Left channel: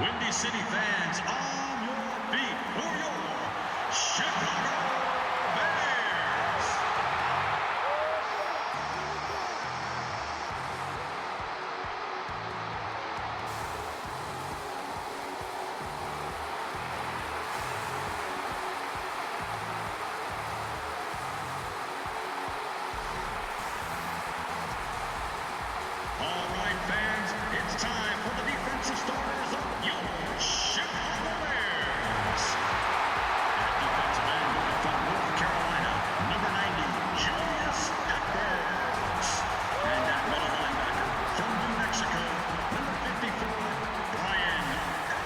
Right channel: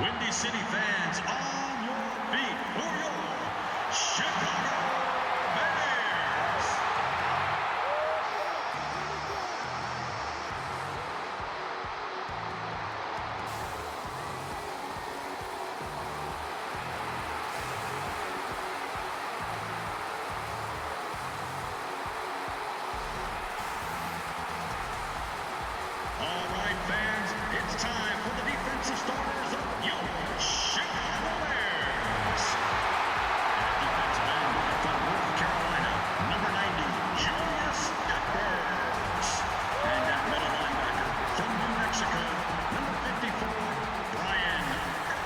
Windy City fans, on your feet for your Chicago Bears. All right, fans, it's time for the defensive starters of your Chicago Bears. At defensive end from North Carolina, number 90, Julius Peppers. And at middle linebacker from New Mexico, number 54, Brian Urlacher.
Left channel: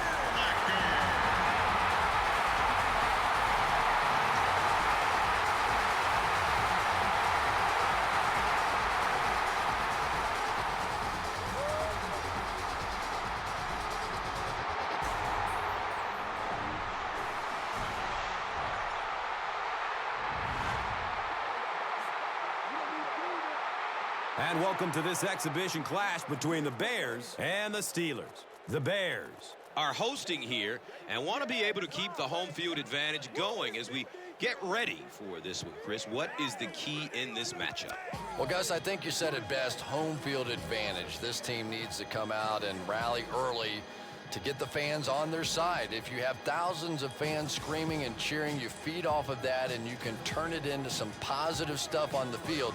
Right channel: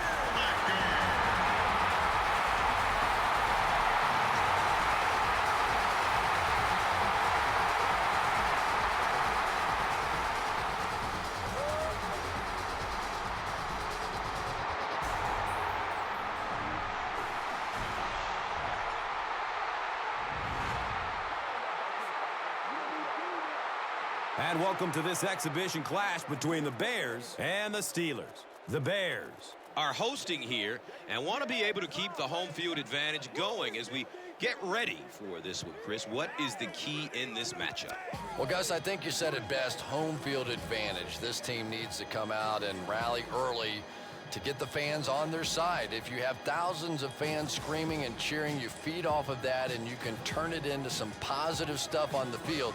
And welcome to this exhibition clash between the Bears and the Steelers. The Bears are hosting here and want to be able to keep the home field advantage going as we get ready for this one. Chris, what is the key in this matchup? Well, Gus, I think you said it best, home field advantage. This team needs to come out and rally early to get the fans on their side. If you have thousands of fans screaming and cheering, you feed off of that and you can turn it into some positive stuff on the field.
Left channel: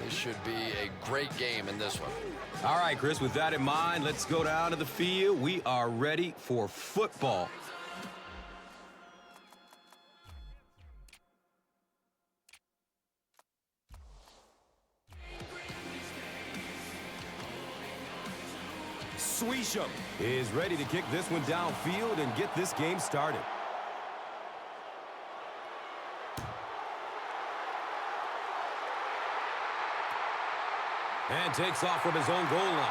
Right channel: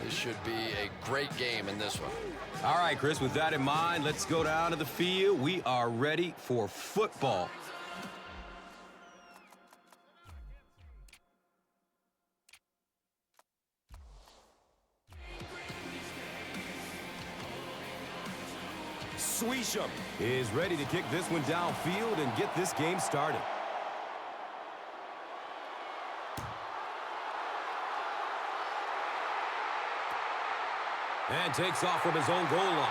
This should be a great game in this one. All right, Chris, with that in mind, let's go down to the field. We are ready for football. Sweesham is ready to kick this one downfield and get this game started. And takes off from his own goal line.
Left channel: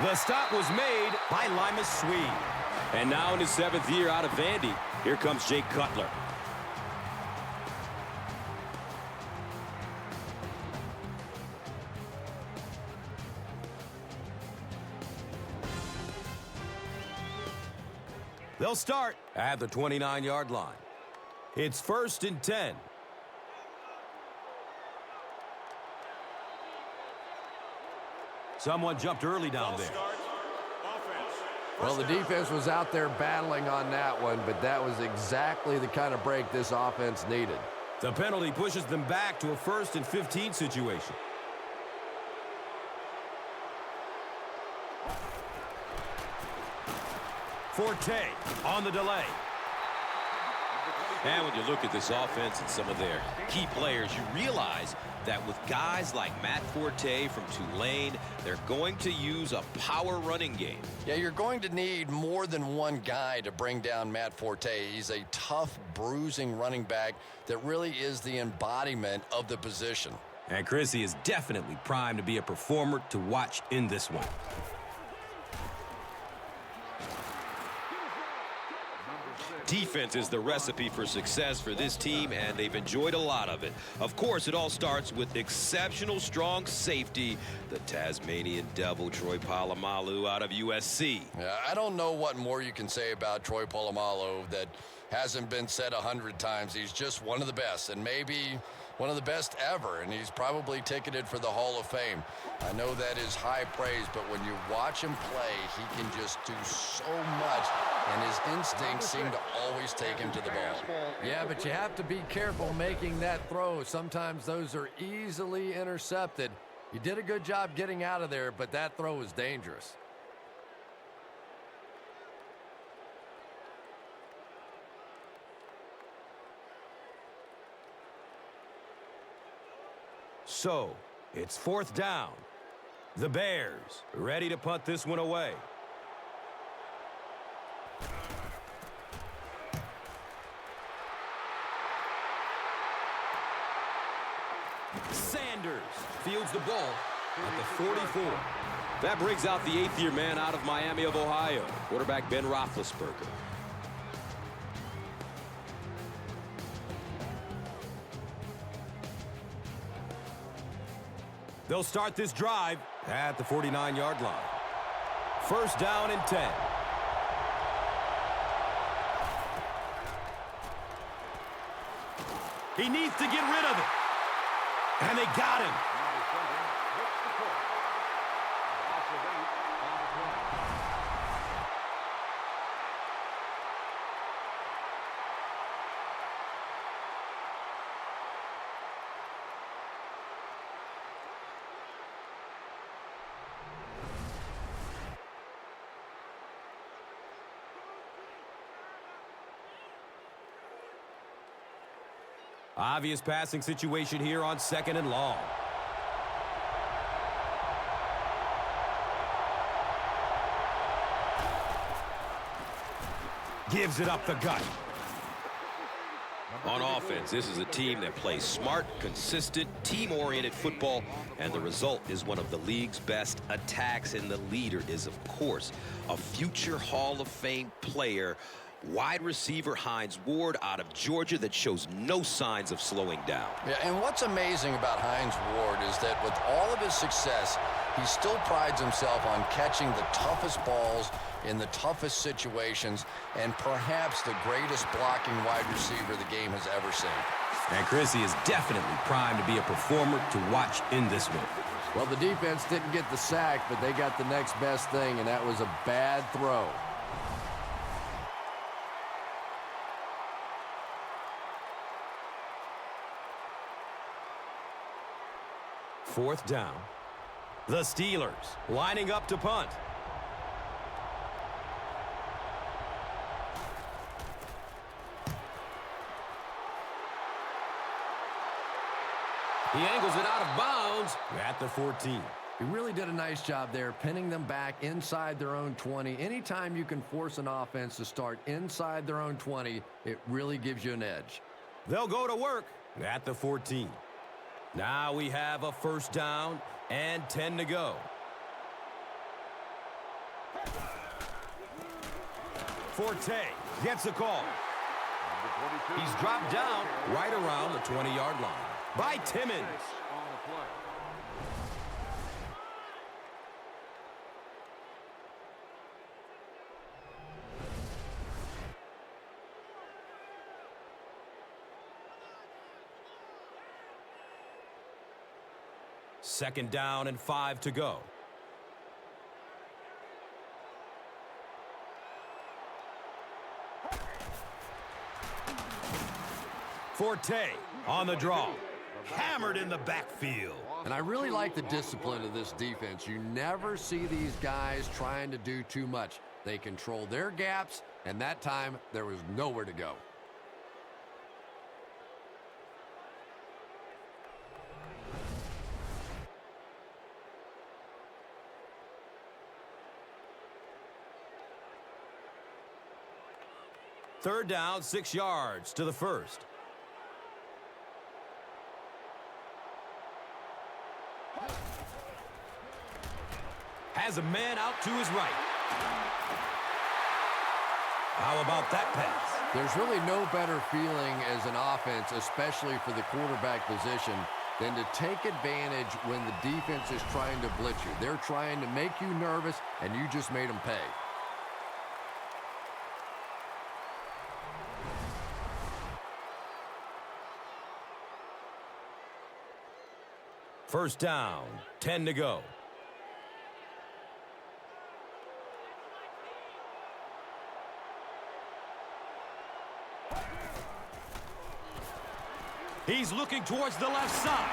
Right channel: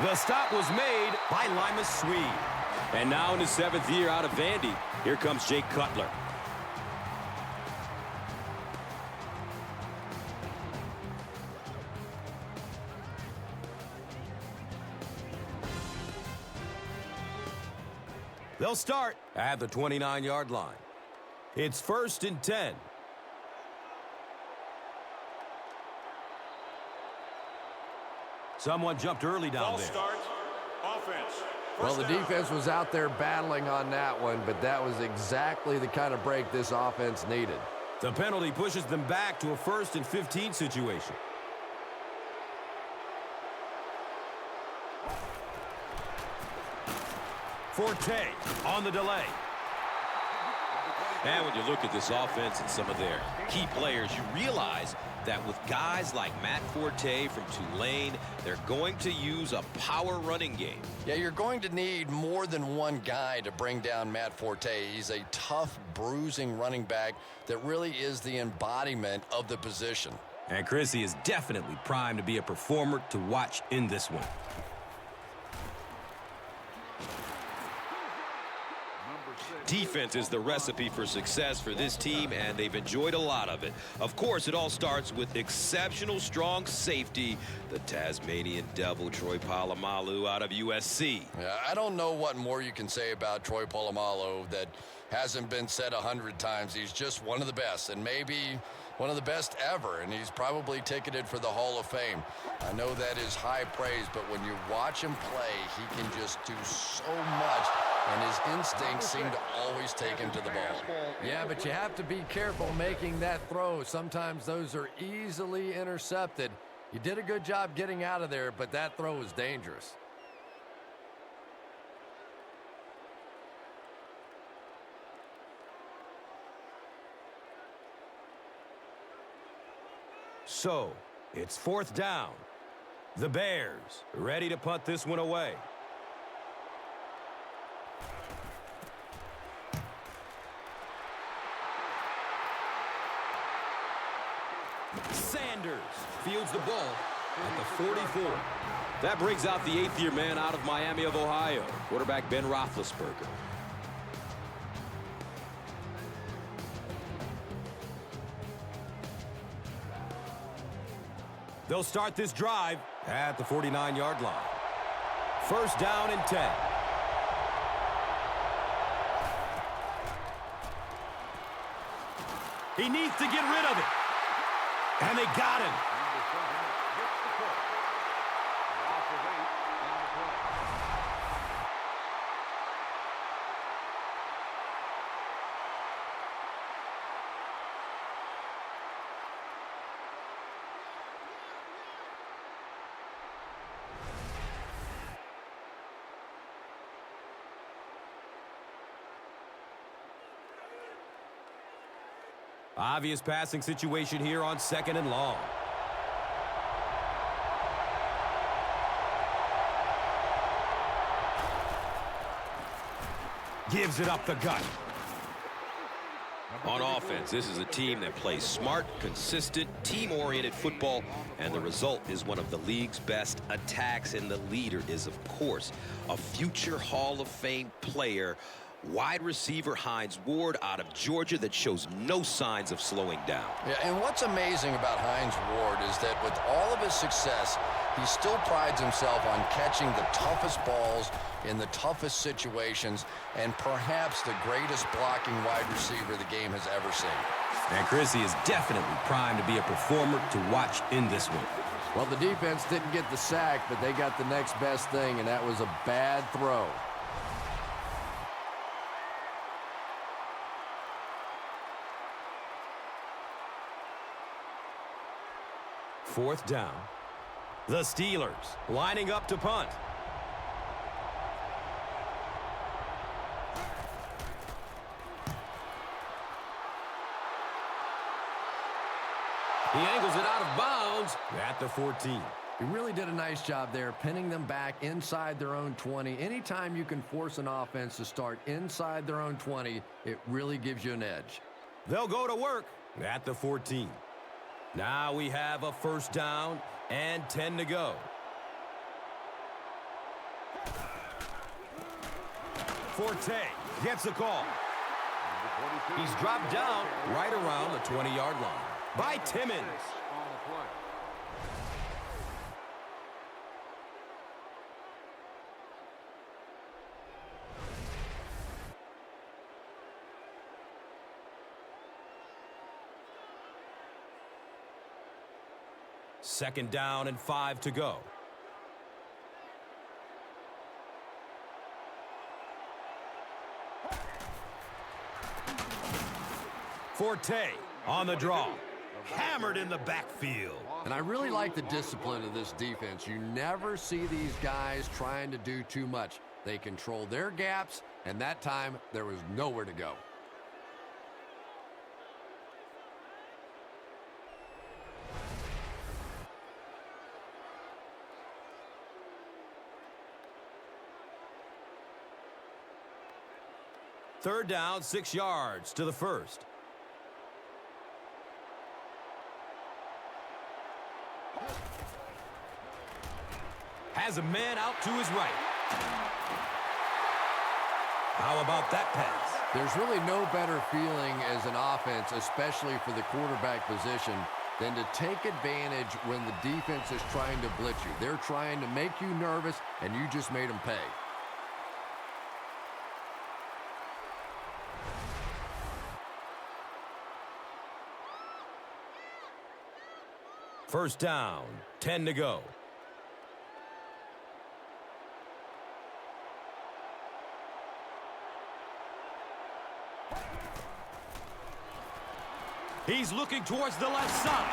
The stop was made by Limas Swede. And now in his 7th year out of Vandy, here comes Jake Cutler. They'll start at the 29-yard line. It's 1st and 10. Someone jumped early down there. Starts. Offense. Well, the defense was out there battling on that one, but that was exactly the kind of break this offense needed. The penalty pushes them back to a 1st and 15 situation. Forte on the delay. And when you look at this offense and some of their key players, you realize that with guys like Matt Forte from Tulane, they're going to use a power running game. Yeah, you're going to need more than one guy to bring down Matt Forte. He's a tough, bruising running back that really is the embodiment of the position. And Chrissy is definitely primed to be a performer to watch in this one. Defense is the recipe for success for this team, and they've enjoyed a lot of it. Of course, it all starts with exceptional strong safety, the Tasmanian Devil, Troy Polamalu out of USC. Yeah, I don't know what more you can say about Troy Polamalu that hasn't been said 100 times. He's just one of the best, and maybe one of the best ever, and he's probably ticketed for the Hall of Fame. I know that is high praise, but when you watch him play, he can just do so much, and his instincts seem to always take him to the ball. Yeah, but you have to be careful making that throw. Sometimes those are easily intercepted. You did a good job getting out of there, but that throw was dangerous. So, it's 4th down. The Bears ready to punt this one away. Sanders fields the ball at the 44. That brings out the 8th-year man out of Miami of Ohio, quarterback Ben Roethlisberger. They'll start this drive at the 49-yard line. First down and 10. He needs to get rid of it. And they got him. Obvious passing situation here on 2nd and long. Gives it up the gut. On offense, this is a team that plays smart, consistent, team-oriented football, and the result is one of the league's best attacks, and the leader is, of course, a future Hall of Fame player, wide receiver Hines Ward out of Georgia, that shows no signs of slowing down. Yeah, and what's amazing about Hines Ward is that with all of his success, he still prides himself on catching the toughest balls in the toughest situations, and perhaps the greatest blocking wide receiver the game has ever seen. And Chrissy is definitely primed to be a performer to watch in this one. Well, the defense didn't get the sack, but they got the next best thing, and that was a bad throw. Fourth down. The Steelers lining up to punt. He angles it out of bounds at the 14. He really did a nice job there, pinning them back inside their own 20. Anytime you can force an offense to start inside their own 20, it really gives you an edge. They'll go to work at the 14. Now we have a first down and 10 to go. Forte gets the call. He's dropped down right around the 20-yard line by Timmons. Second down and 5 to go. Forte on the draw. Hammered in the backfield. And I really like the discipline of this defense. You never see these guys trying to do too much. They control their gaps, and that time there was nowhere to go. Third down, 6 yards to the first. Has a man out to his right. How about that pass? There's really no better feeling as an offense, especially for the quarterback position, than to take advantage when the defense is trying to blitz you. They're trying to make you nervous, and you just made them pay. First down, 10 to go. He's looking towards the left side.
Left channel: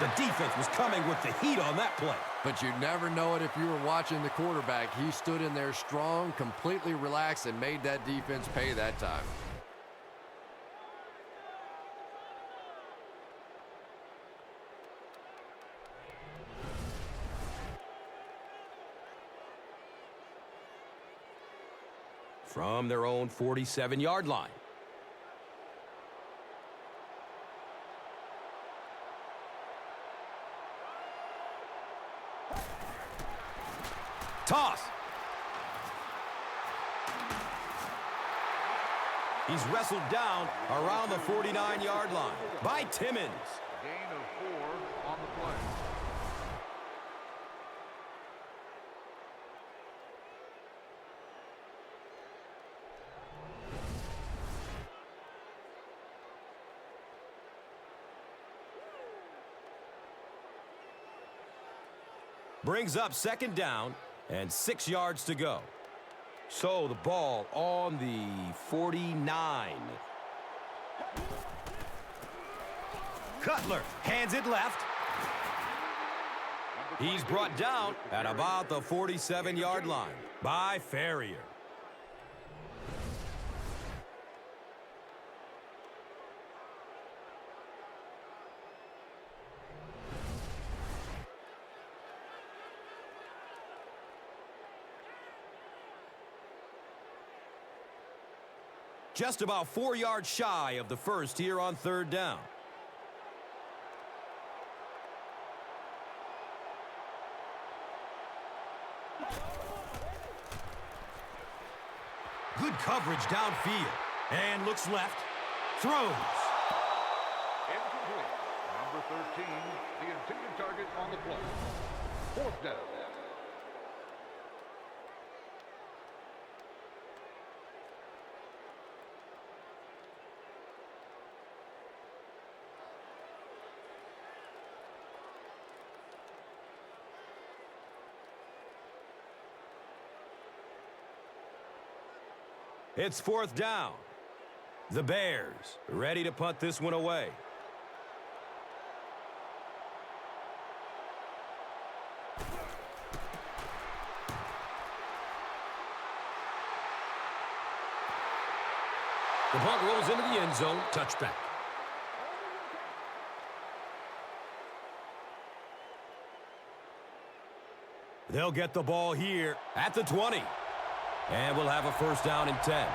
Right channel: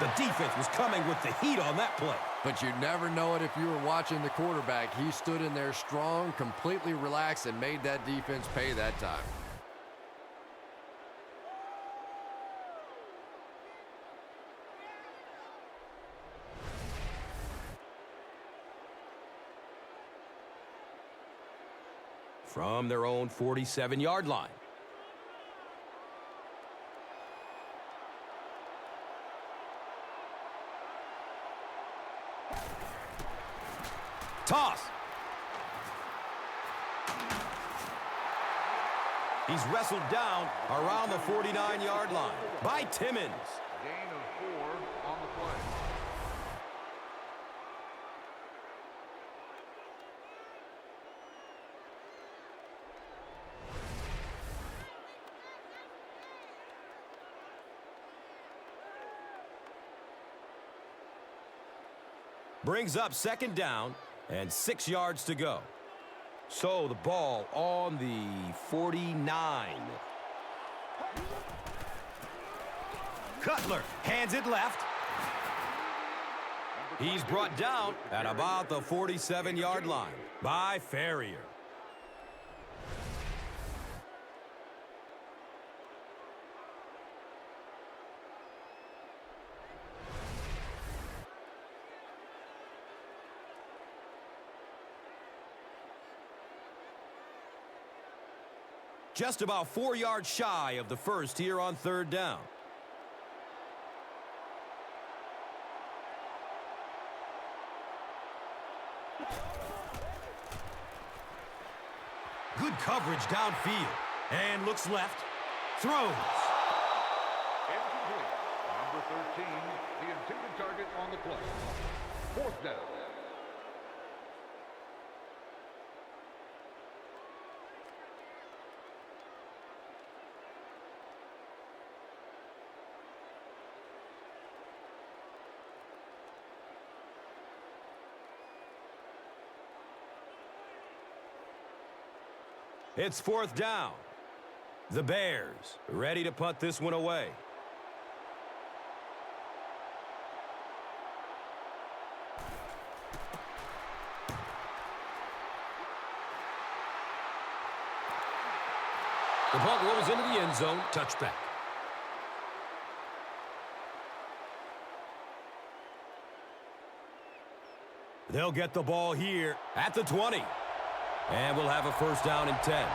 The defense was coming with the heat on that play. But you'd never know it if you were watching the quarterback. He stood in there strong, completely relaxed, and made that defense pay that time. From their own 47-yard line. Toss. He's wrestled down around the 49-yard line by Timmons. Brings up second down and 6 yards to go. So the ball on the 49. Cutler hands it left. He's brought down at about the 47-yard line by Ferrier. Just about 4 yards shy of the first here on third down. Good coverage downfield. And looks left. Throws. Incomplete. Number 13, the intended target on the play. Fourth down. It's fourth down. The Bears ready to punt this one away. The punt rolls into the end zone. Touchback. They'll get the ball here at the 20. And we'll have a first down and 10.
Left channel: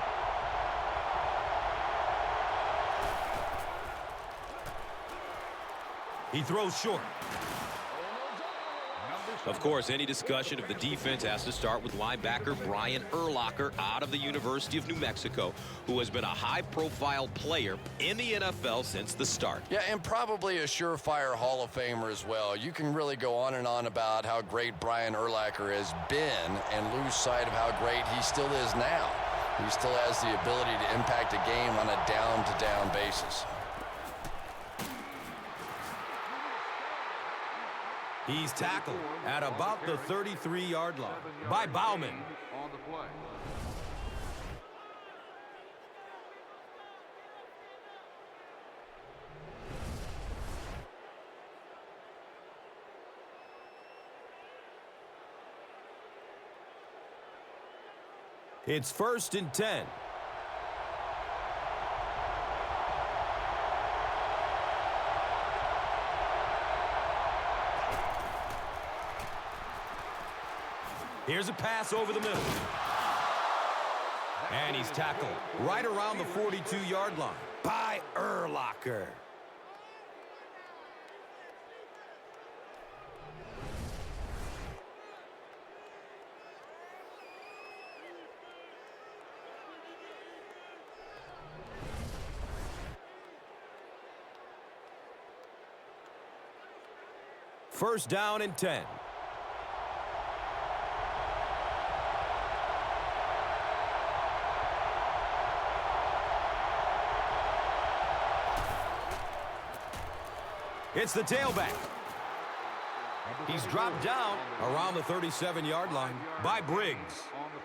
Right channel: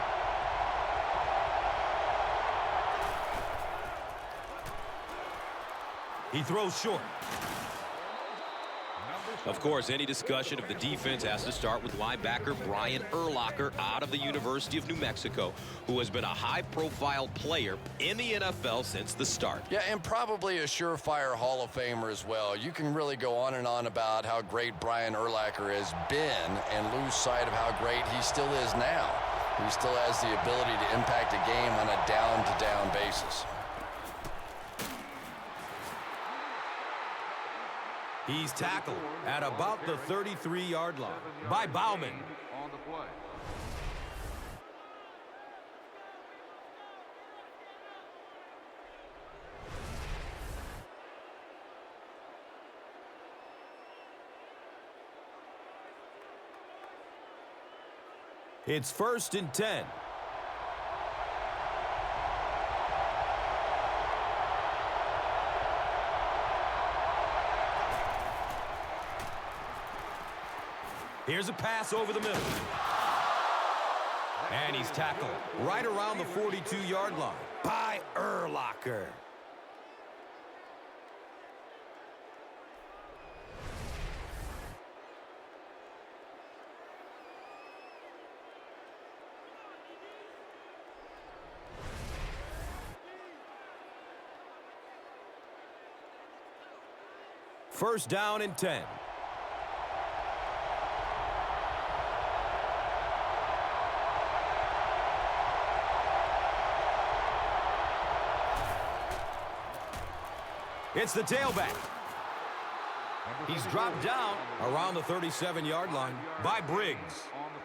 He throws short. Of course, any discussion of the defense has to start with linebacker Brian Urlacher out of the University of New Mexico, who has been a high-profile player in the NFL since the start. Yeah, and probably a surefire Hall of Famer as well. You can really go on and on about how great Brian Urlacher has been and lose sight of how great he still is now. He still has the ability to impact a game on a down-to-down basis. He's tackled at about the 33-yard line by Bauman. On the play. It's first and 10. Here's a pass over the middle. And he's tackled right around the 42-yard line by Urlacher. First down and 10. It's the tailback. He's dropped down around the 37-yard line by Briggs. On the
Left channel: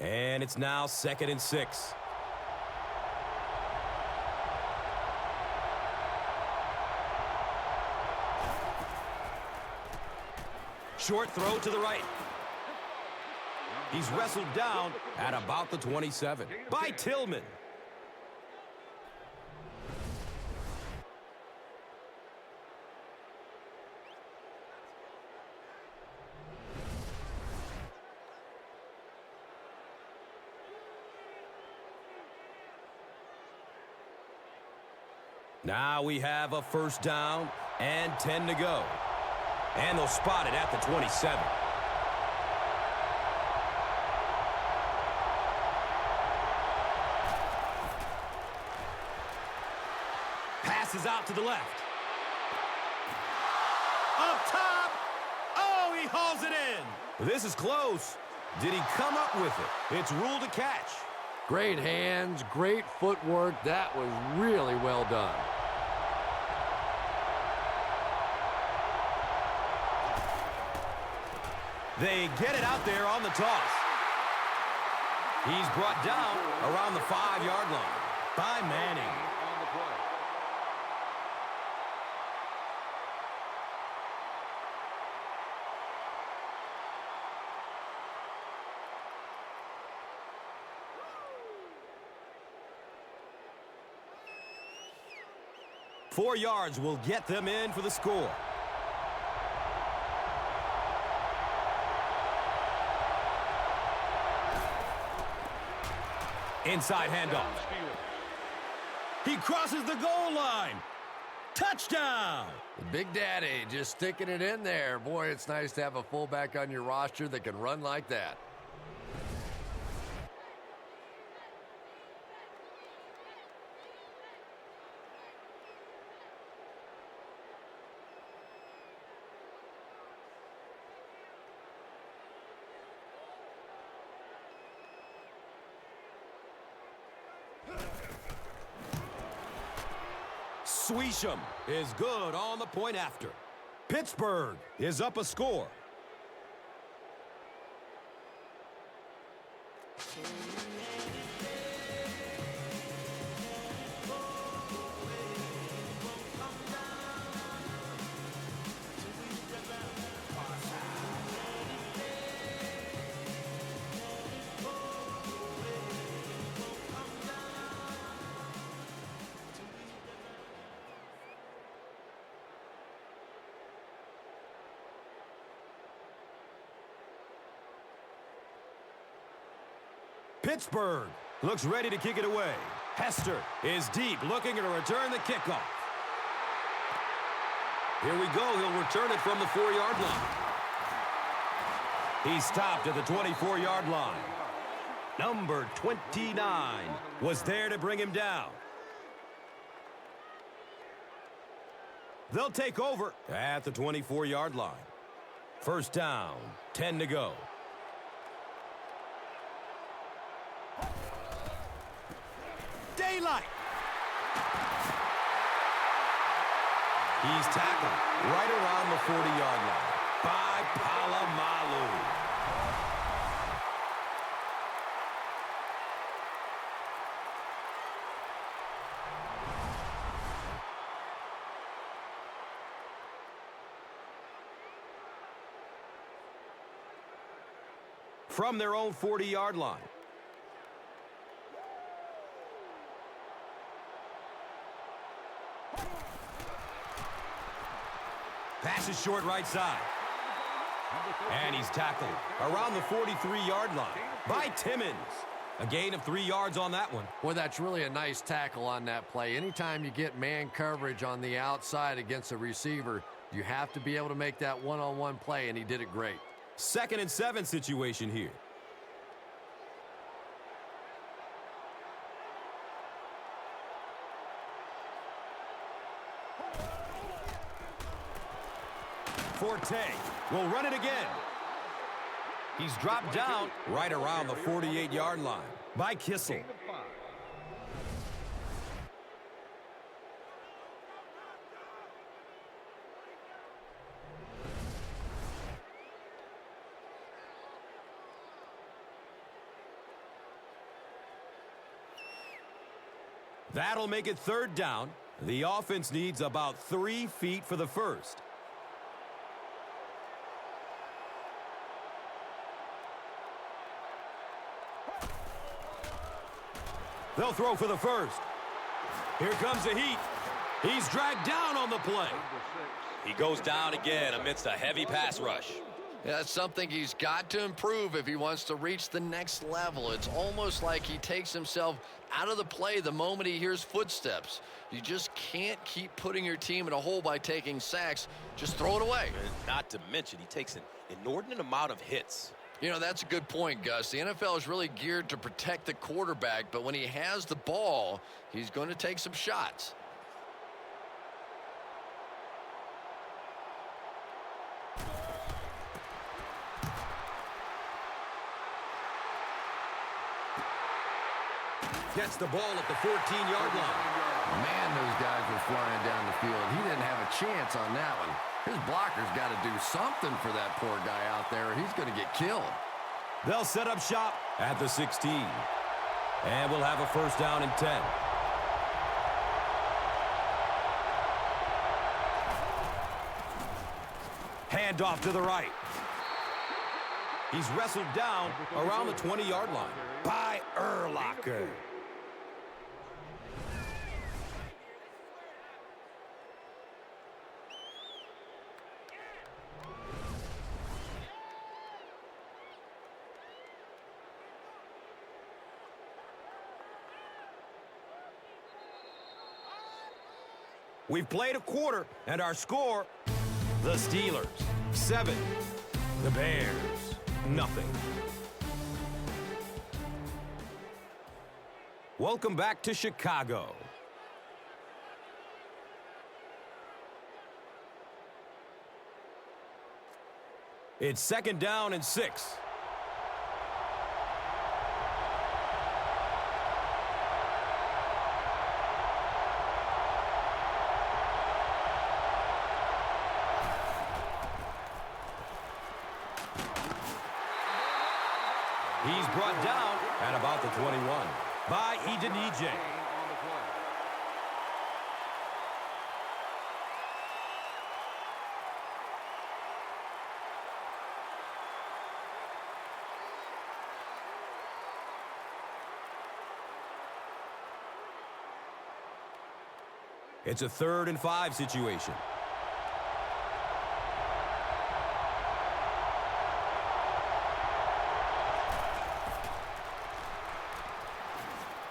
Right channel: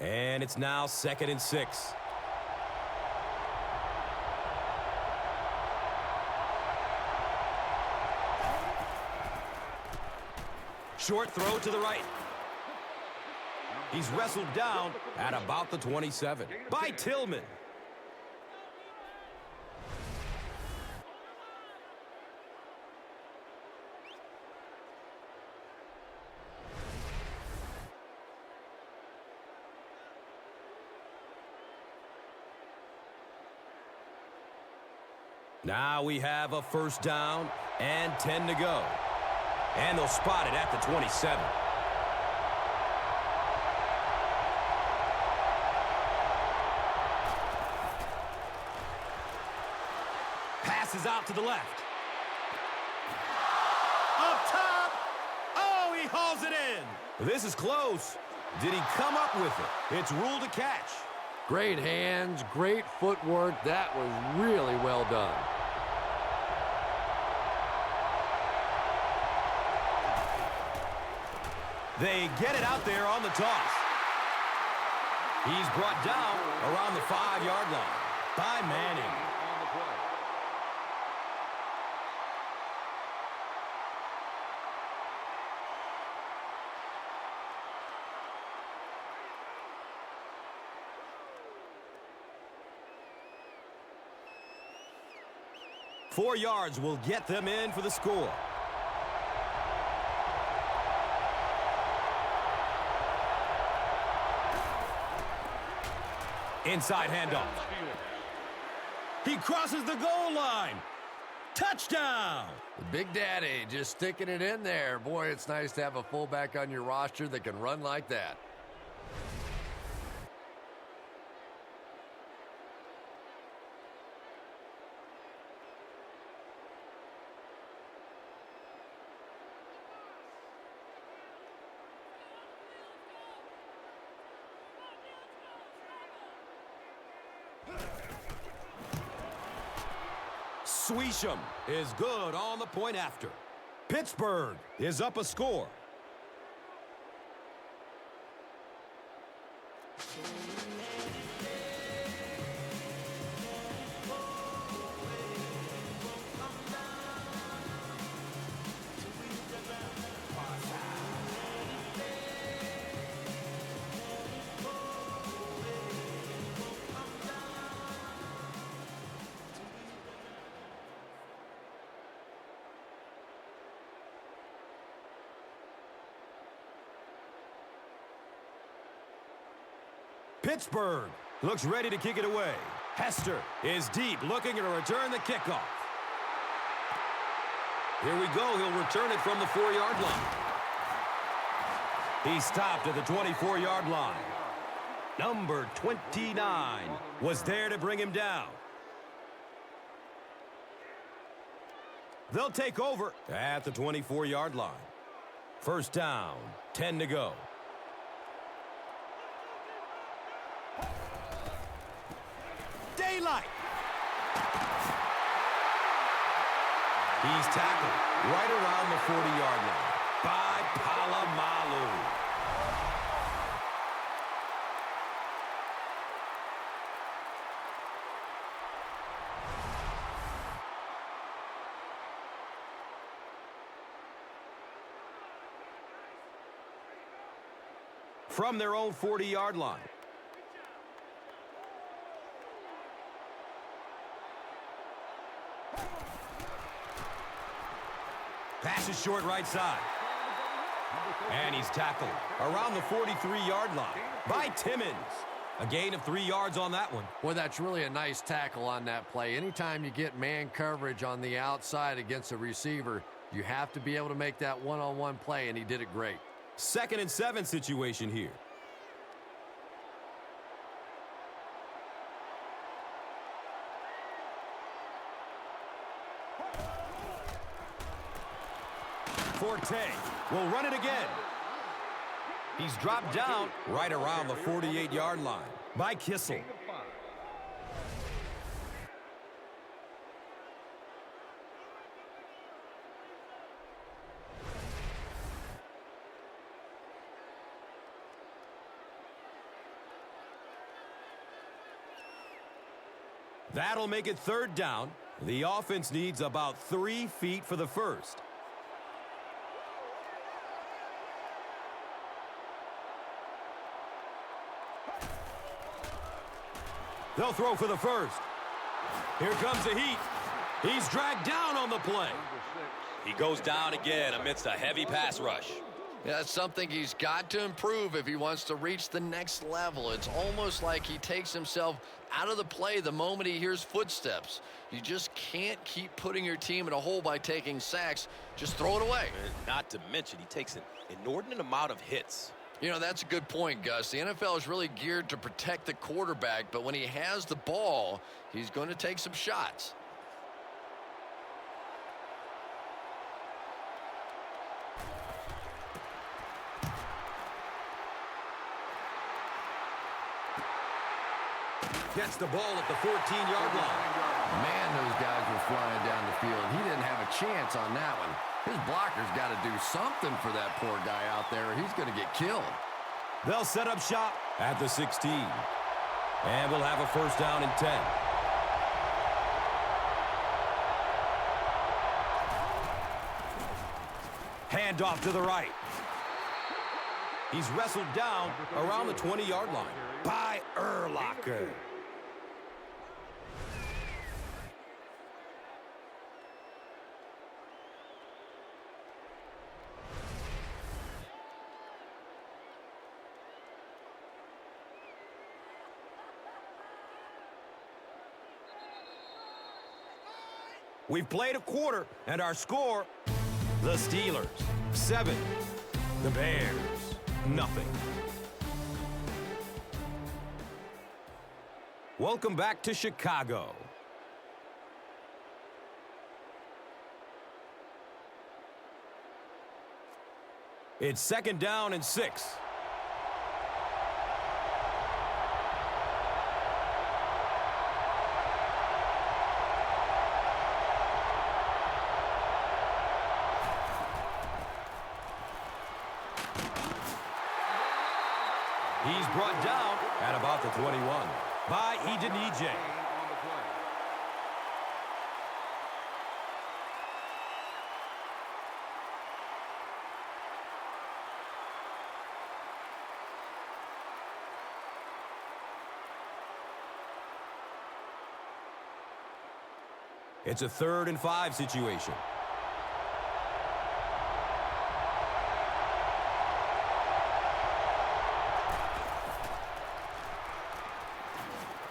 play. And it's now second and 6. Short throw to the right. He's wrestled down at about the 27 by Tillman. Now we have a first down and 10 to go. And they'll spot it at the 27. Passes out to the left. Up top. Oh, he hauls it in. This is close. Did he come up with it? It's ruled a catch. Great hands, great footwork. That was really well done. They get it out there on the toss. He's brought down around the 5-yard line by Manning. 4 yards will get them in for the score. Inside handoff. He crosses the goal line. Touchdown! The Big Daddy just sticking it in there. Boy, it's nice to have a fullback on your roster that can run like that. Sweesham is good on the point after. Pittsburgh is up a score. Pittsburgh looks ready to kick it away. Hester is deep, looking to return the kickoff. Here we go. He'll return it from the 4-yard line. He stopped at the 24-yard line. Number 29 was there to bring him down. They'll take over at the 24-yard line. First down, 10 to go. Daylight. He's tackled right around the 40-yard line by Polamalu. From their own 40-yard line. Pass is short right side. And he's tackled around the 43-yard line by Timmons. A gain of 3 yards on that one. Boy, that's really a nice tackle on that play. Anytime you get man coverage on the outside against a receiver, you have to be able to make that one-on-one play, and he did it great. 2nd and 7 situation here. Forte will run it again. He's dropped down right around the 48-yard line by Kissel. That'll make it 3rd down. The offense needs about 3 feet for the first. They'll throw for the first. Here comes the heat. He's dragged down on the play. He goes down again amidst a heavy pass rush. Yeah, that's something he's got to improve if he wants to reach the next level. It's almost like he takes himself out of the play the moment he hears footsteps. You just can't keep putting your team in a hole by taking sacks. Just throw it away. And not to mention, he takes an inordinate amount of hits. You know, that's a good point, Gus. The NFL is really geared to protect the quarterback, but when he has the ball, he's going to take some shots. Gets the ball at the 14-yard line. Man, those guys were flying down the field. He didn't have a chance on that one. His blocker's got to do something for that poor guy out there, or he's going to get killed. They'll set up shop at the 16. And we'll have a first down and 10. Handoff to the right. He's wrestled down around the 20-yard line by Urlacher. We've played a quarter, and our score, the Steelers, 7. The Bears, nothing. Welcome back to Chicago. It's second down and 6. He's brought down at about the 21 by Edenije. It's a 3rd and 5 situation.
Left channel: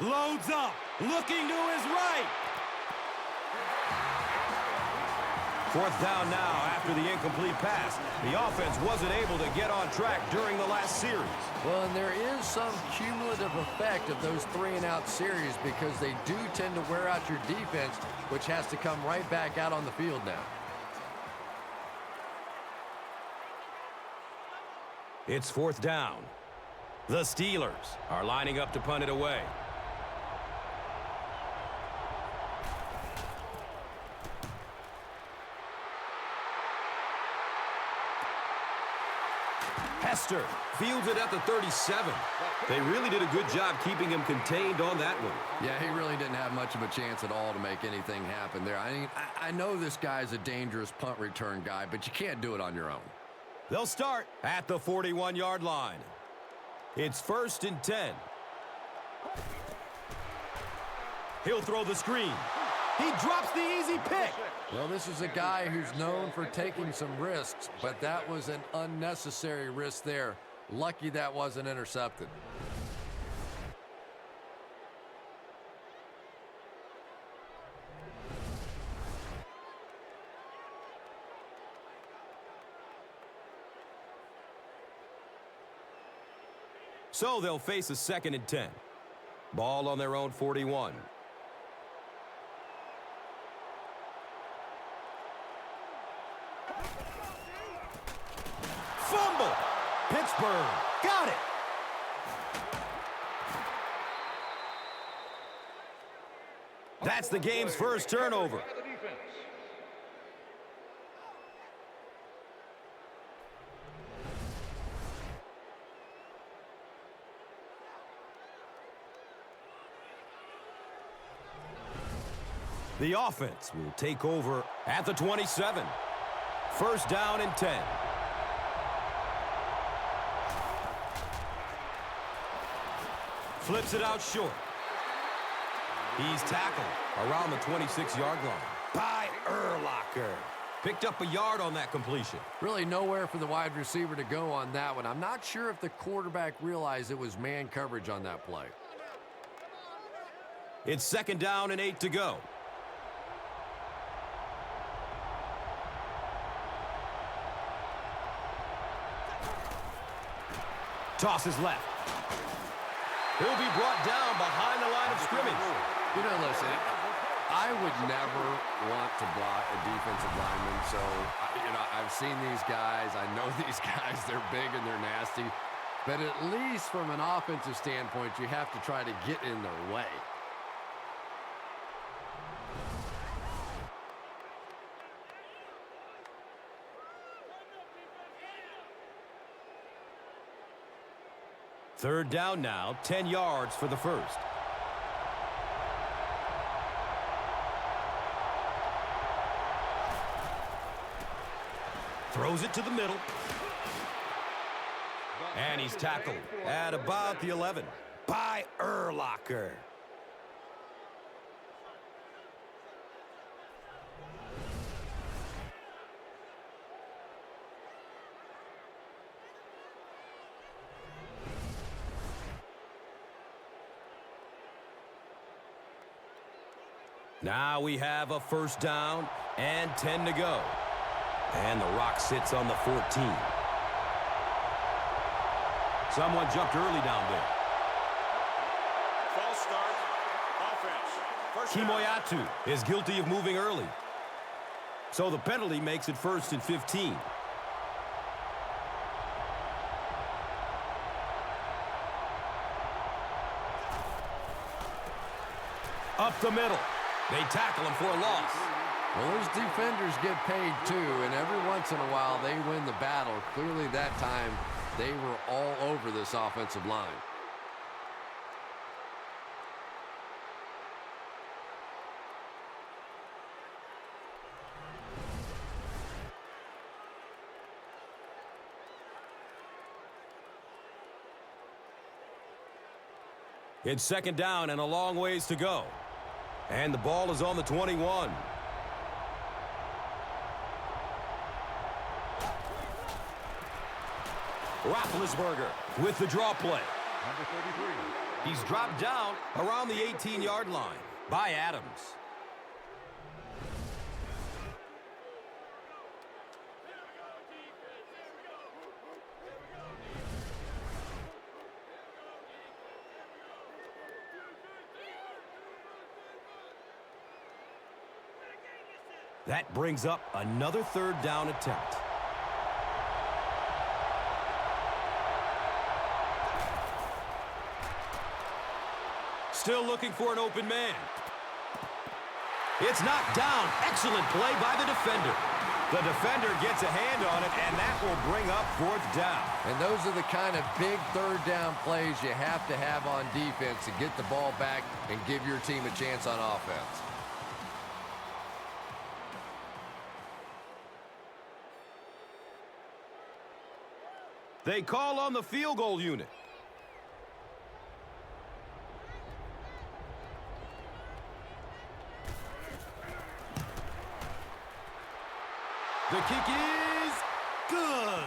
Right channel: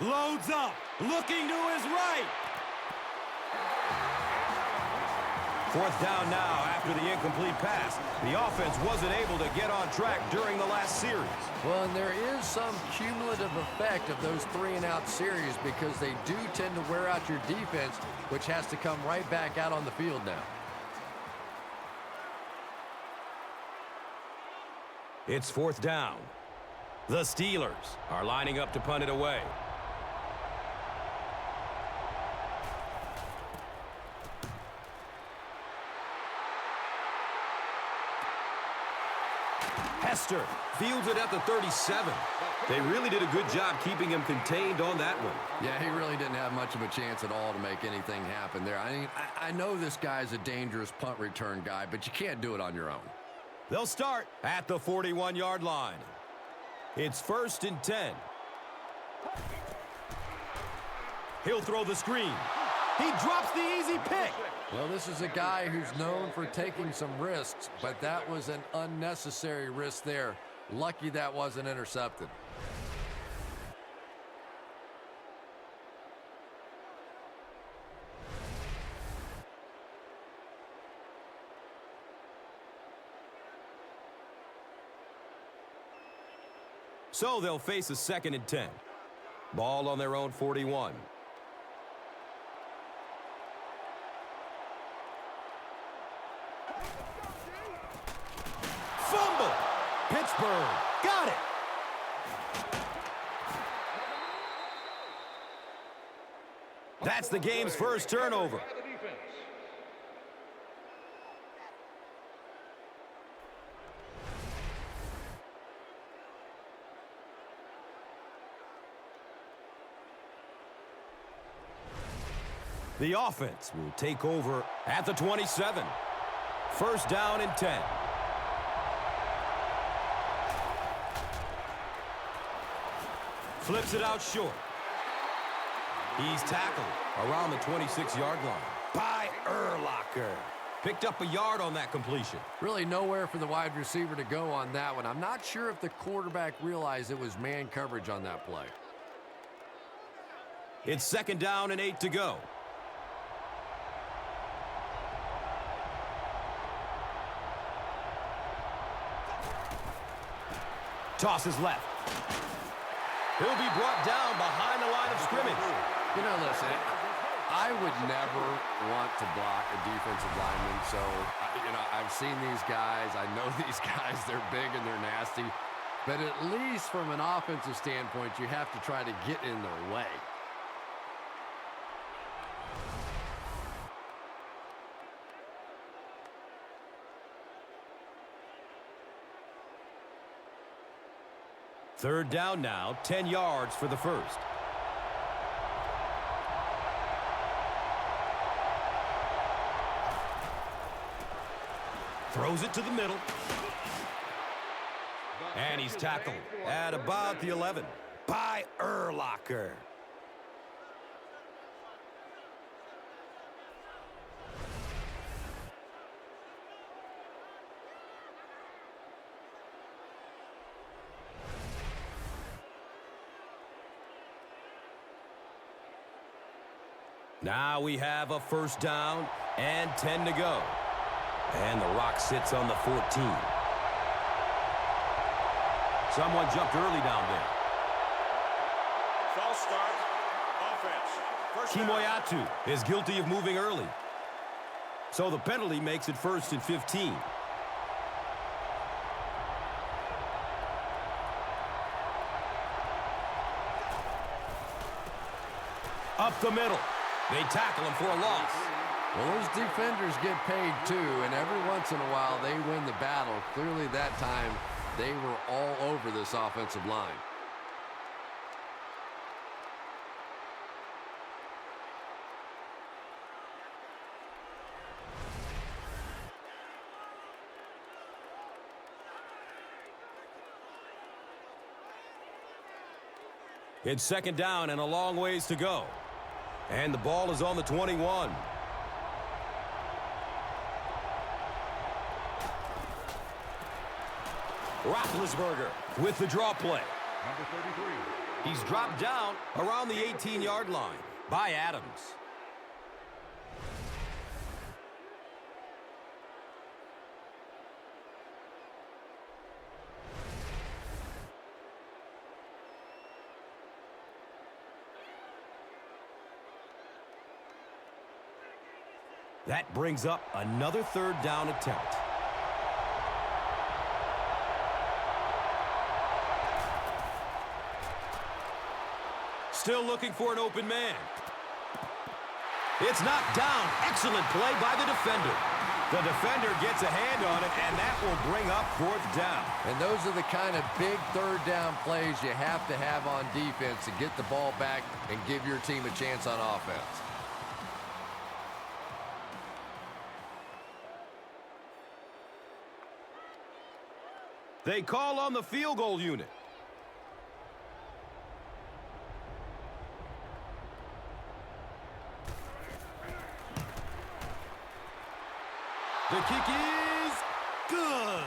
Loads up, looking to his right. 4th down now after the incomplete pass. The offense wasn't able to get on track during the last series. Well, and there is some cumulative effect of those 3-and-out series because they do tend to wear out your defense, which has to come right back out on the field now. It's 4th down. The Steelers are lining up to punt it away. Hester fields it at the 37. They really did a good job keeping him contained on that one. Yeah, he really didn't have much of a chance at all to make anything happen there. I mean, I know this guy's a dangerous punt return guy, but you can't do it on your own. They'll start at the 41-yard line. It's 1st and 10. He'll throw the screen. He drops the easy pick. Well, this is a guy who's known for taking some risks, but that was an unnecessary risk there. Lucky that wasn't intercepted. So they'll face a 2nd and 10. Ball on their own 41. Fumble! Pittsburgh got it! That's the game's first turnover. The offense will take over at the 27. 1st down and 10. Flips it out short. He's tackled around the 26-yard line by Urlacher. Picked up a yard on that completion. Really nowhere for the wide receiver to go on that one. I'm not sure if the quarterback realized it was man coverage on that play. It's 2nd down and 8 to go. Tosses left. He'll be brought down behind the line of scrimmage. You know, listen, I would never want to block a defensive lineman. So, I've seen these guys. I know these guys. They're big and they're nasty. but at least from an offensive standpoint, you have to try to get in their way. Third down now, 10 yards for the first. Throws it to the middle. And he's tackled at about the 11 by Urlacher. Now we have a first down and 10 to go. And the rock sits on the 14. Someone jumped early down there. Kimoyatu is guilty of moving early. So the penalty makes it 1st and 15. Up the middle. They tackle him for a loss. Well, those defenders get paid too, and every once in a while they win the battle. Clearly that time they were all over this offensive line. It's second down and a long ways to go. And the ball is on the 21. Roethlisberger with the draw play. He's dropped down around the 18-yard line by Adams. That brings up another third down attempt. Still looking for an open man. It's knocked down. Excellent play by the defender. The defender gets a hand on it, and that will bring up 4th down. And those are the kind of big third down plays you have to have on defense to get the ball back and give your team a chance on offense. They call on the field goal unit. The kick is good.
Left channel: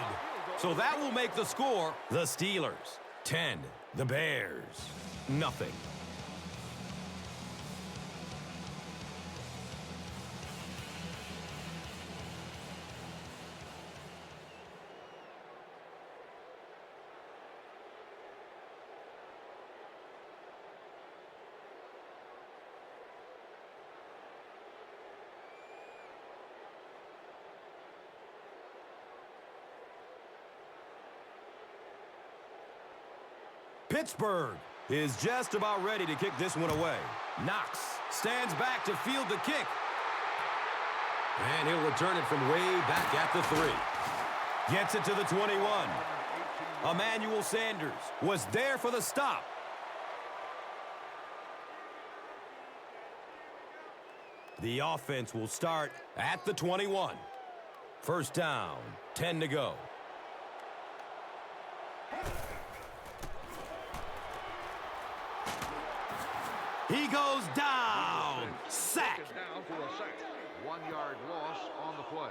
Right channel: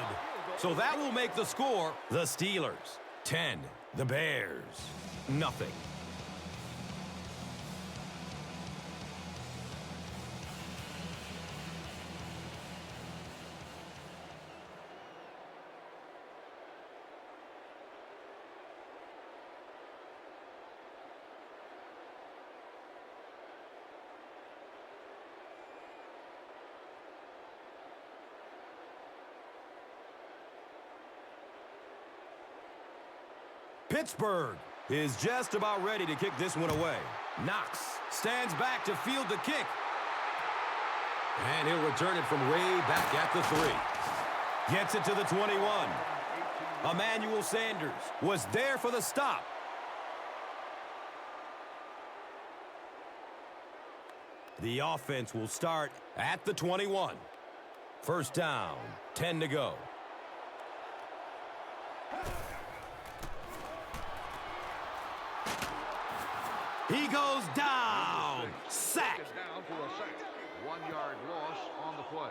So that will make the score the Steelers 10, the Bears nothing. Pittsburgh is just about ready to kick this one away. Knox stands back to field the kick. And he'll return it from way back at the 3. Gets it to the 21. Emmanuel Sanders was there for the stop. The offense will start at the 21. First down, 10 to go. He goes down. Sack. Down for a sack. 1-yard loss on the play.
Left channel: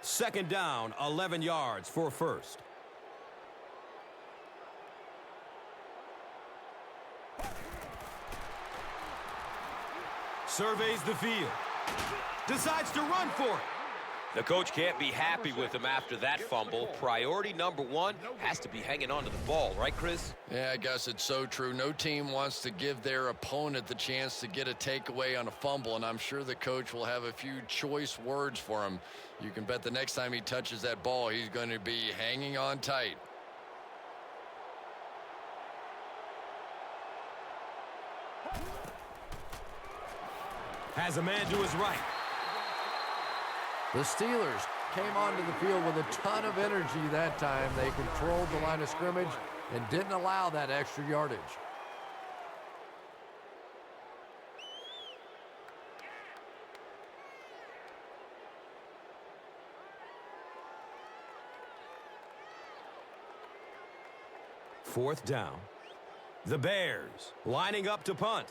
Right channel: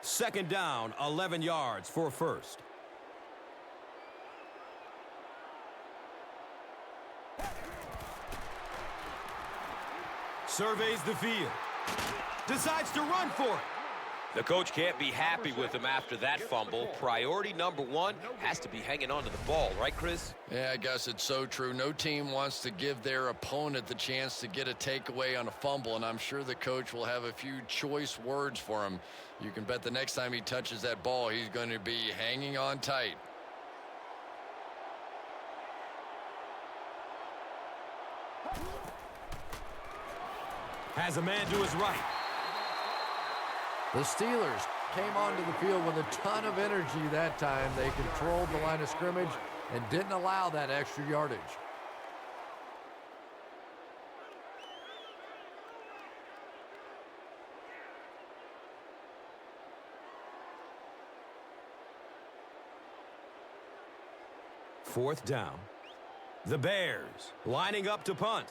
Second down, 11 yards for first. Surveys the field. Decides to run for it. The coach can't be happy with him after that fumble. Priority number one has to be hanging on to the ball, right, Chris? Yeah, I guess it's so true. No team wants to give their opponent the chance to get a takeaway on a fumble, and I'm sure the coach will have a few choice words for him. You can bet the next time he touches that ball, he's going to be hanging on tight. Has a man to his right. The Steelers came onto the field with a ton of energy that time. They controlled the line of scrimmage and didn't allow that extra yardage. Fourth down. The Bears lining up to punt.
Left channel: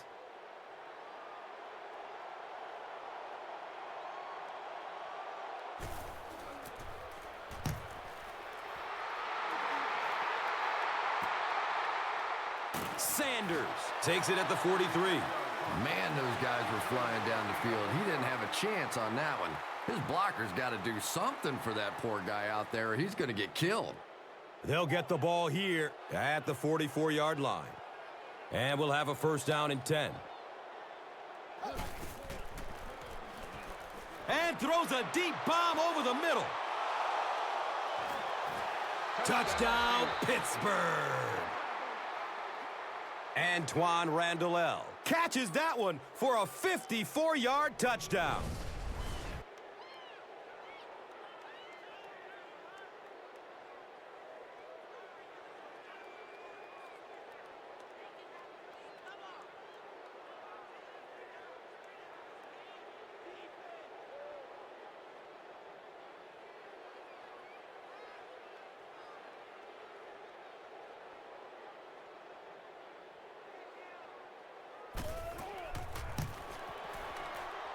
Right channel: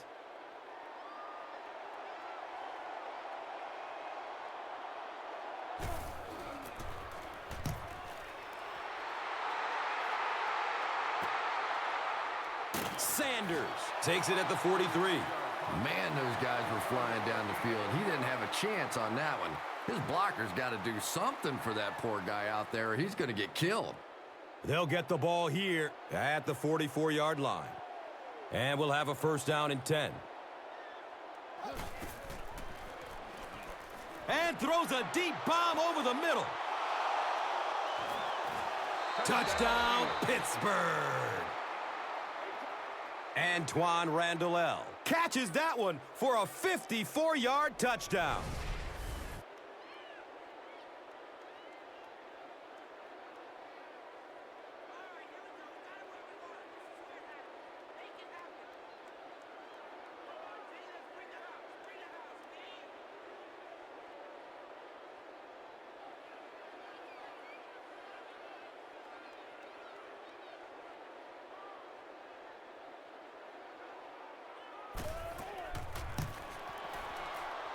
Sanders takes it at the 43. Man, those guys were flying down the field. He didn't have a chance on that one. His blockers got to do something for that poor guy out there. He's going to get killed. They'll get the ball here at the 44-yard line. And we'll have a first down and 10. And throws a deep bomb over the middle. Touchdown, Pittsburgh. Antoine Randall catches that one for a 54-yard touchdown.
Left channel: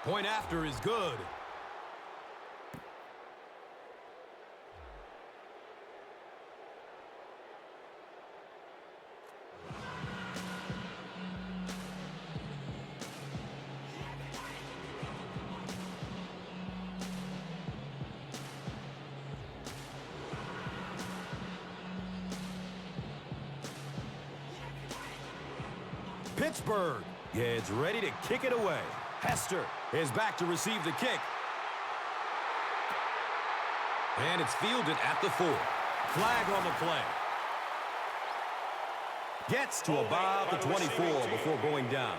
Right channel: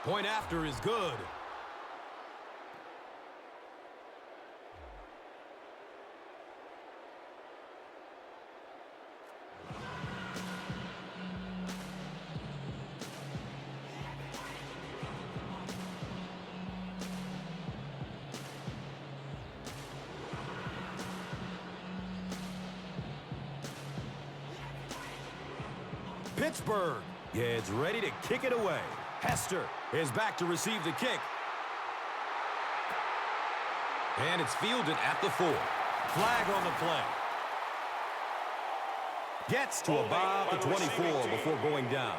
Point after is good. Pittsburgh gets ready to kick it away. Hester is back to receive the kick. And it's fielded at the 4. Flag on the play. Gets to about the 24 before going down.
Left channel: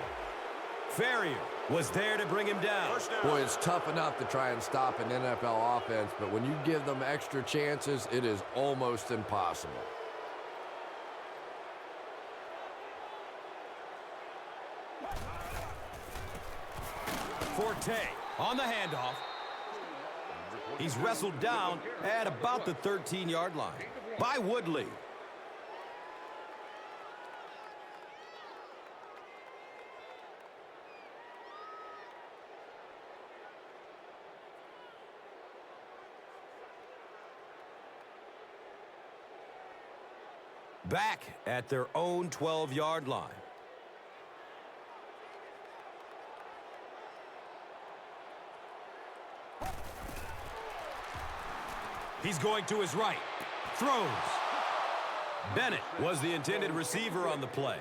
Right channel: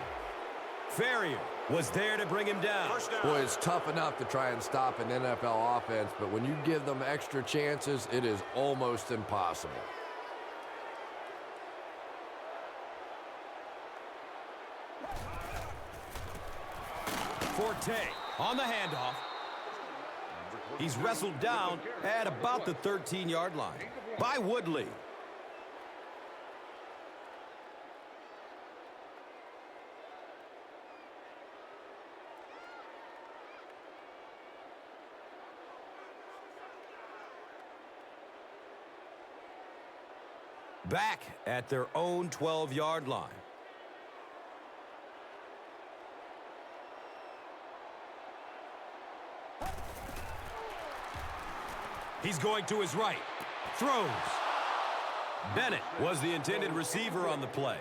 Ferrier was there to bring him down. Boy, it's tough enough to try and stop an NFL offense, but when you give them extra chances, it is almost impossible. Forte on the handoff. He's wrestled down at about the 13-yard line by Woodley. Back at their own 12-yard line. He's going to his right. Throws. Bennett was the intended receiver on the play.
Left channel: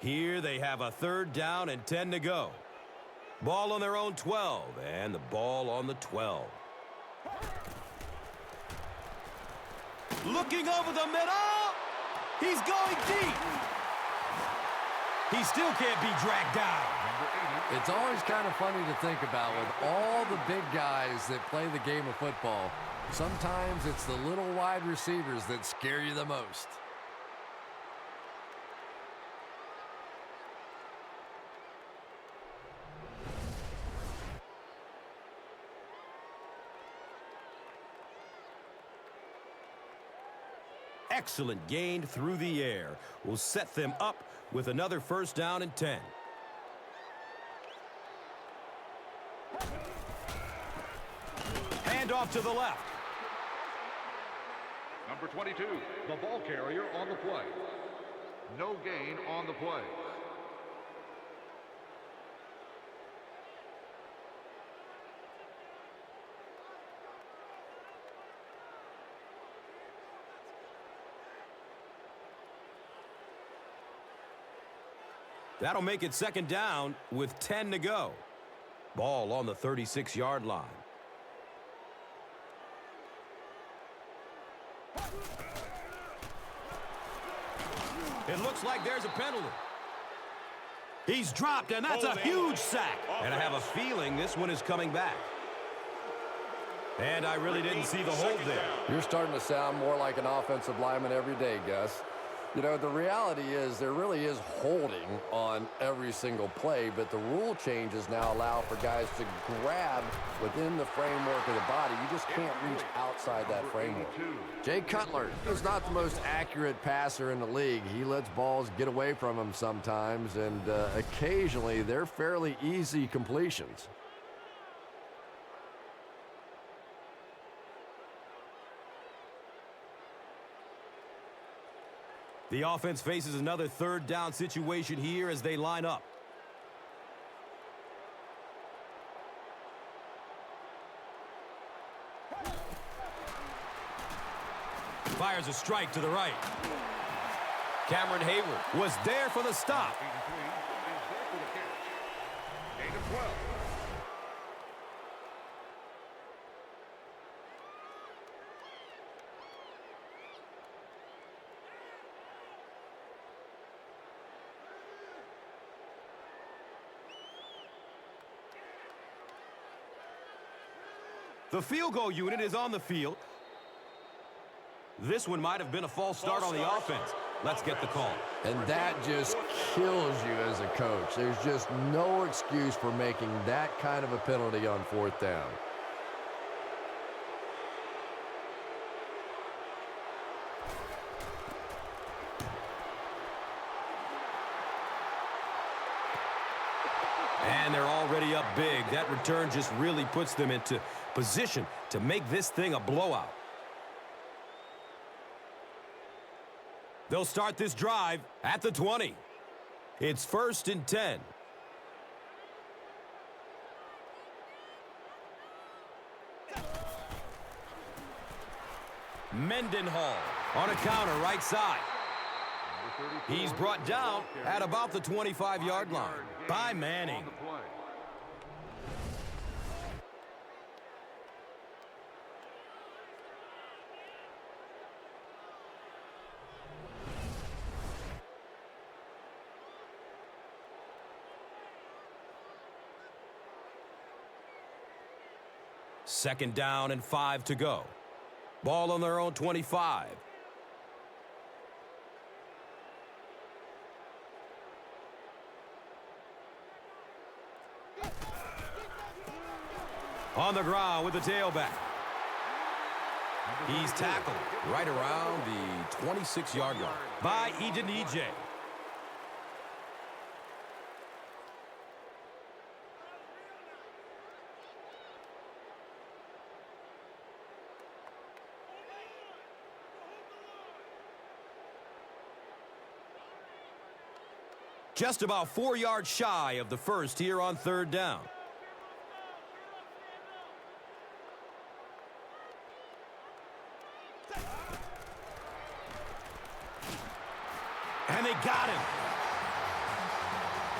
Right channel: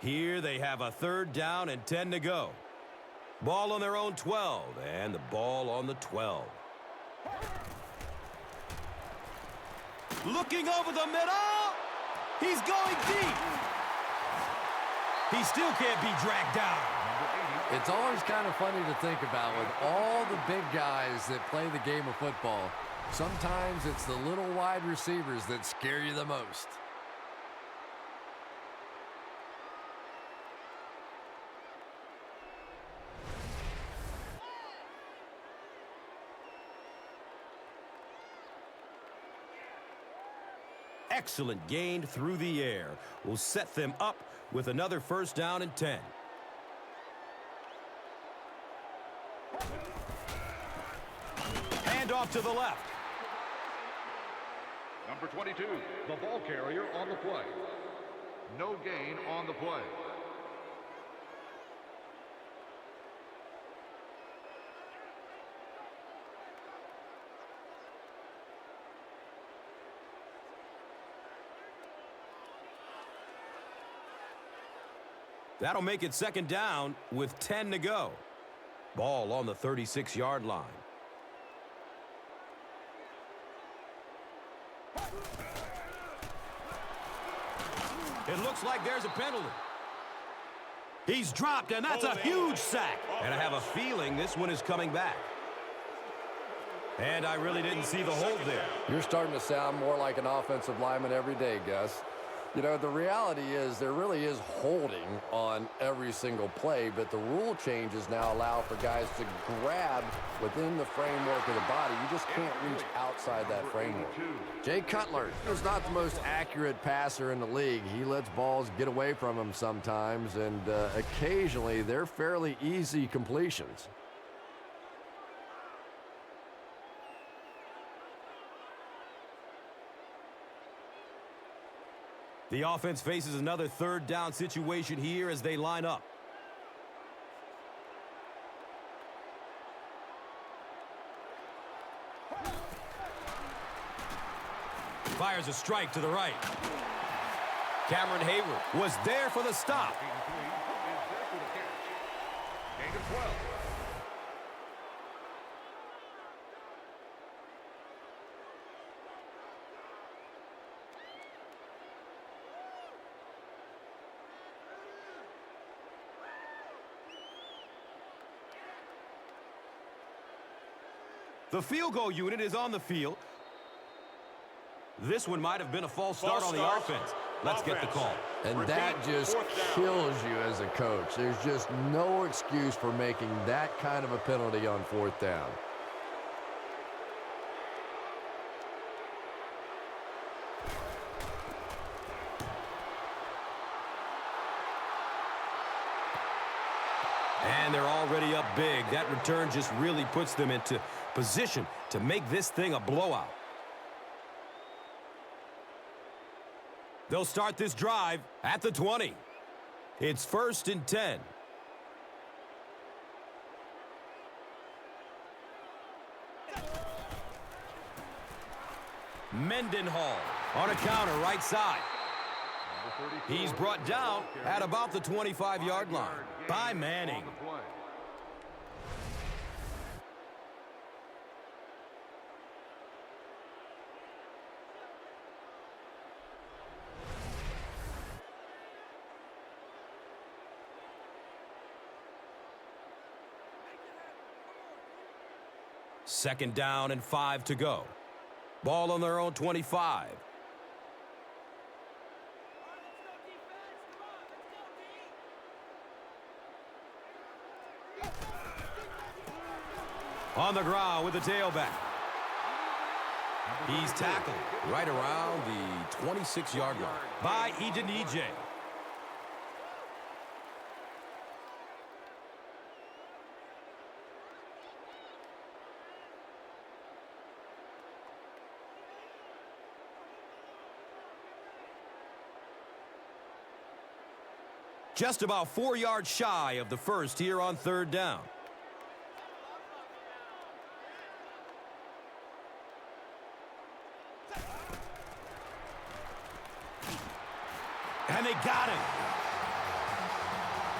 Here they have a third down and 10 to go. Ball on their own 12, and the ball on the 12. Looking over the middle. He's going deep. He still can't be dragged down. It's always kind of funny to think about with all the big guys that play the game of football. Sometimes it's the little wide receivers that scare you the most. excellent gain through the air will set them up with another first down and 10. Hand off to the left. Number 22, the ball carrier on the play. No gain on the play. That'll make it second down with 10 to go. Ball on the 36-yard line. It looks like there's a penalty. He's dropped, and that's a huge sack. And I have a feeling this one is coming back. And I really didn't see the hold there. You're starting to sound more like an offensive lineman every day, Gus. You know, the reality is there really is holding on every single play, but the rule changes now allow for guys to grab within the framework of the body. You just can't reach outside that framework. Jay Cutler is not the most accurate passer in the league. He lets balls get away from him sometimes, and occasionally they're fairly easy completions. The offense faces another third down situation here as they line up. Fires a strike to the right. Cameron Hayward was there for the stop. Gain of 12. The field goal unit is on the field. This one might have been a false start on the offense. Let's get the call. And that just kills you as a coach. There's just no excuse for making that kind of a penalty on fourth down. And they're already up big. That return just really puts them into position to make this thing a blowout. They'll start this drive at the 20. It's 1st and 10. Mendenhall on a counter right side. He's brought down at about the 25-yard line by Manning. Second down and 5 to go. Ball on their own 25. On the ground with the tailback. He's tackled right around the 26-yard line by Edenije. Just about 4 yards shy of the first here on third down. And they got him.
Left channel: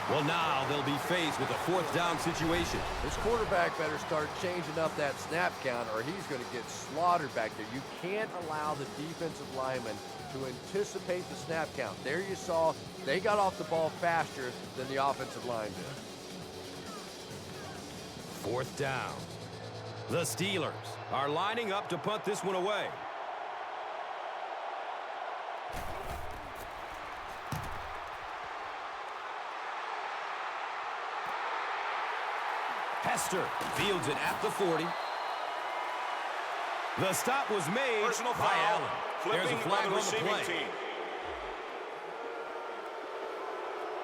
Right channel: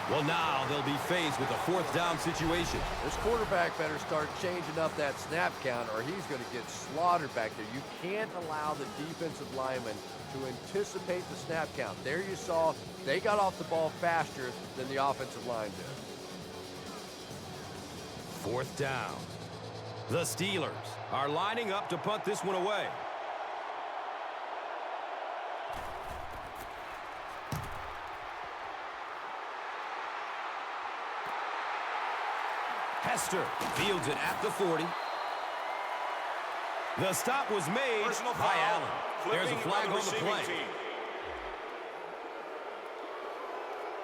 Well, now they'll be faced with a fourth down situation. This quarterback better start changing up that snap count or he's going to get slaughtered back there. You can't allow the defensive lineman to anticipate the snap count. There you saw they got off the ball faster than the offensive line did. Fourth down. The Steelers are lining up to punt this one away. Hester fields it at the 40. The stop was made by Allen. There's a flag on the play.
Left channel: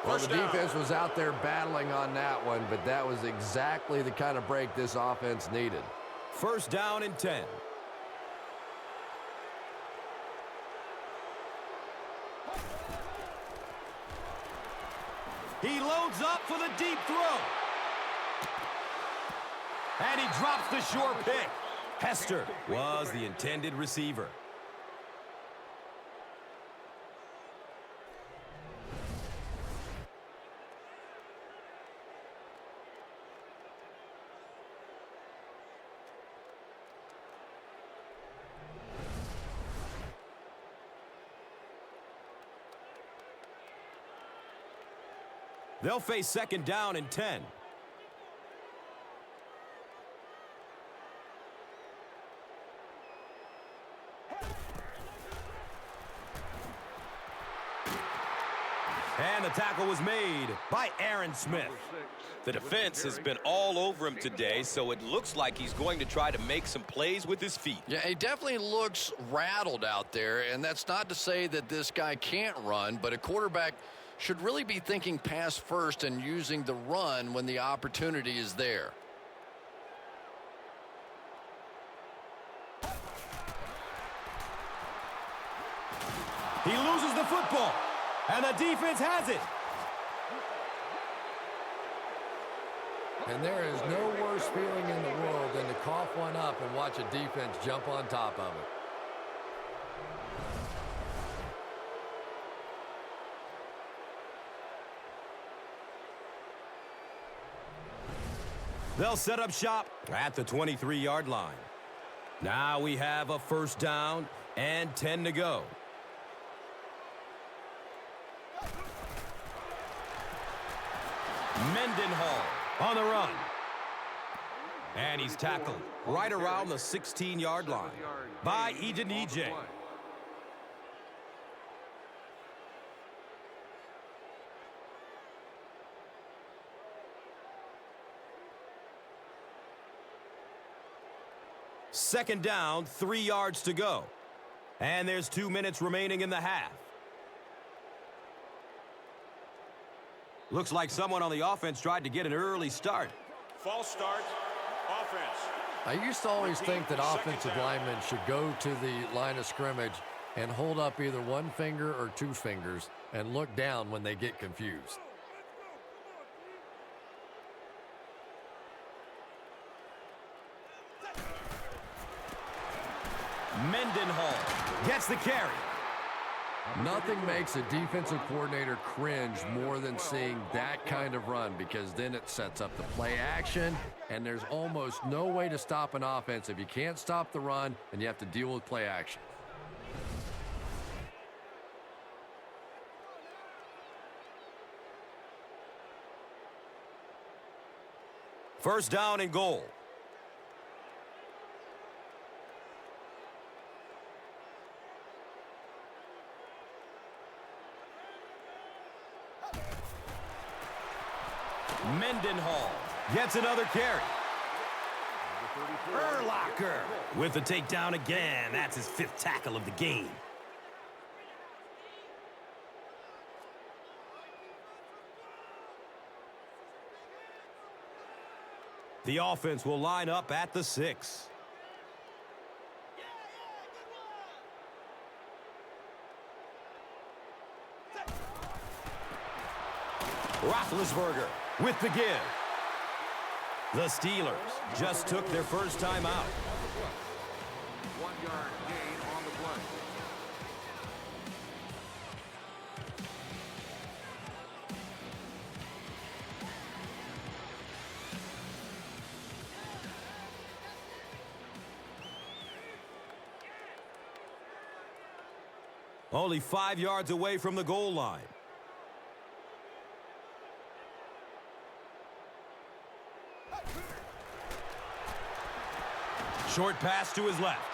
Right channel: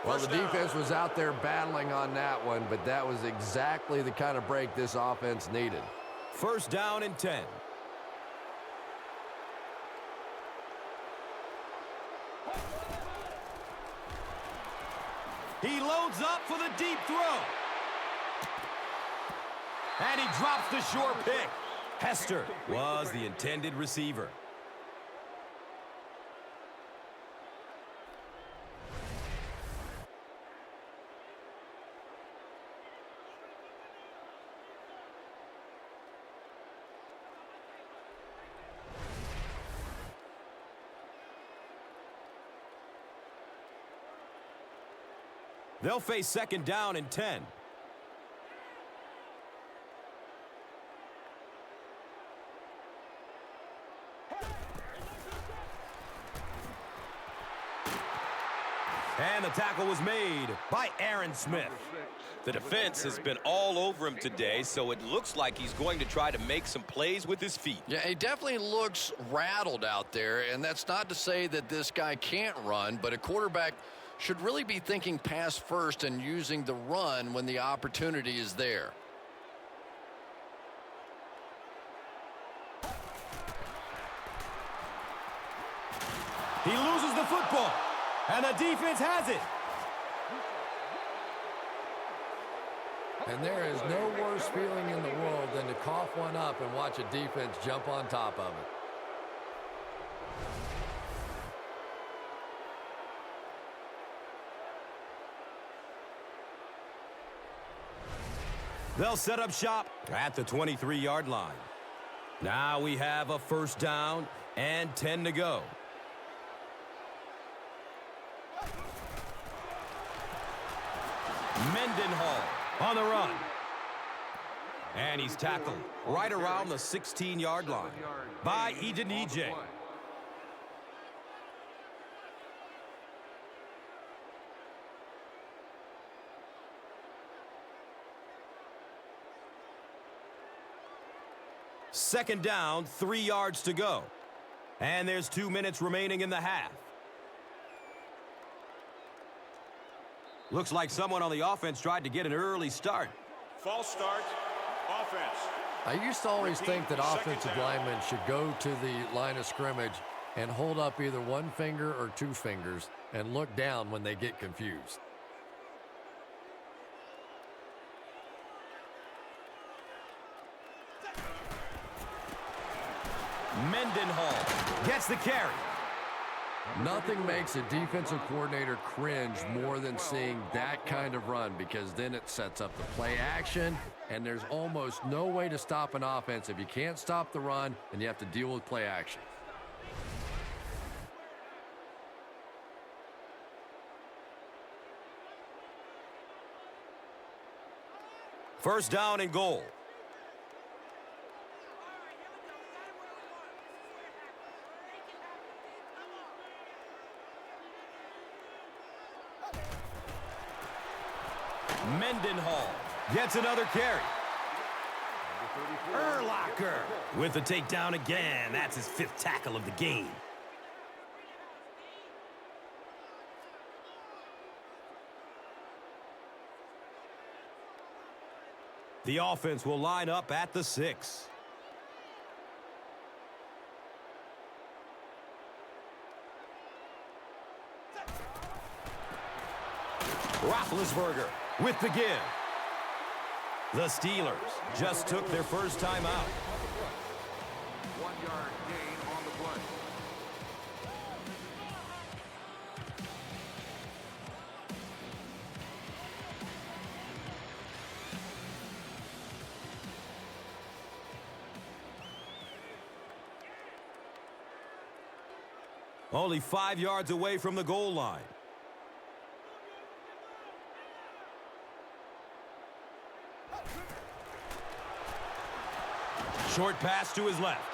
Well, the defense was out there battling on that one, but that was exactly the kind of break this offense needed. First down and 10. He loads up for the deep throw. And he drops the short pick. Hester was the intended receiver. They'll face second down and 10. And the tackle was made by Aaron Smith. The defense has been all over him today, so it looks like he's going to try to make some plays with his feet. Yeah, he definitely looks rattled out there, and that's not to say that this guy can't run, but a quarterback should really be thinking pass first and using the run when the opportunity is there. He loses the football, and the defense has it. And there is no worse feeling in the world than to cough one up and watch a defense jump on top of it. They'll set up shop at the 23-yard line. Now we have a first down and 10 to go. Mendenhall on the run. And he's tackled right around the 16-yard line by Edenije. Second down, 3 yards to go. And there's 2 minutes remaining in the half. Looks like someone on the offense tried to get an early start. I used to always think that offensive linemen should go to the line of scrimmage and hold up either one finger or two fingers and look down when they get confused. Mendenhall gets the carry. Nothing makes a defensive coordinator cringe more than seeing that kind of run, because then it sets up the play action, and there's almost no way to stop an offense if you can't stop the run and you have to deal with play action. First down and goal. Mendenhall gets another carry. Urlacher with the takedown again. That's his 5th tackle of the game. The offense will line up at the 6. Roethlisberger with the give. The Steelers just took their first time out. 1 yard gain on the play. Only 5 yards away from the goal line. Short pass to his left.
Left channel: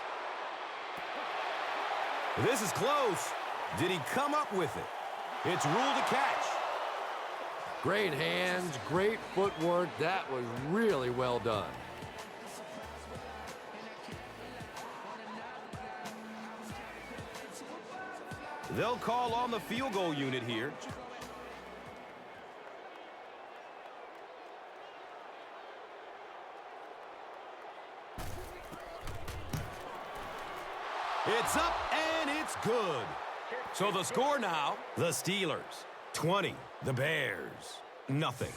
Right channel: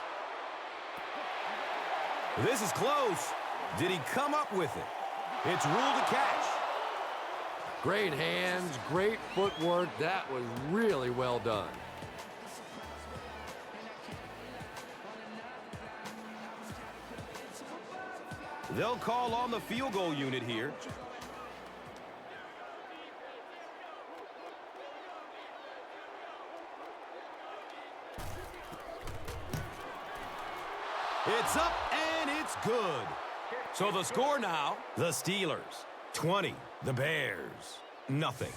This is close. Did he come up with it? It's ruled a catch. Great hands, great footwork. That was really well done. They'll call on the field goal unit here. It's up and it's good. So the score now, the Steelers 20, the Bears nothing.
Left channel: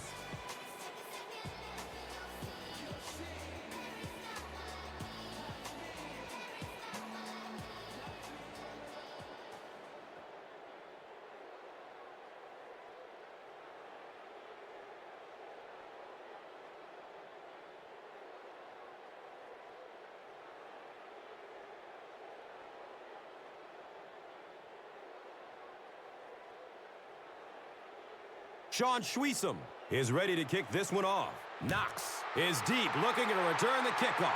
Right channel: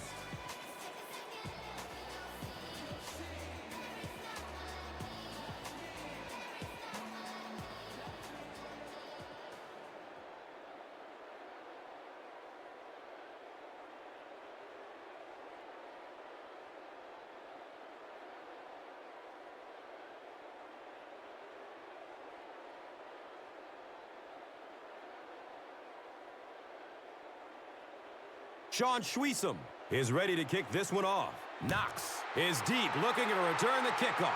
Sean Schweesum is ready to kick this one off. Knox is deep, looking to return the kickoff.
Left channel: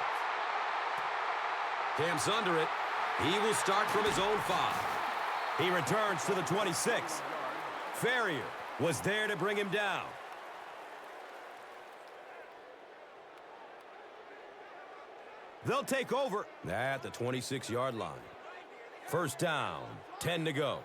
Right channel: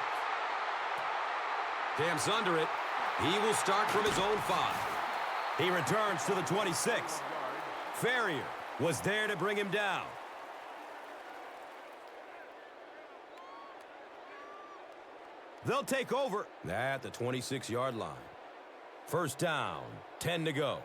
Camps under it. He will start from his own 5. He returns to the 26. Ferrier was there to bring him down. They'll take over at the 26-yard line. First down, 10 to go.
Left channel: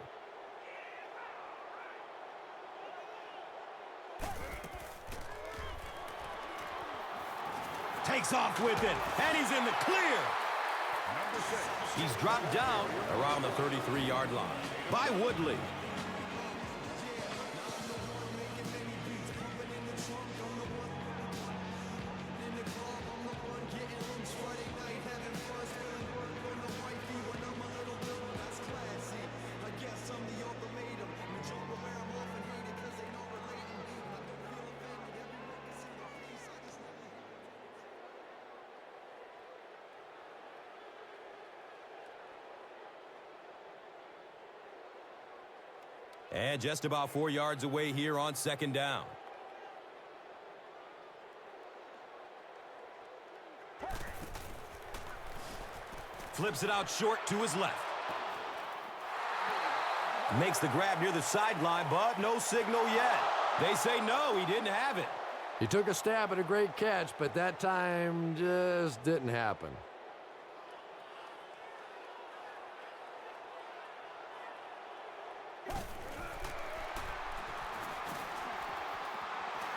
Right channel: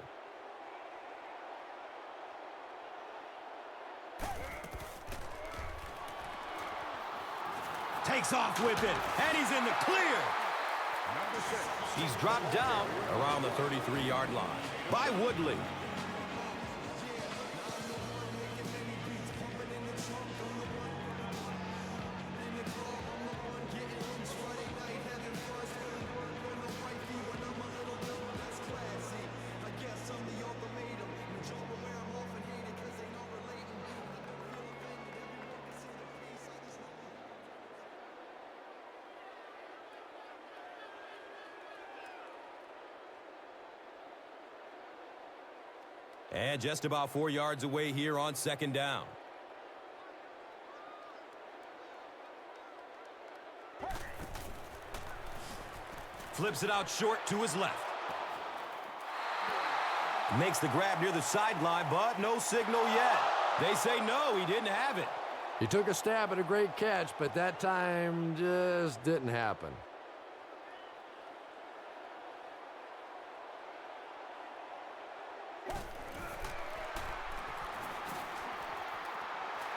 Takes off with it, and he's in the clear. He's dropped down around the 33-yard line by Woodley. And just about 4 yards away here on second down. Flips it out short to his left. Makes the grab near the sideline, but no signal yet. They say no, he didn't have it. He took a stab at a great catch, but that time just didn't happen.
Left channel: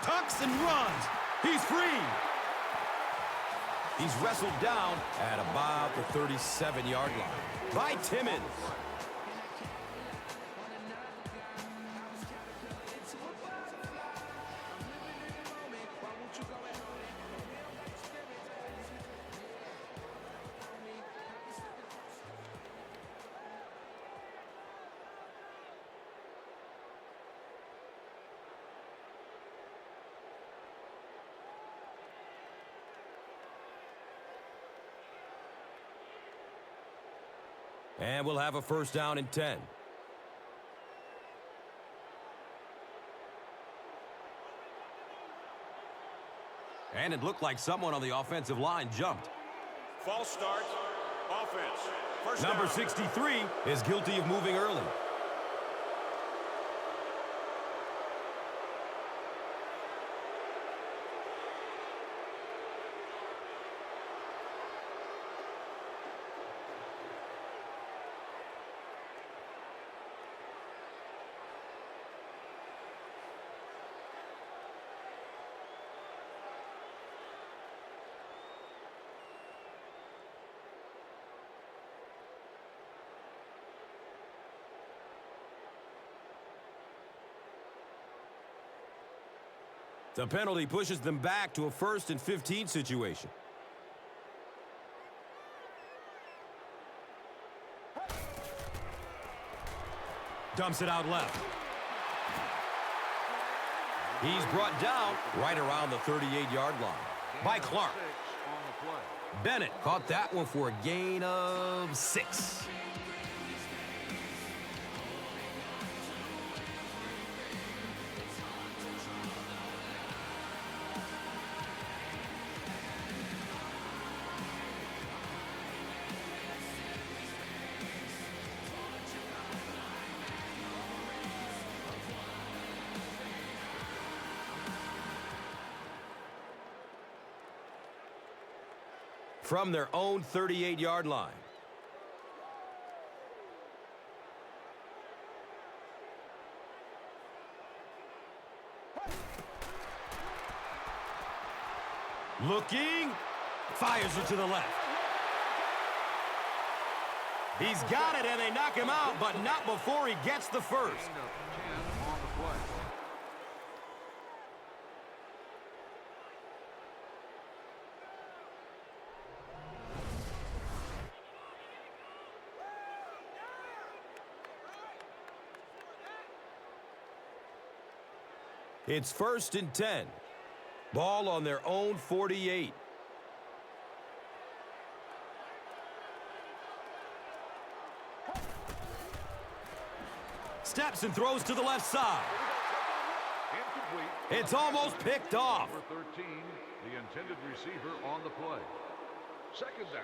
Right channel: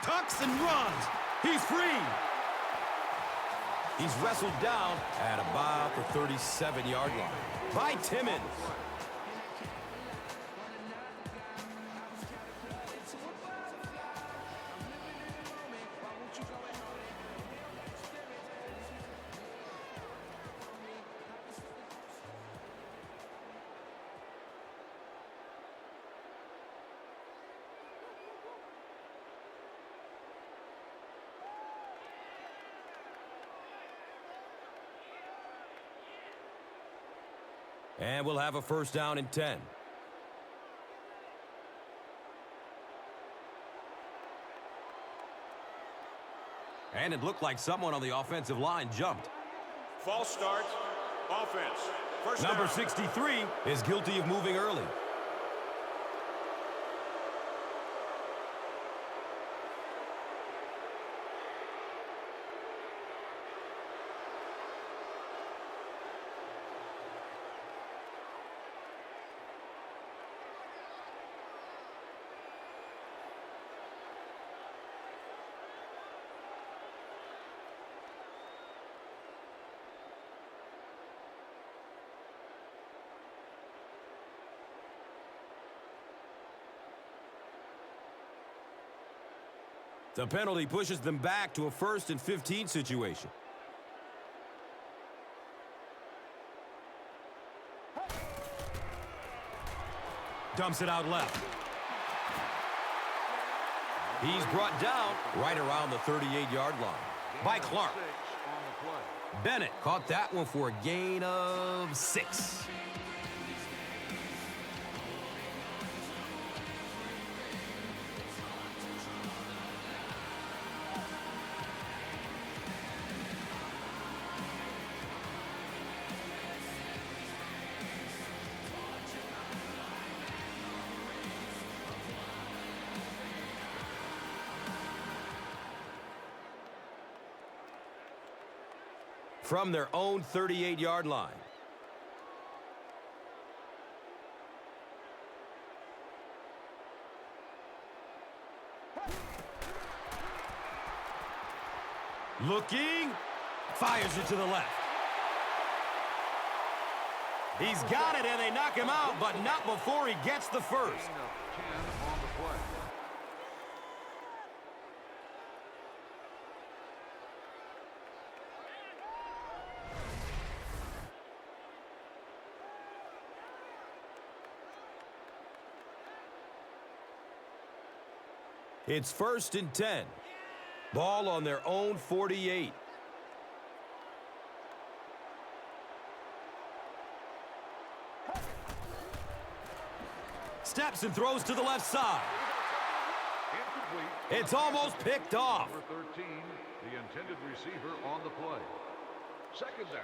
Tucks and runs. He's free. He's wrestled down at about the 37-yard line by Timmons. And we'll have a first down and 10. And it looked like someone on the offensive line jumped. Number 63 is guilty of moving early. The penalty pushes them back to a 1st and 15 situation. Dumps it out left. He's brought down right around the 38-yard line by Clark. Bennett caught that one for a gain of 6. From their own 38-yard line. Looking. Fires it to the left. He's got it, and they knock him out, but not before he gets the first. It's 1st and 10. Ball on their own 48. Steps and throws to the left side. It's almost picked off. Number 13, the intended receiver on the play. 2nd down.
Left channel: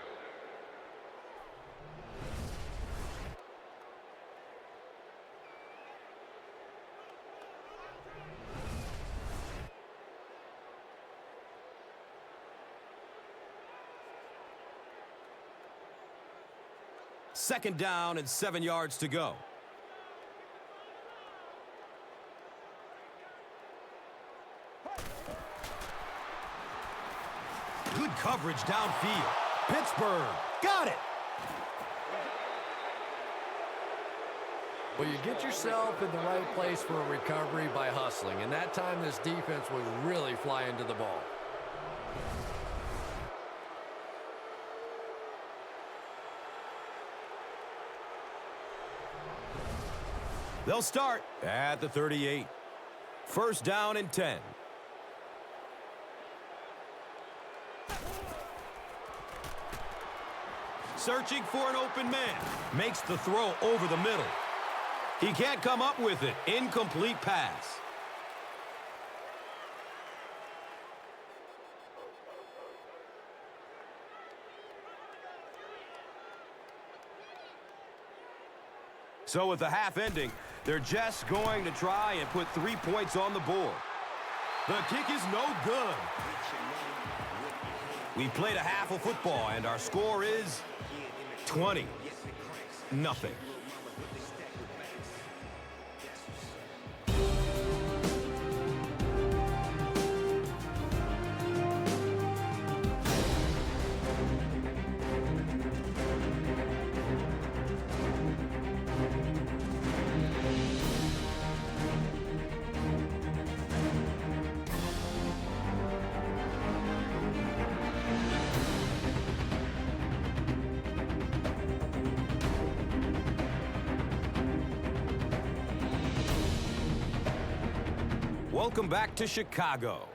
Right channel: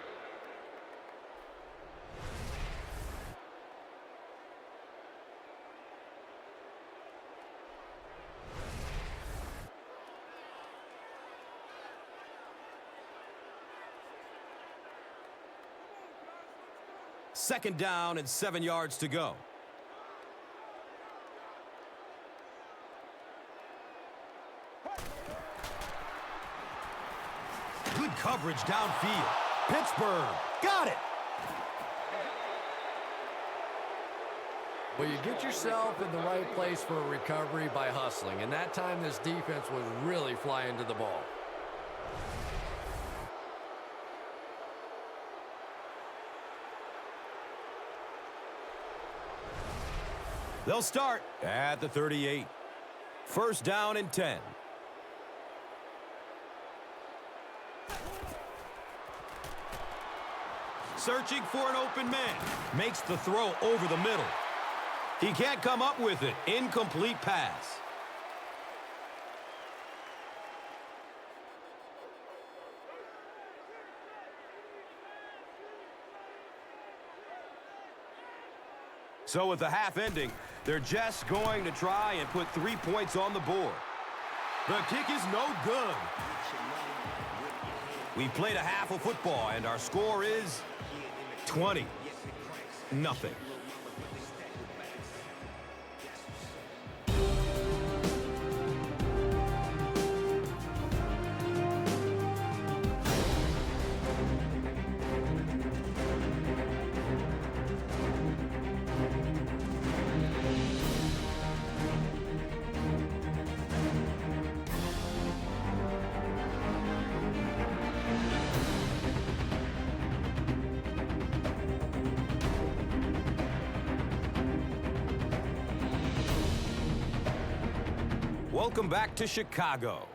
Second down and 7 yards to go. Good coverage downfield. Pittsburgh got it. Well, you get yourself in the right place for a recovery by hustling, and that time this defense was really flying to the ball. They'll start at the 38. 1st down and 10. Searching for an open man. Makes the throw over the middle. He can't come up with it. Incomplete pass. So with the half ending, they're just going to try and put 3 points on the board. The kick is no good. We played a half of football, and our score is 20-0. Welcome back to Chicago.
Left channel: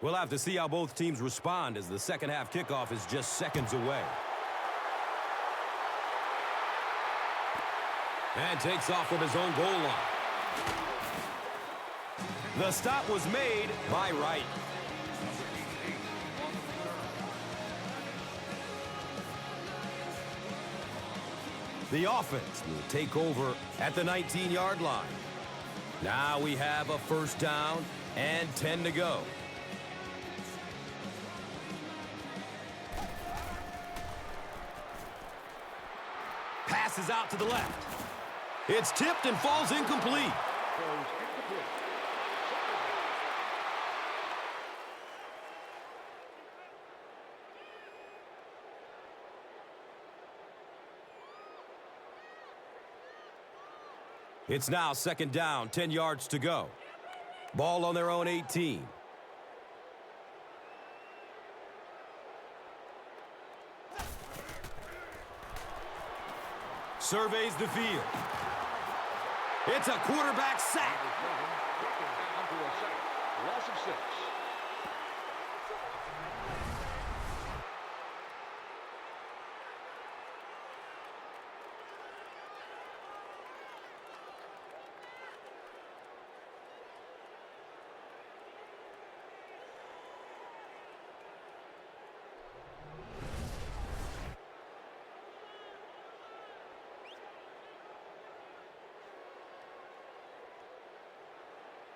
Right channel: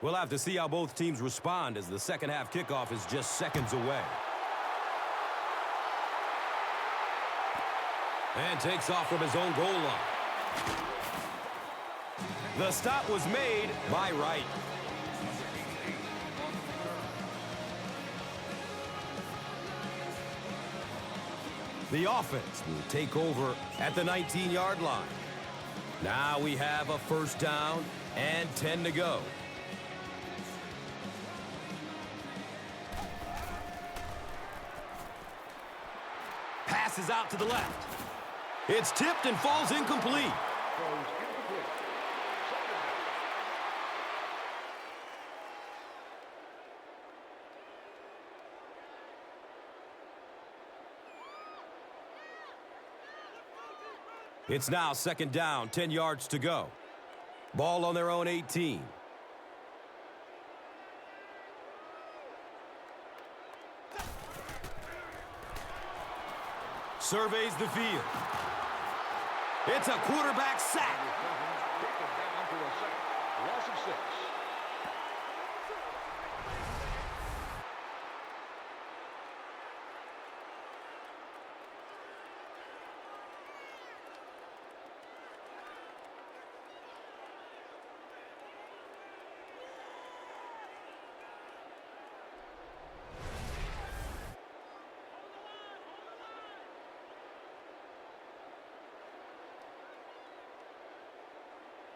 We'll have to see how both teams respond as the second half kickoff is just seconds away. And takes off from his own goal line. The stop was made by Wright. The offense will take over at the 19-yard line. Now we have a 1st down and 10 to go. Passes out to the left. It's tipped and falls incomplete. It's now 2nd down, 10 yards to go. Ball on their own 18. Surveys the field. It's a quarterback sack. Loss of 6.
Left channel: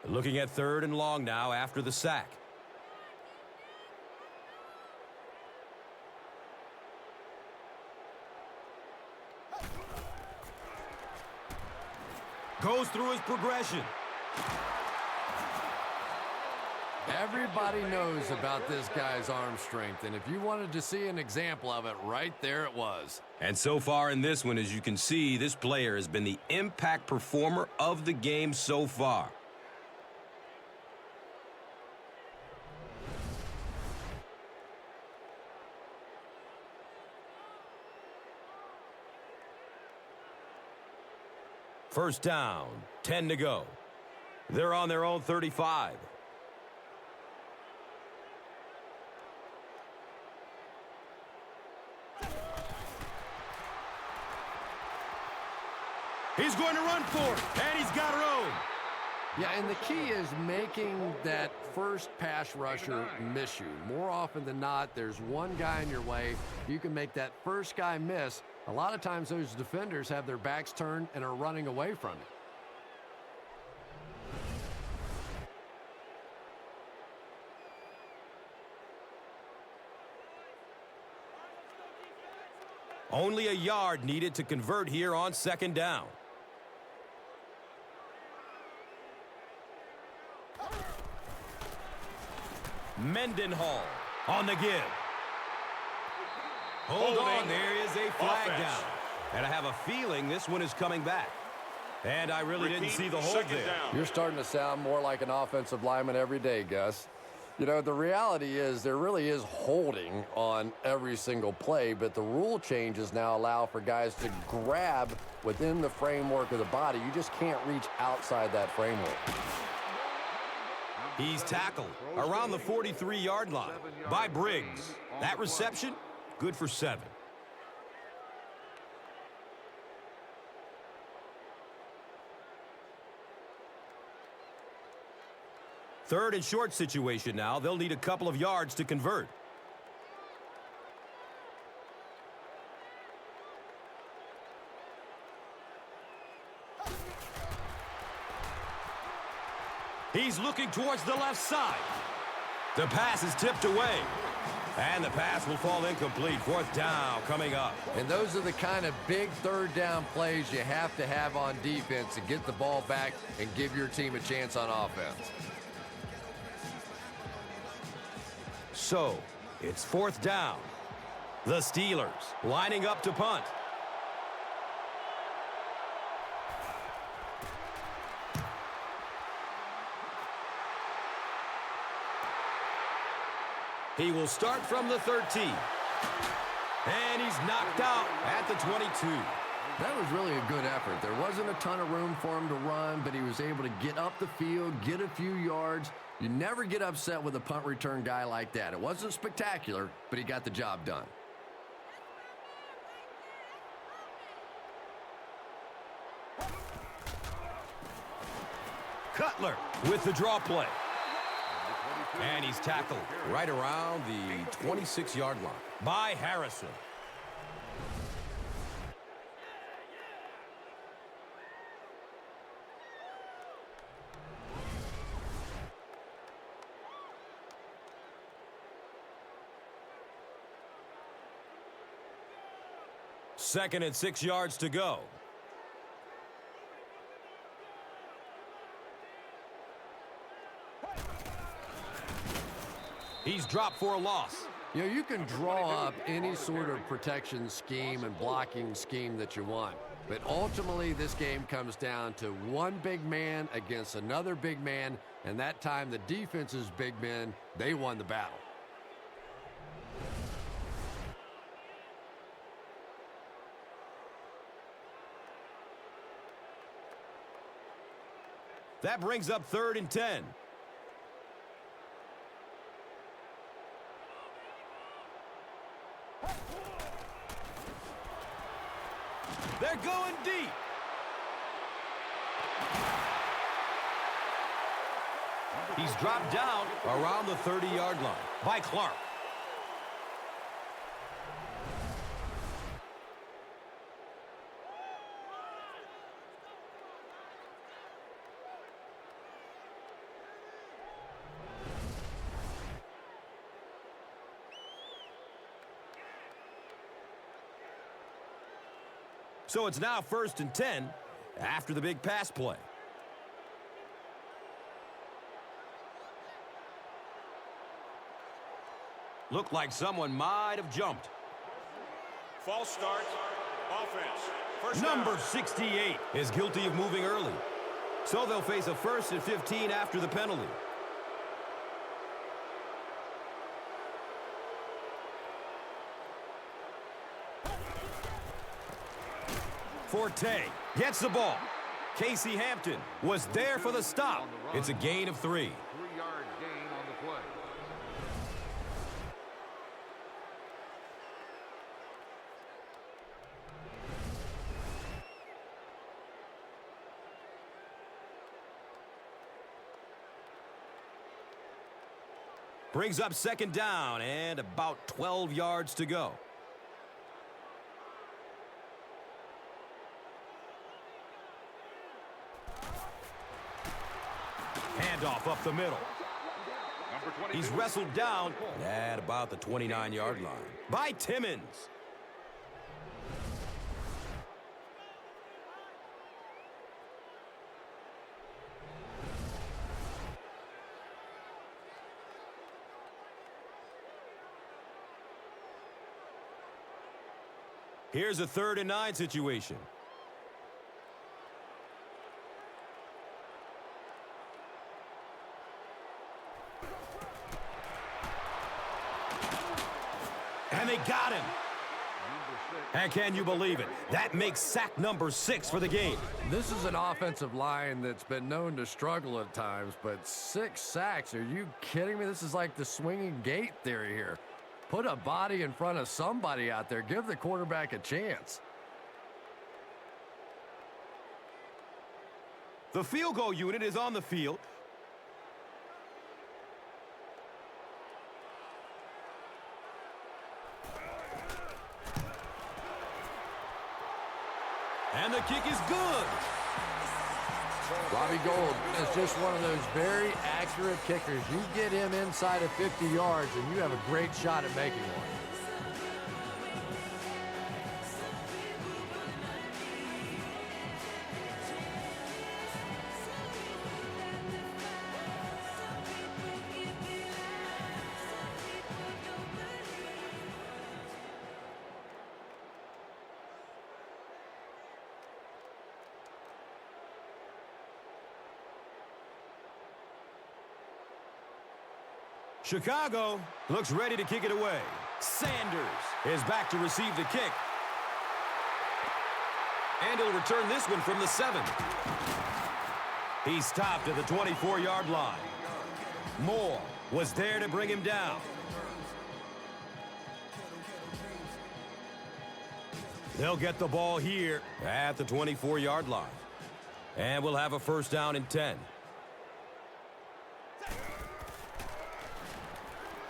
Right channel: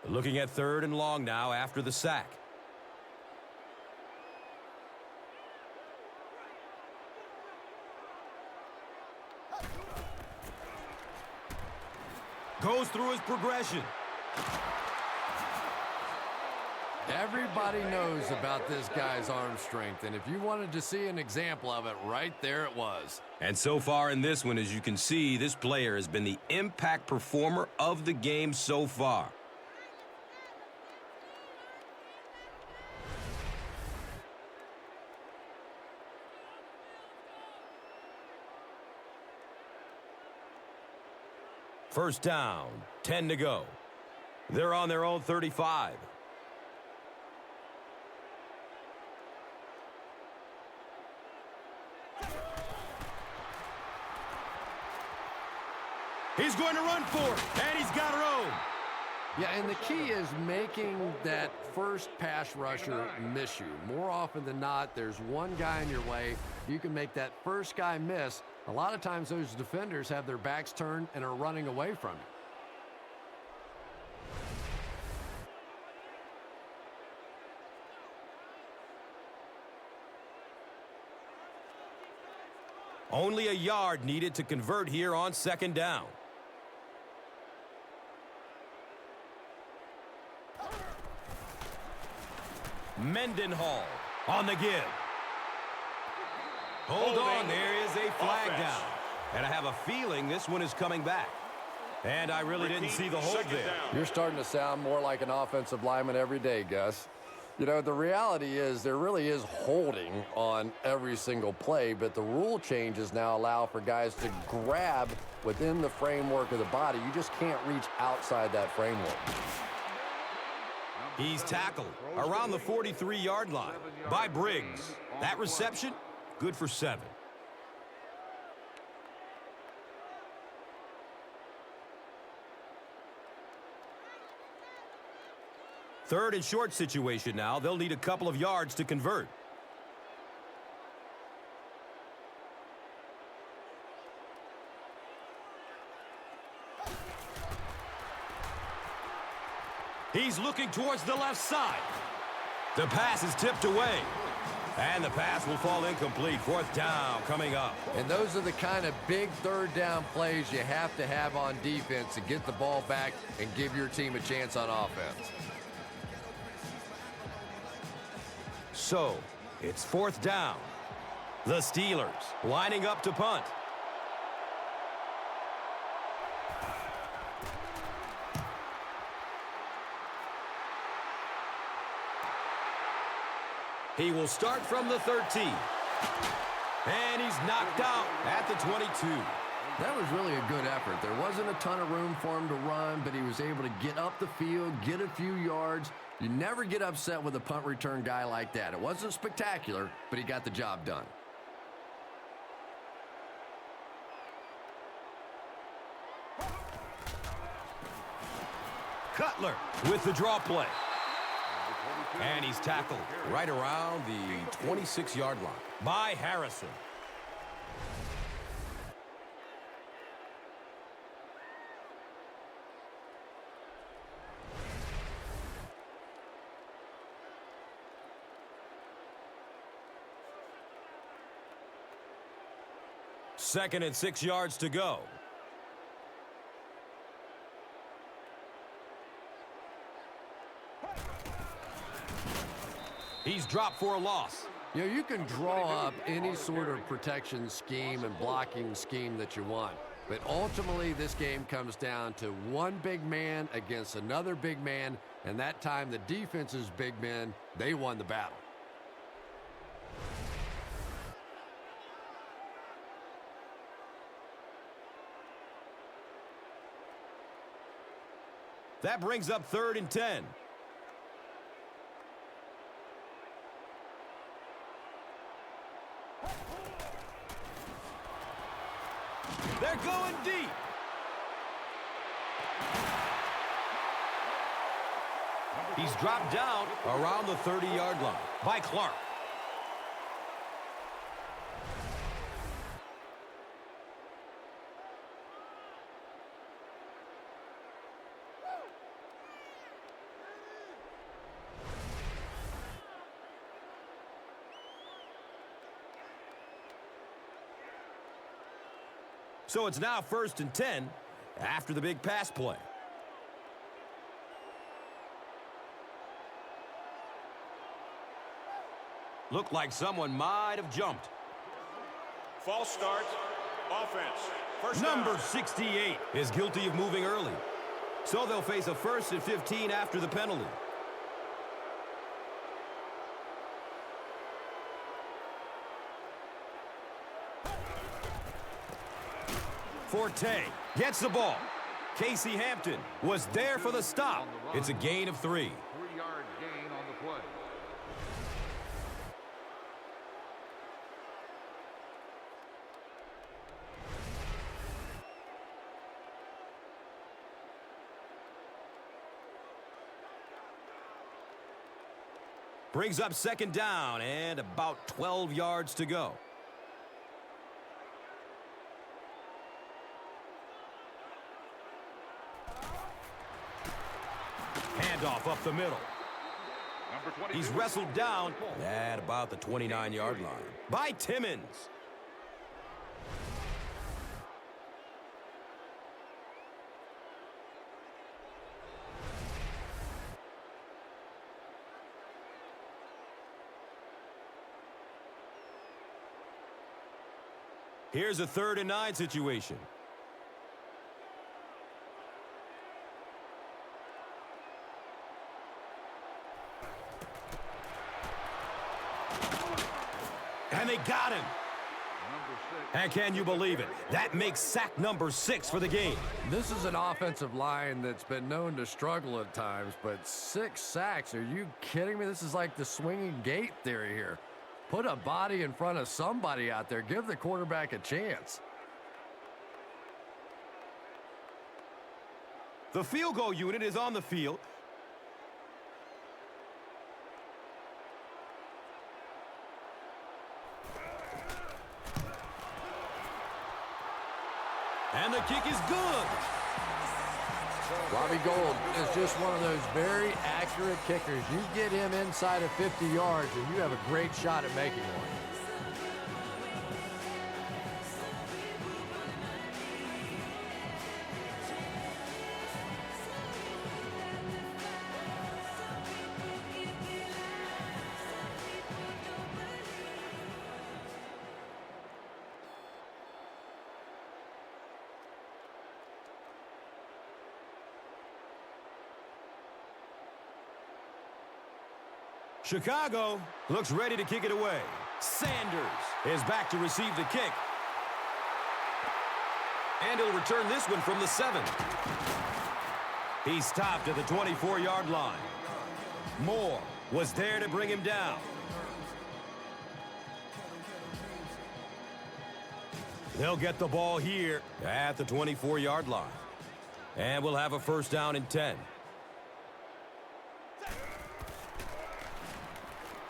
Looking at 3rd and long now after the sack. Goes through his progression. Everybody knows about this guy's arm strength, and if you wanted to see an example of it, right there it was. And so far in this one, as you can see, this player has been the impact performer of the game so far. First down, 10 to go. They're on their own 35. He's going to run for it, and he's got room. Yeah, and the key is making that first pass rusher miss you. More often than not, there's one guy in your way. You can make that first guy miss. A lot of times those defenders have their backs turned and are running away from you. Only a yard needed to convert here on 2nd down. Mendenhall on the give. Hold on, there is a flag down. And I have a feeling this one is coming back. And I really didn't see the hold there. You're starting to sound more like an offensive lineman every day, Gus. You know, the reality is there really is holding on every single play, but the rule changes now allow for guys to grab within the framework of the body. You just can't reach outside that framework. He's tackled around the 43-yard line by Briggs. That reception, good for 7. Third and short situation now. They'll need a couple of yards to convert. He's looking towards the left side. The pass is tipped away. And the pass will fall incomplete. 4th down coming up. And those are the kind of big 3rd down plays you have to have on defense to get the ball back and give your team a chance on offense. So, it's 4th down. The Steelers lining up to punt. He will start from the 13. And he's knocked out at the 22. That was really a good effort. There wasn't a ton of room for him to run, but he was able to get up the field, get a few yards. You never get upset with a punt return guy like that. It wasn't spectacular, but he got the job done. Cutler with the draw play. And he's tackled right around the 26-yard line by Harrison. Second and 6 yards to go. He's dropped for a loss. You know, you can draw up any sort of protection scheme and blocking scheme that you want. But ultimately, this game comes down to one big man against another big man. And that time, the defense's big men, they won the battle. That brings up 3rd and 10. They're going deep. He's dropped down around the 30-yard line by Clark. So it's now 1st and 10 after the big pass play. Looked like someone might have jumped. Number 68 is guilty of moving early. So they'll face a 1st and 15 after the penalty. Forte gets the ball. Casey Hampton was there for the stop. It's a gain of 3. 3-yard gain on the play. Brings up 2nd down and about 12 yards to go. Handoff up the middle. He's wrestled down at about the 29-yard line by Timmons. Here's a 3rd and 9 situation. And they got him. And can you believe it? That makes sack number 6 for the game. This is an offensive line that's been known to struggle at times, but 6 sacks, are you kidding me? This is like the swinging gate theory here. Put a body in front of somebody out there. Give the quarterback a chance. The field goal unit is on the field. And the kick is good. Robbie Gould is just one of those very accurate kickers. You get him inside of 50 yards, and you have a great shot at making one. Chicago looks ready to kick it away. Sanders is back to receive the kick. And he'll return this one from the 7. He stopped at the 24-yard line. Moore was there to bring him down. They'll get the ball here at the 24-yard line. And we'll have a 1st down and 10.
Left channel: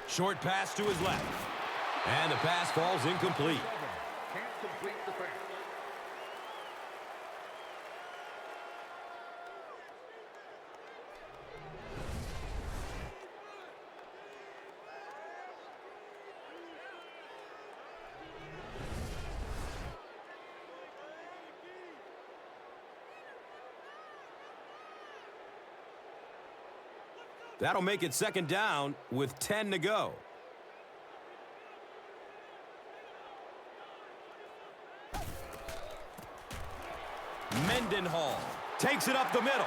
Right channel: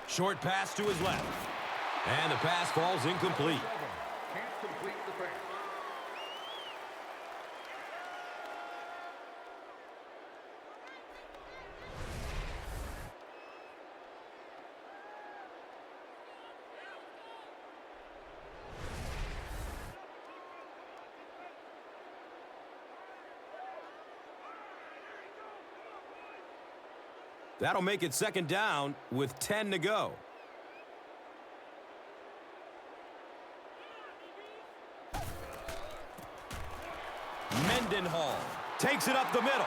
Short pass to his left. And the pass falls incomplete. Can't complete the pass. That'll make it 2nd down with 10 to go. Mendenhall takes it up the middle.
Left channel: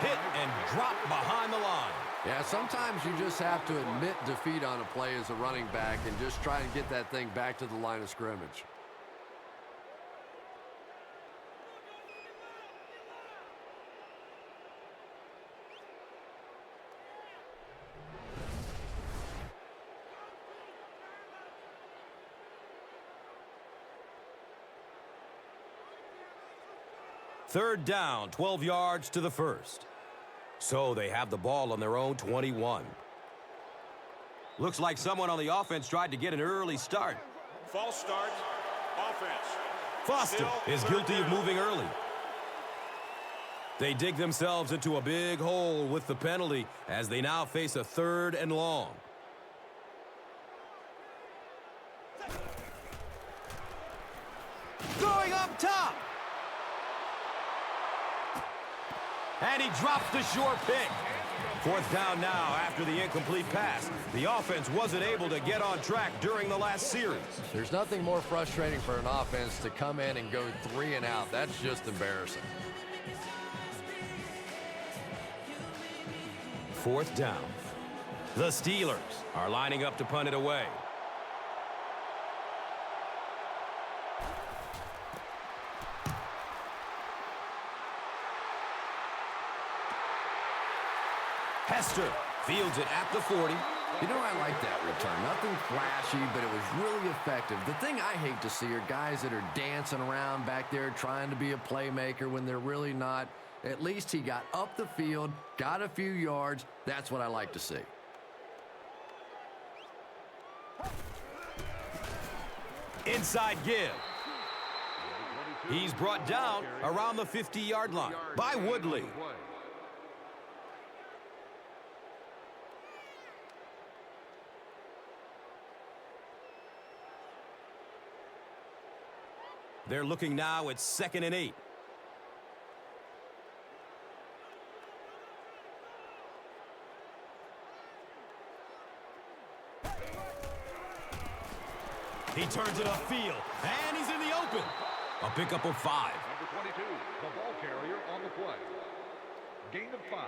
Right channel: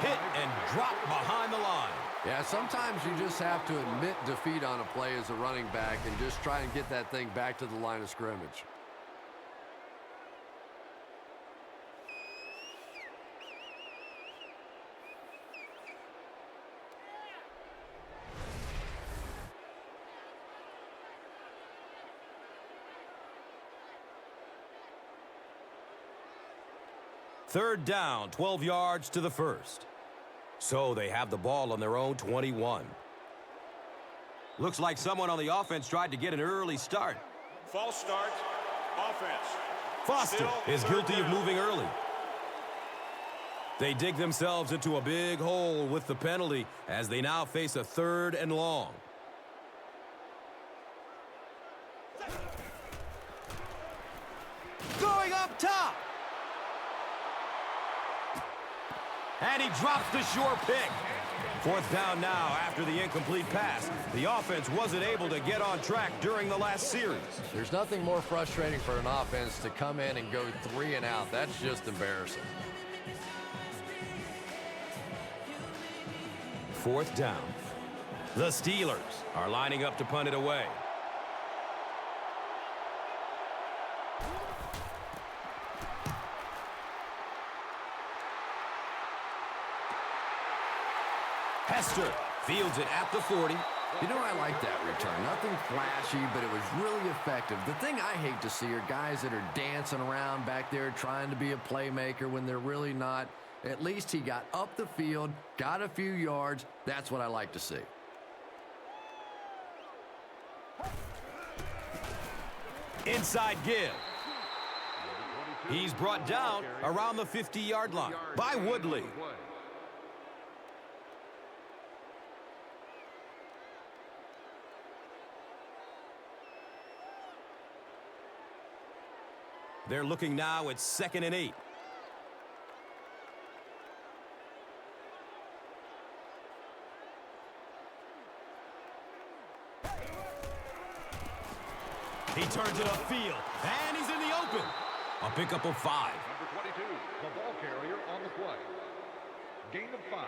Hit and drop behind the line. Yeah, sometimes you just have to admit defeat on a play as a running back and just try and get that thing back to the line of scrimmage. Third down, 12 yards to the 1st. So they have the ball on their own 21. Looks like someone on the offense tried to get an early start. Foster is guilty of moving early. They dig themselves into a big hole with the penalty as they now face a 3rd and long. Going up top. And he drops the sure pick. Fourth down now after the incomplete pass. The offense wasn't able to get on track during the last series. There's nothing more frustrating for an offense to come in and go 3 and out. That's just embarrassing. Fourth down. The Steelers are lining up to punt it away. Hester fields it at the 40. You know, I like that return. Nothing flashy, but it was really effective. The thing I hate to see are guys that are dancing around back there trying to be a playmaker when they're really not. At least he got up the field, got a few yards. That's what I like to see. Inside give. He's brought down around the 50-yard line by Woodley. They're looking now at 2nd and 8. He turns it upfield, and he's in the open. A pickup of 5. Number 22, the ball carrier on the play. Gain of 5.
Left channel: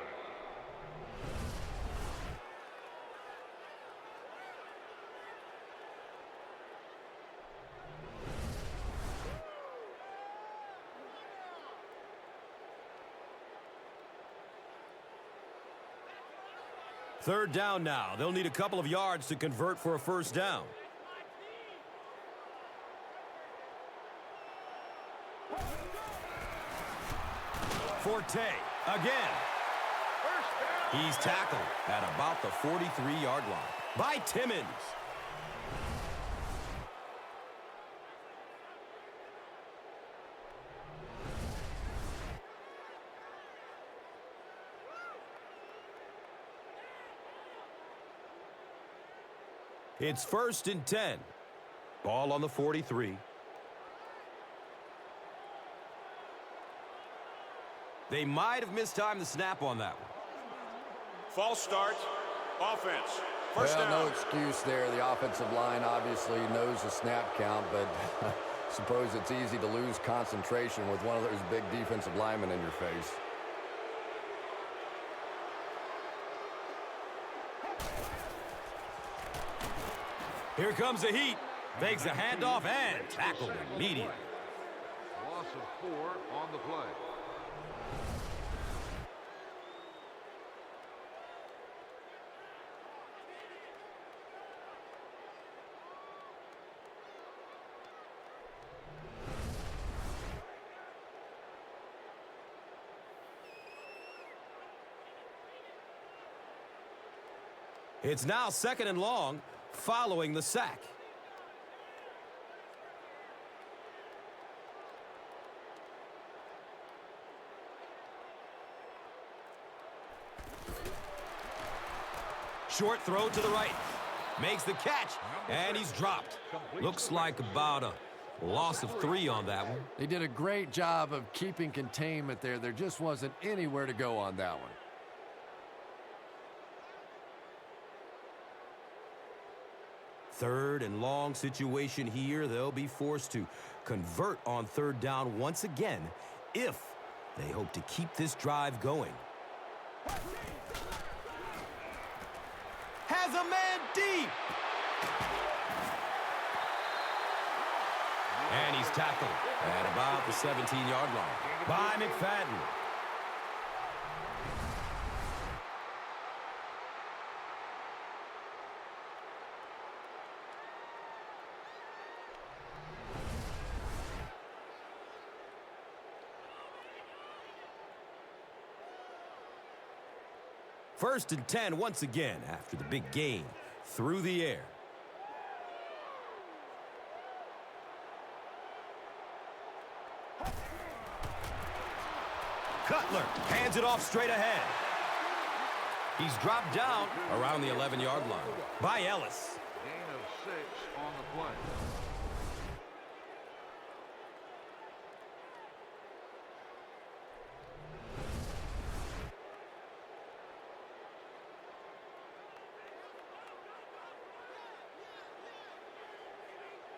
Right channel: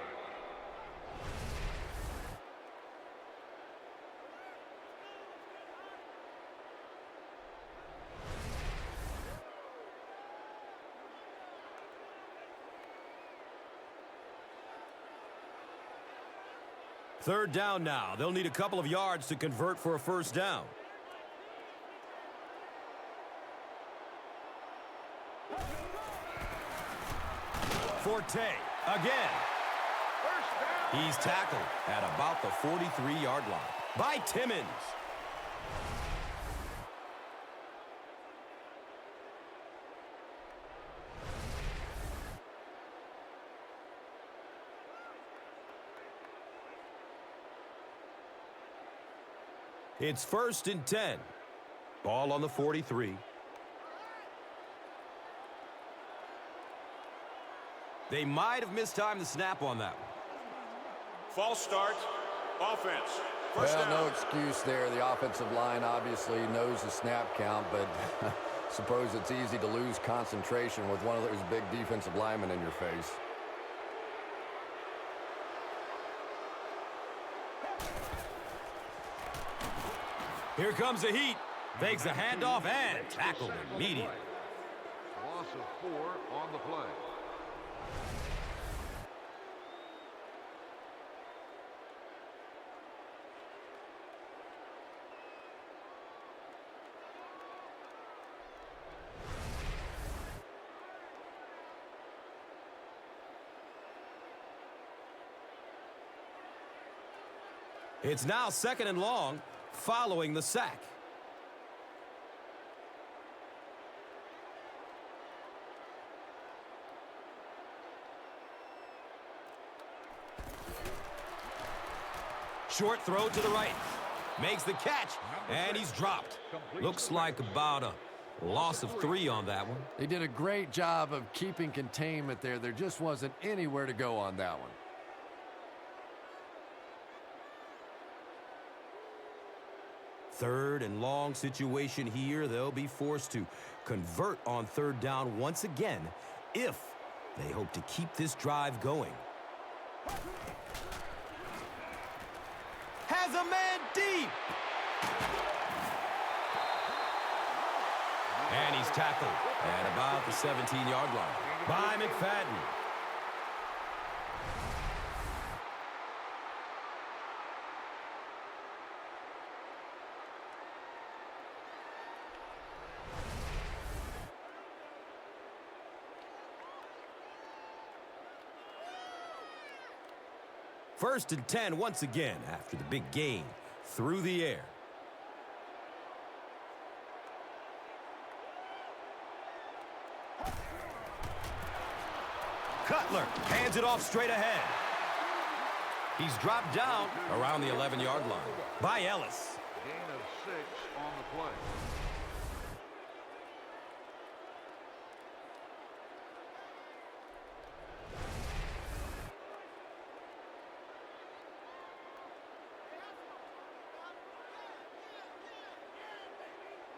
Third down now. They'll need a couple of yards to convert for a first down. Forte again. He's tackled at about the 43-yard line by Timmons. It's 1st and 10. Ball on the 43. They might have mistimed the snap on that one. Well, no excuse there. The offensive line obviously knows the snap count, but I suppose it's easy to lose concentration with one of those big defensive linemen in your face. Here comes the heat. Fakes a handoff and tackled immediately. Loss of 4 on the play. It's now 2nd and long following the sack. Short throw to the right. Makes the catch, and he's dropped. Looks like about a loss of 3 on that one. They did a great job of keeping containment there. There just wasn't anywhere to go on that one. Third and long situation here. They'll be forced to convert on 3rd down once again if they hope to keep this drive going. Has a man deep. And he's tackled at about the 17-yard line by McFadden. First and 10 once again after the big gain through the air. Cutler hands it off straight ahead. He's dropped down around the 11-yard line by Ellis. Gain of 6 on the play.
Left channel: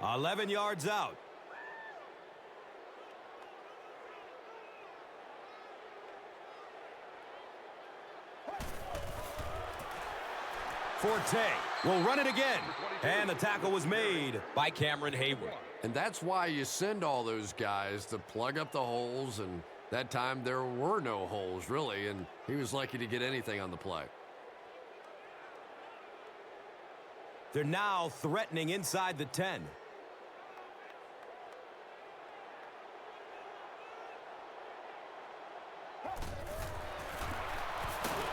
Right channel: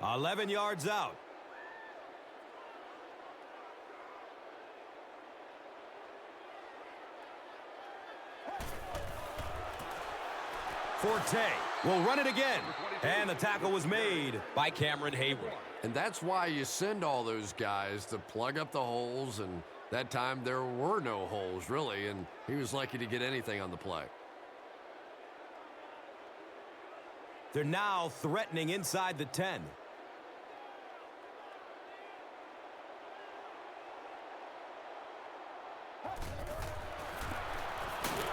11 yards out. Forte will run it again. And the tackle was made by Cameron Hayward. And that's why you send all those guys to plug up the holes, and that time there were no holes, really, and he was lucky to get anything on the play. They're now threatening inside the 10.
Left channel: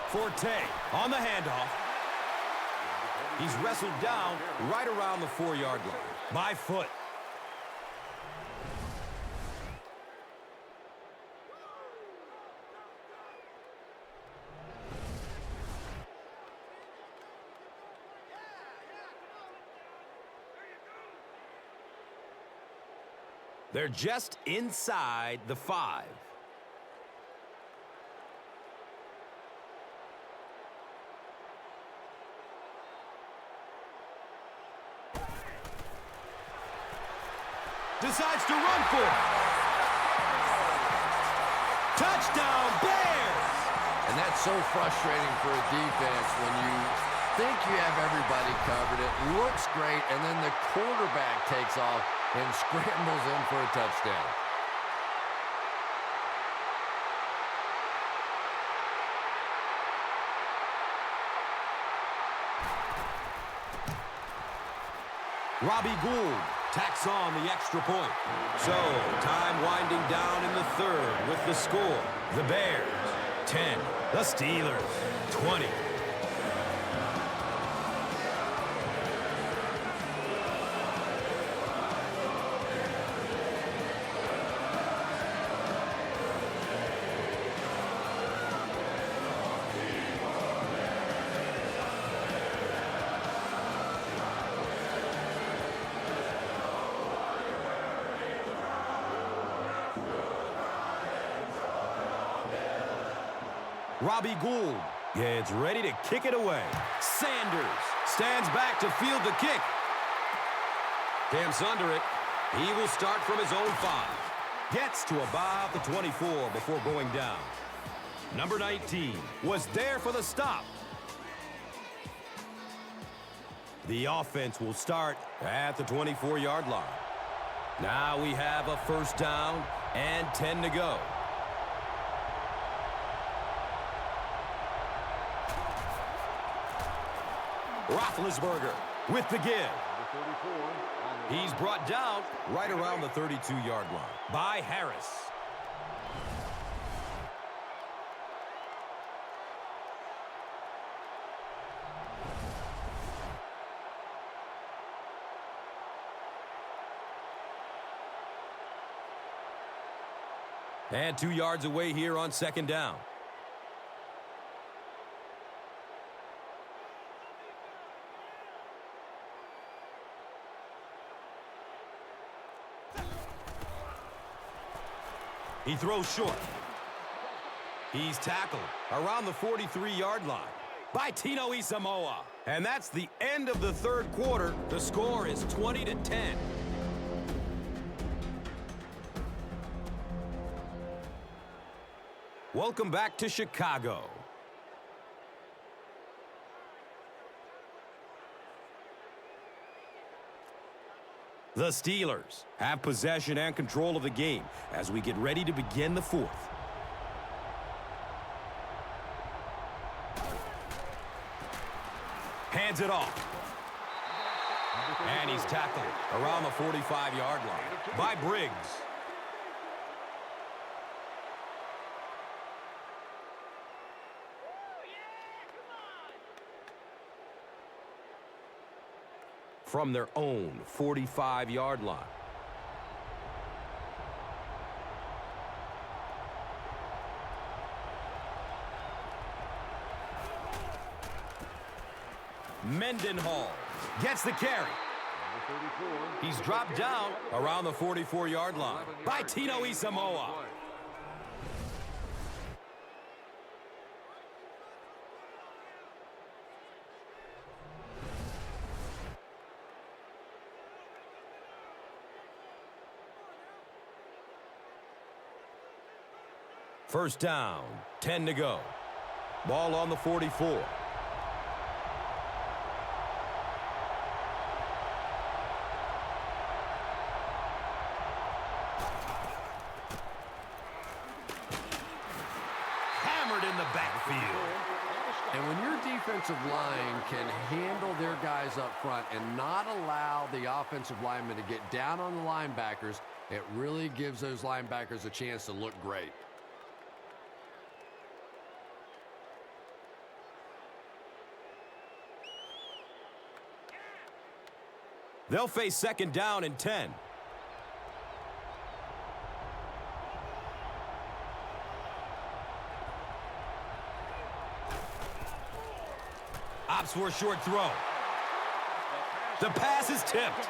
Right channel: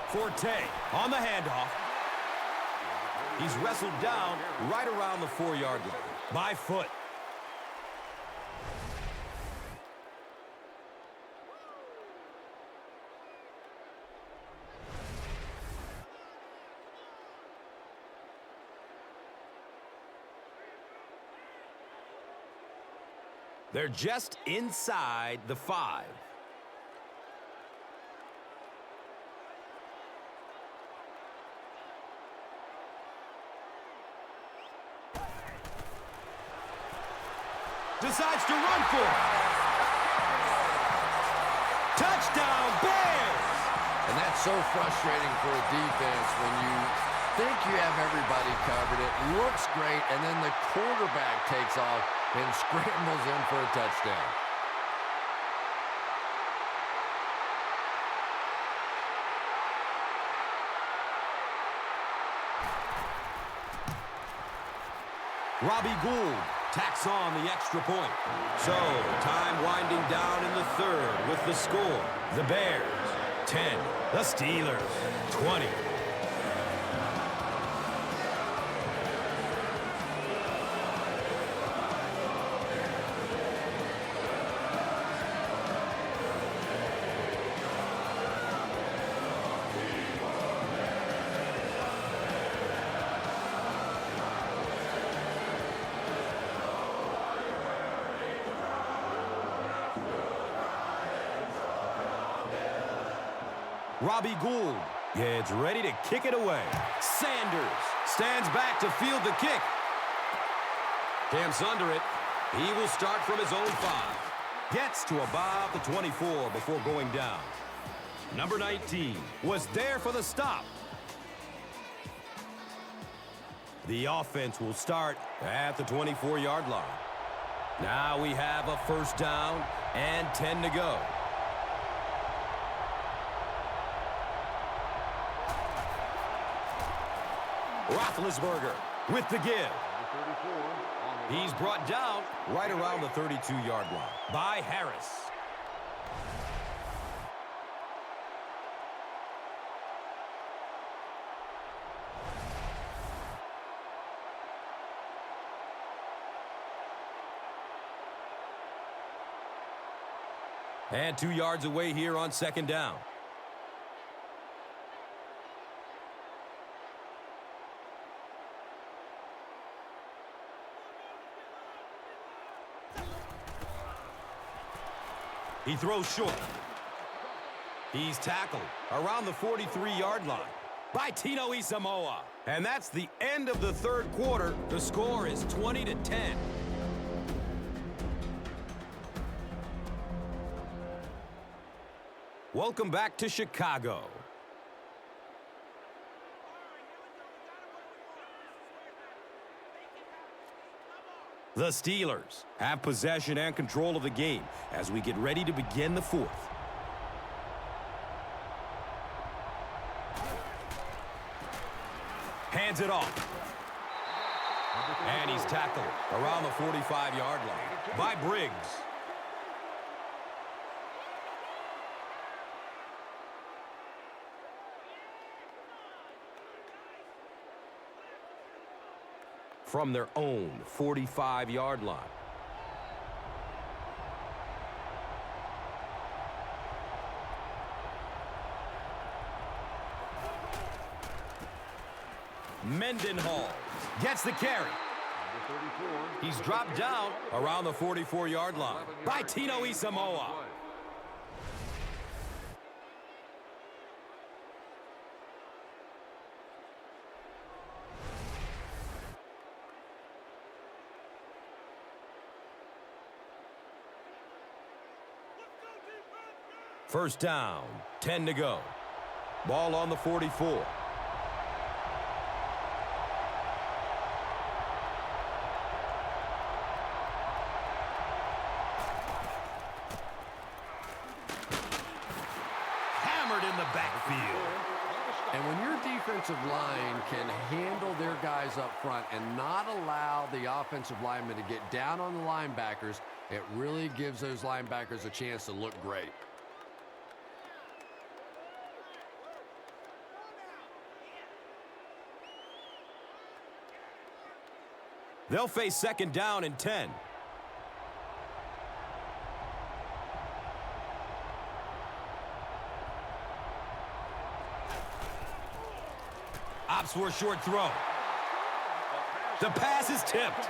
Forte on the handoff. He's wrestled down right around the 4-yard line. By foot. They're just inside the 5. Decides to run for it. Touchdown, Bears! And that's so frustrating for a defense when you think you have everybody covered. It looks great, and then the quarterback takes off and scrambles in for a touchdown. Robbie Gould tacks on the extra point. So, time winding down in the 3rd with the score. The Bears, 10. The Steelers, 20. Robbie Gould gets ready to kick it away. Sanders stands back to field the kick. Camps under it. He will start from his own 5. Gets to about the 24 before going down. Number 19 was there for the stop. The offense will start at the 24-yard line. Now we have a first down and 10 to go. Roethlisberger with the give. He's brought down right around the 32-yard line by Harris. And 2 yards away here on second down. He throws short. He's tackled around the 43-yard line by Tino Isamoa. And that's the end of the 3rd quarter. The score is 20-10. Welcome back to Chicago. The Steelers have possession and control of the game as we get ready to begin the 4th. Hands it off. And he's tackled around the 45-yard line by Briggs. From their own 45-yard line. Mendenhall gets the carry. He's dropped down around the 44-yard line by Tino Isamoa. First down, 10 to go. Ball on the 44. Hammered in the backfield. And when your defensive line can handle their guys up front and not allow the offensive linemen to get down on the linebackers, it really gives those linebackers a chance to look great. They'll face second down and 10. Opts for a short throw. The pass is tipped.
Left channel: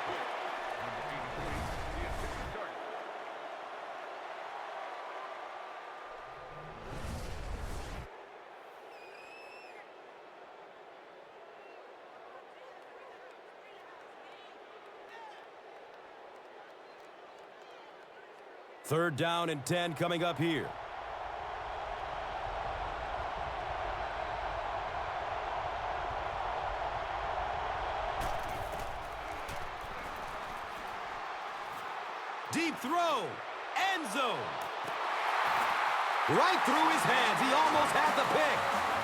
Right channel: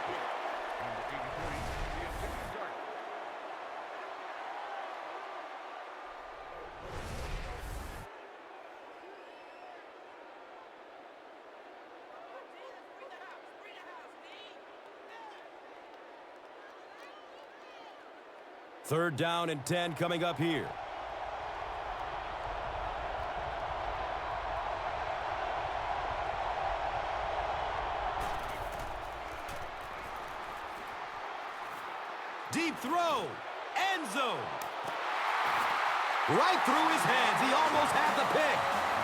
Third down and 10 coming up here. Deep throw. End zone. Right through his hands. He almost had the pick.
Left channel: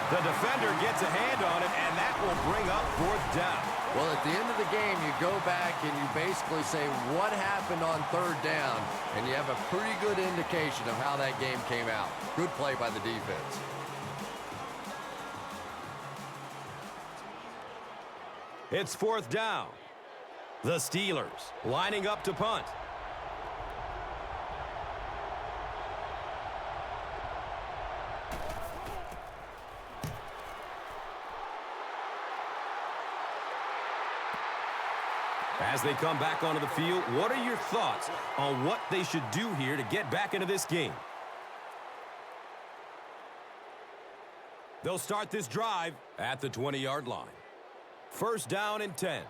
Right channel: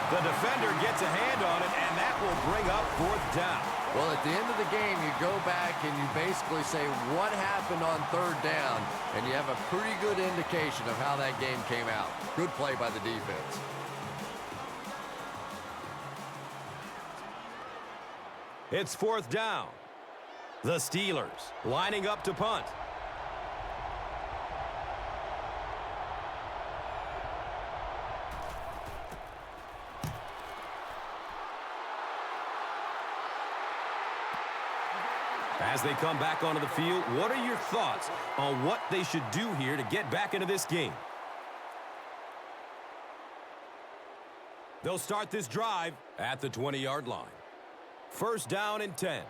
The defender gets a hand on it, and that will bring up fourth down. Well, at the end of the game, you go back and you basically say what happened on third down, and you have a pretty good indication of how that game came out. Good play by the defense. It's fourth down. The Steelers lining up to punt. As they come back onto the field, what are your thoughts on what they should do here to get back into this game? They'll start this drive at the 20-yard line. First down and 10.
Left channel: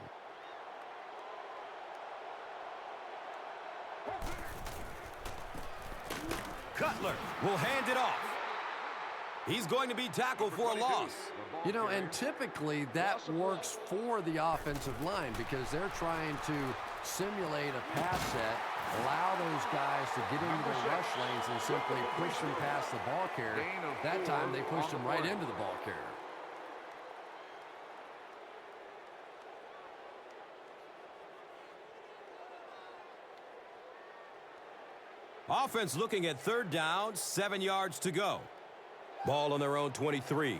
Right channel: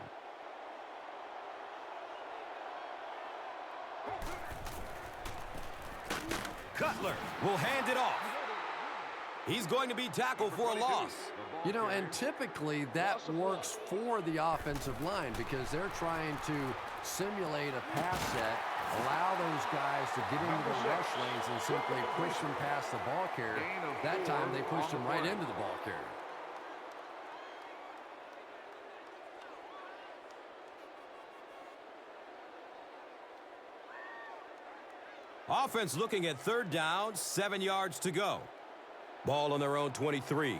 Cutler will hand it off. He's going to be tackled for a loss. You know, and typically that works for the offensive line because they're trying to simulate a pass set, allow those guys to get into their rush lanes and simply push them past the ball carrier. That time they pushed them right into the ball carrier. Offense looking at third down, 7 yards to go. Ball on their own 23.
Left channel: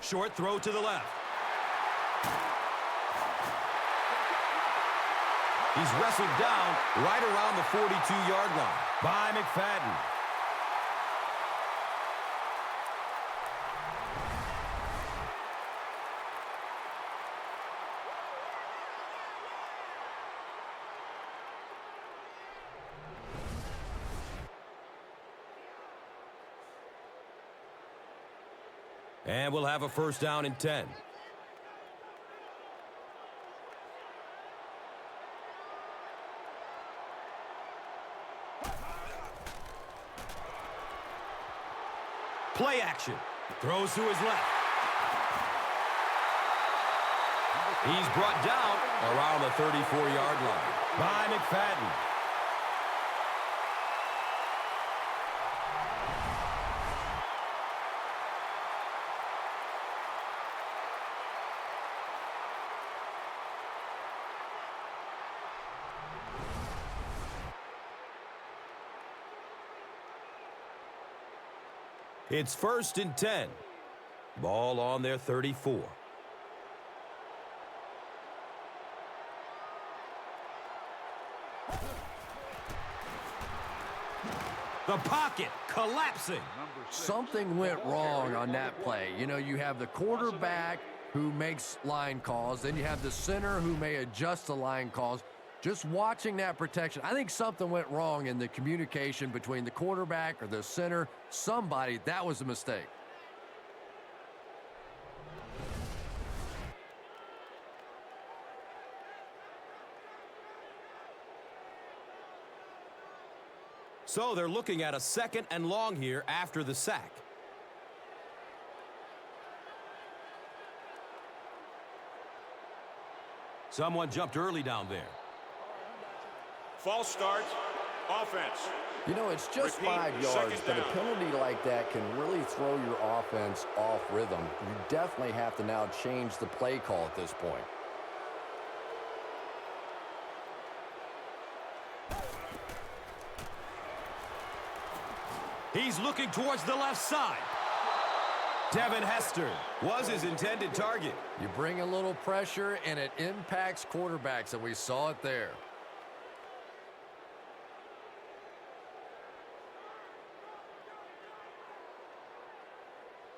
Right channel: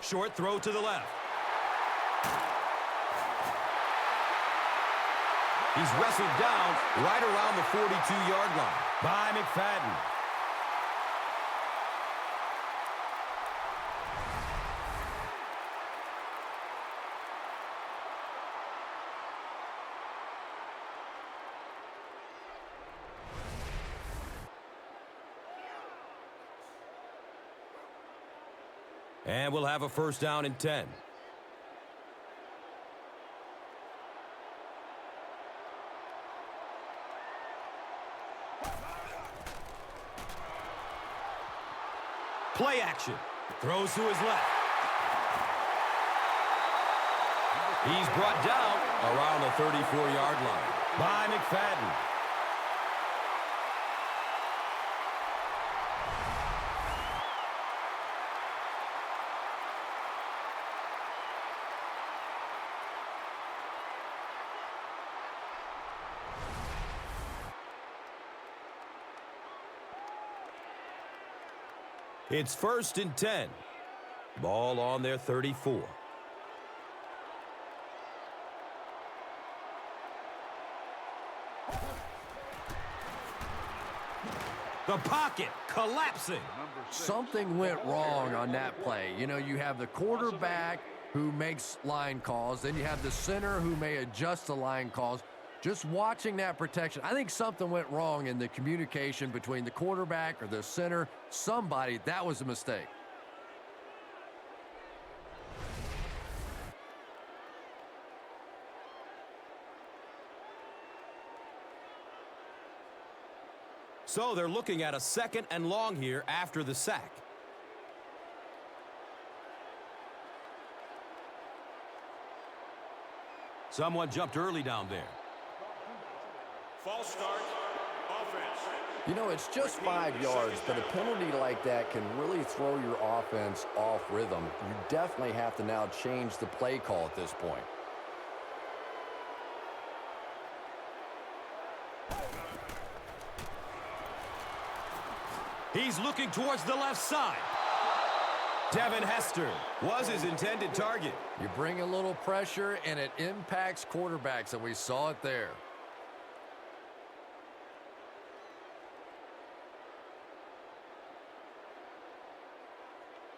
Short throw to the left. He's wrestled down right around the 42-yard line by McFadden. And we'll have a first down and 10. Play action. Throws to his left. He's brought down around the 34-yard line by McFadden. It's first and 10. Ball on their 34. The pocket collapsing. Something went wrong on that play. You know, you have the quarterback who makes line calls, then you have the center who may adjust the line calls. Just watching that protection, I think something went wrong in the communication between the quarterback or the center. Somebody, that was a mistake. So they're looking at a 2nd and long here after the sack. Someone jumped early down there. False start, offense. You know, it's just Repeat, 5 yards, second but a down. penalty like that can really throw your offense off rhythm. You definitely have to now change the play call at this point. He's looking towards the left side. Devin Hester was his intended target. You bring a little pressure, and it impacts quarterbacks, and we saw it there.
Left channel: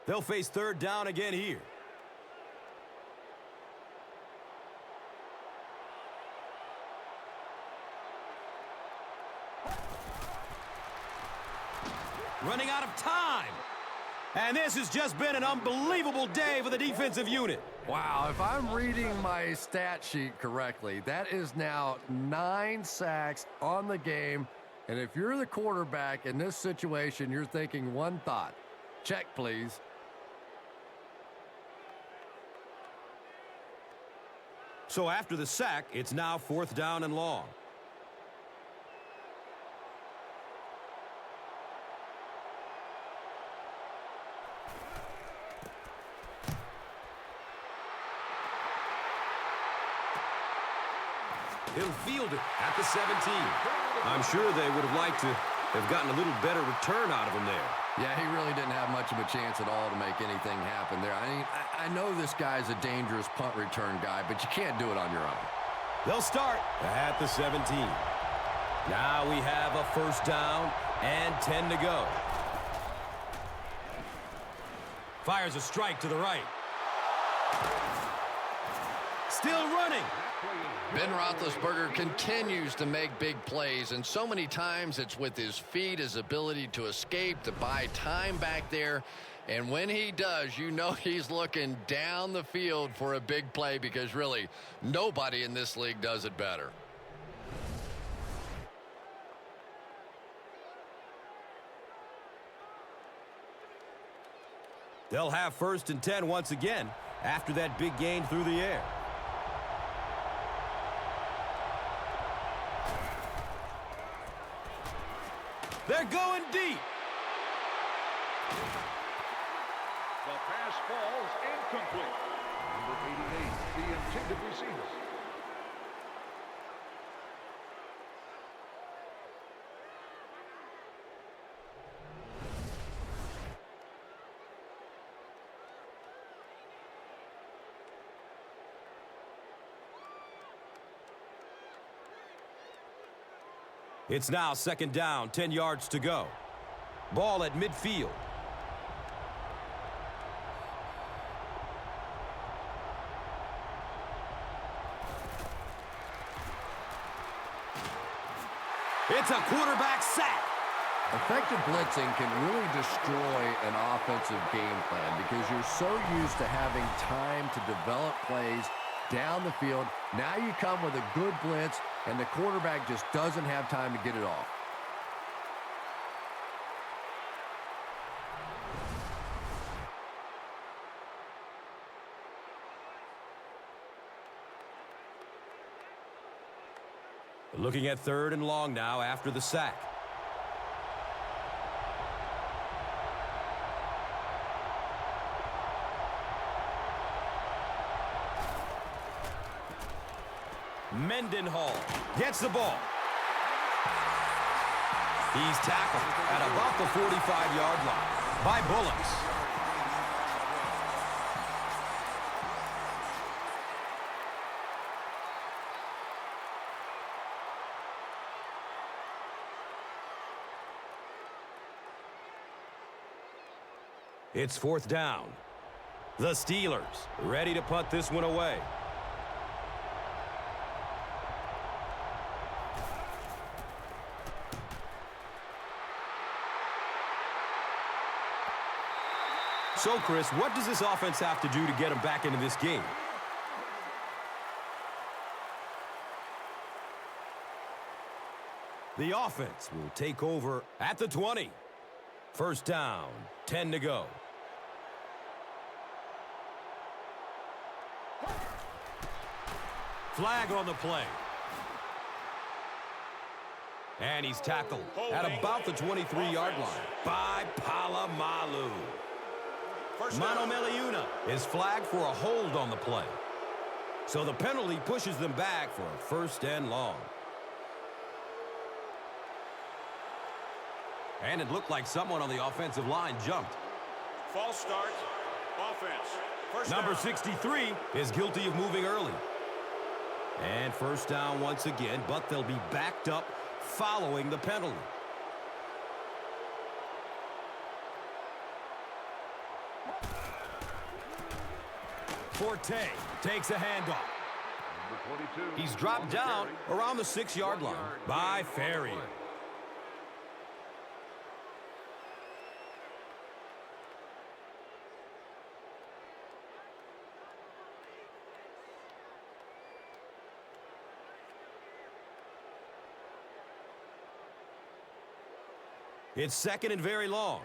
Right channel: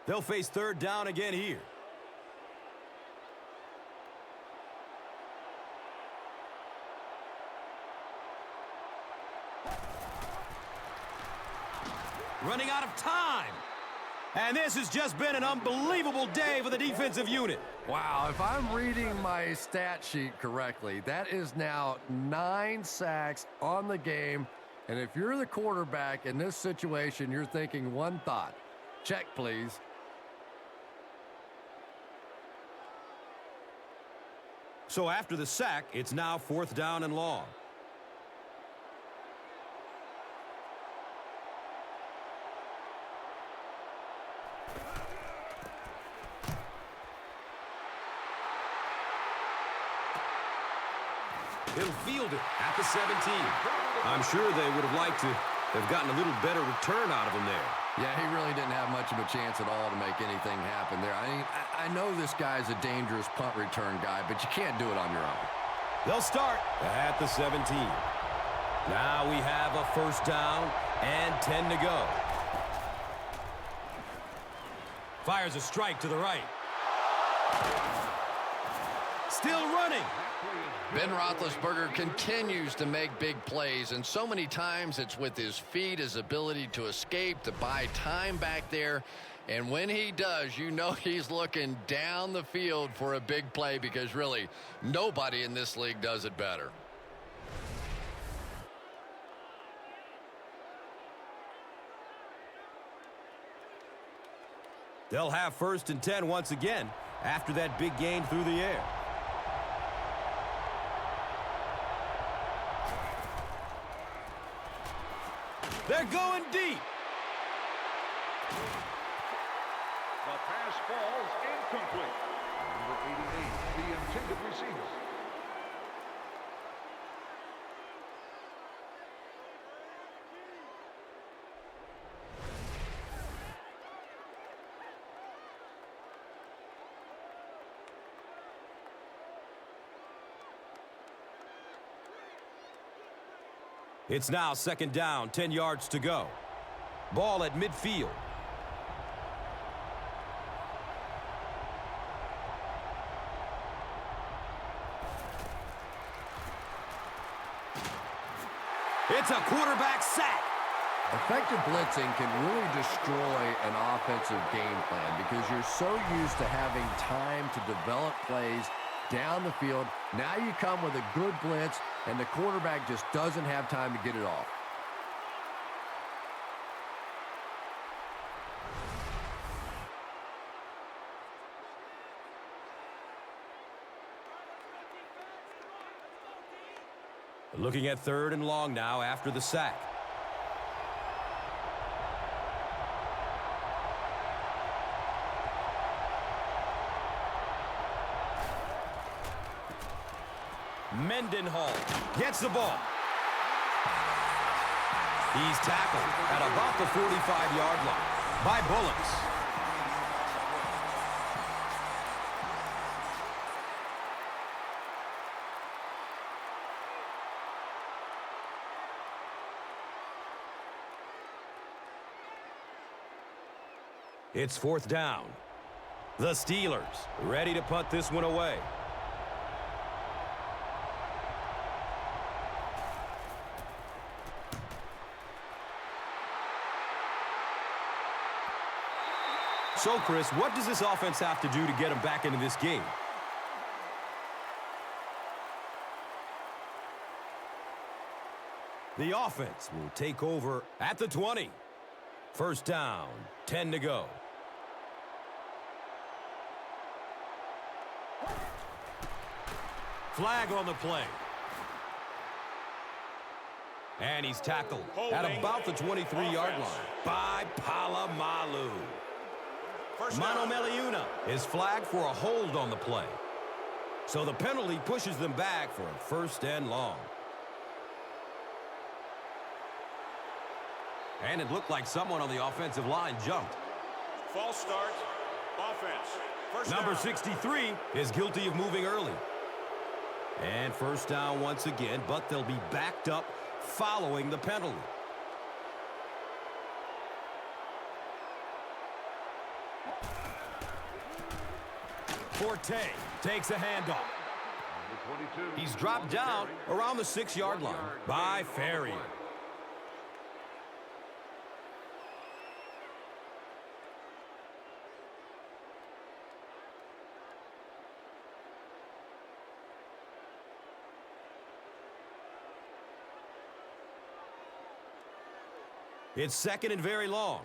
They'll face 3rd down again here. Running out of time. And this has just been an unbelievable day for the defensive unit. Wow, if I'm reading my stat sheet correctly, that is now 9 sacks on the game. And if you're the quarterback in this situation, you're thinking one thought. Check, please. So after the sack, it's now 4th down and long. He'll field it at the 17. I'm sure they would have liked to have gotten a little better return out of him there. Yeah, he really didn't have much of a chance at all to make anything happen there. I mean, I know this guy's a dangerous punt return guy, but you can't do it on your own. They'll start at the 17. Now we have a 1st down and 10 to go. Fires a strike to the right. Still running. Ben Roethlisberger continues to make big plays, and so many times it's with his feet, his ability to escape, to buy time back there. And when he does, you know he's looking down the field for a big play, because really nobody in this league does it better. They'll have 1st and 10 once again after that big gain through the air. They're going deep. The pass falls incomplete. Number 88, the intended receiver. It's now 2nd down, 10 yards to go. Ball at midfield. It's a quarterback sack. Effective blitzing can really destroy an offensive game plan because you're so used to having time to develop plays down the field. Now you come with a good blitz, and the quarterback just doesn't have time to get it off. Looking at 3rd and long now after the sack. Mendenhall gets the ball. He's tackled at about the 45-yard line by Bullets. It's 4th down. The Steelers ready to punt this one away. So, Chris, what does this offense have to do to get them back into this game? The offense will take over at the 20. First down, 10 to go. Flag on the play. And he's tackled at about the 23-yard line by Polamalu. Mano Meliuna is flagged for a hold on the play. So the penalty pushes them back for a first and long. And it looked like someone on the offensive line jumped. Number 63 is guilty of moving early. And first down once again, but they'll be backed up following the penalty. Forte takes a handoff. He's dropped down around the 6-yard line by Ferrier. It's second and very long.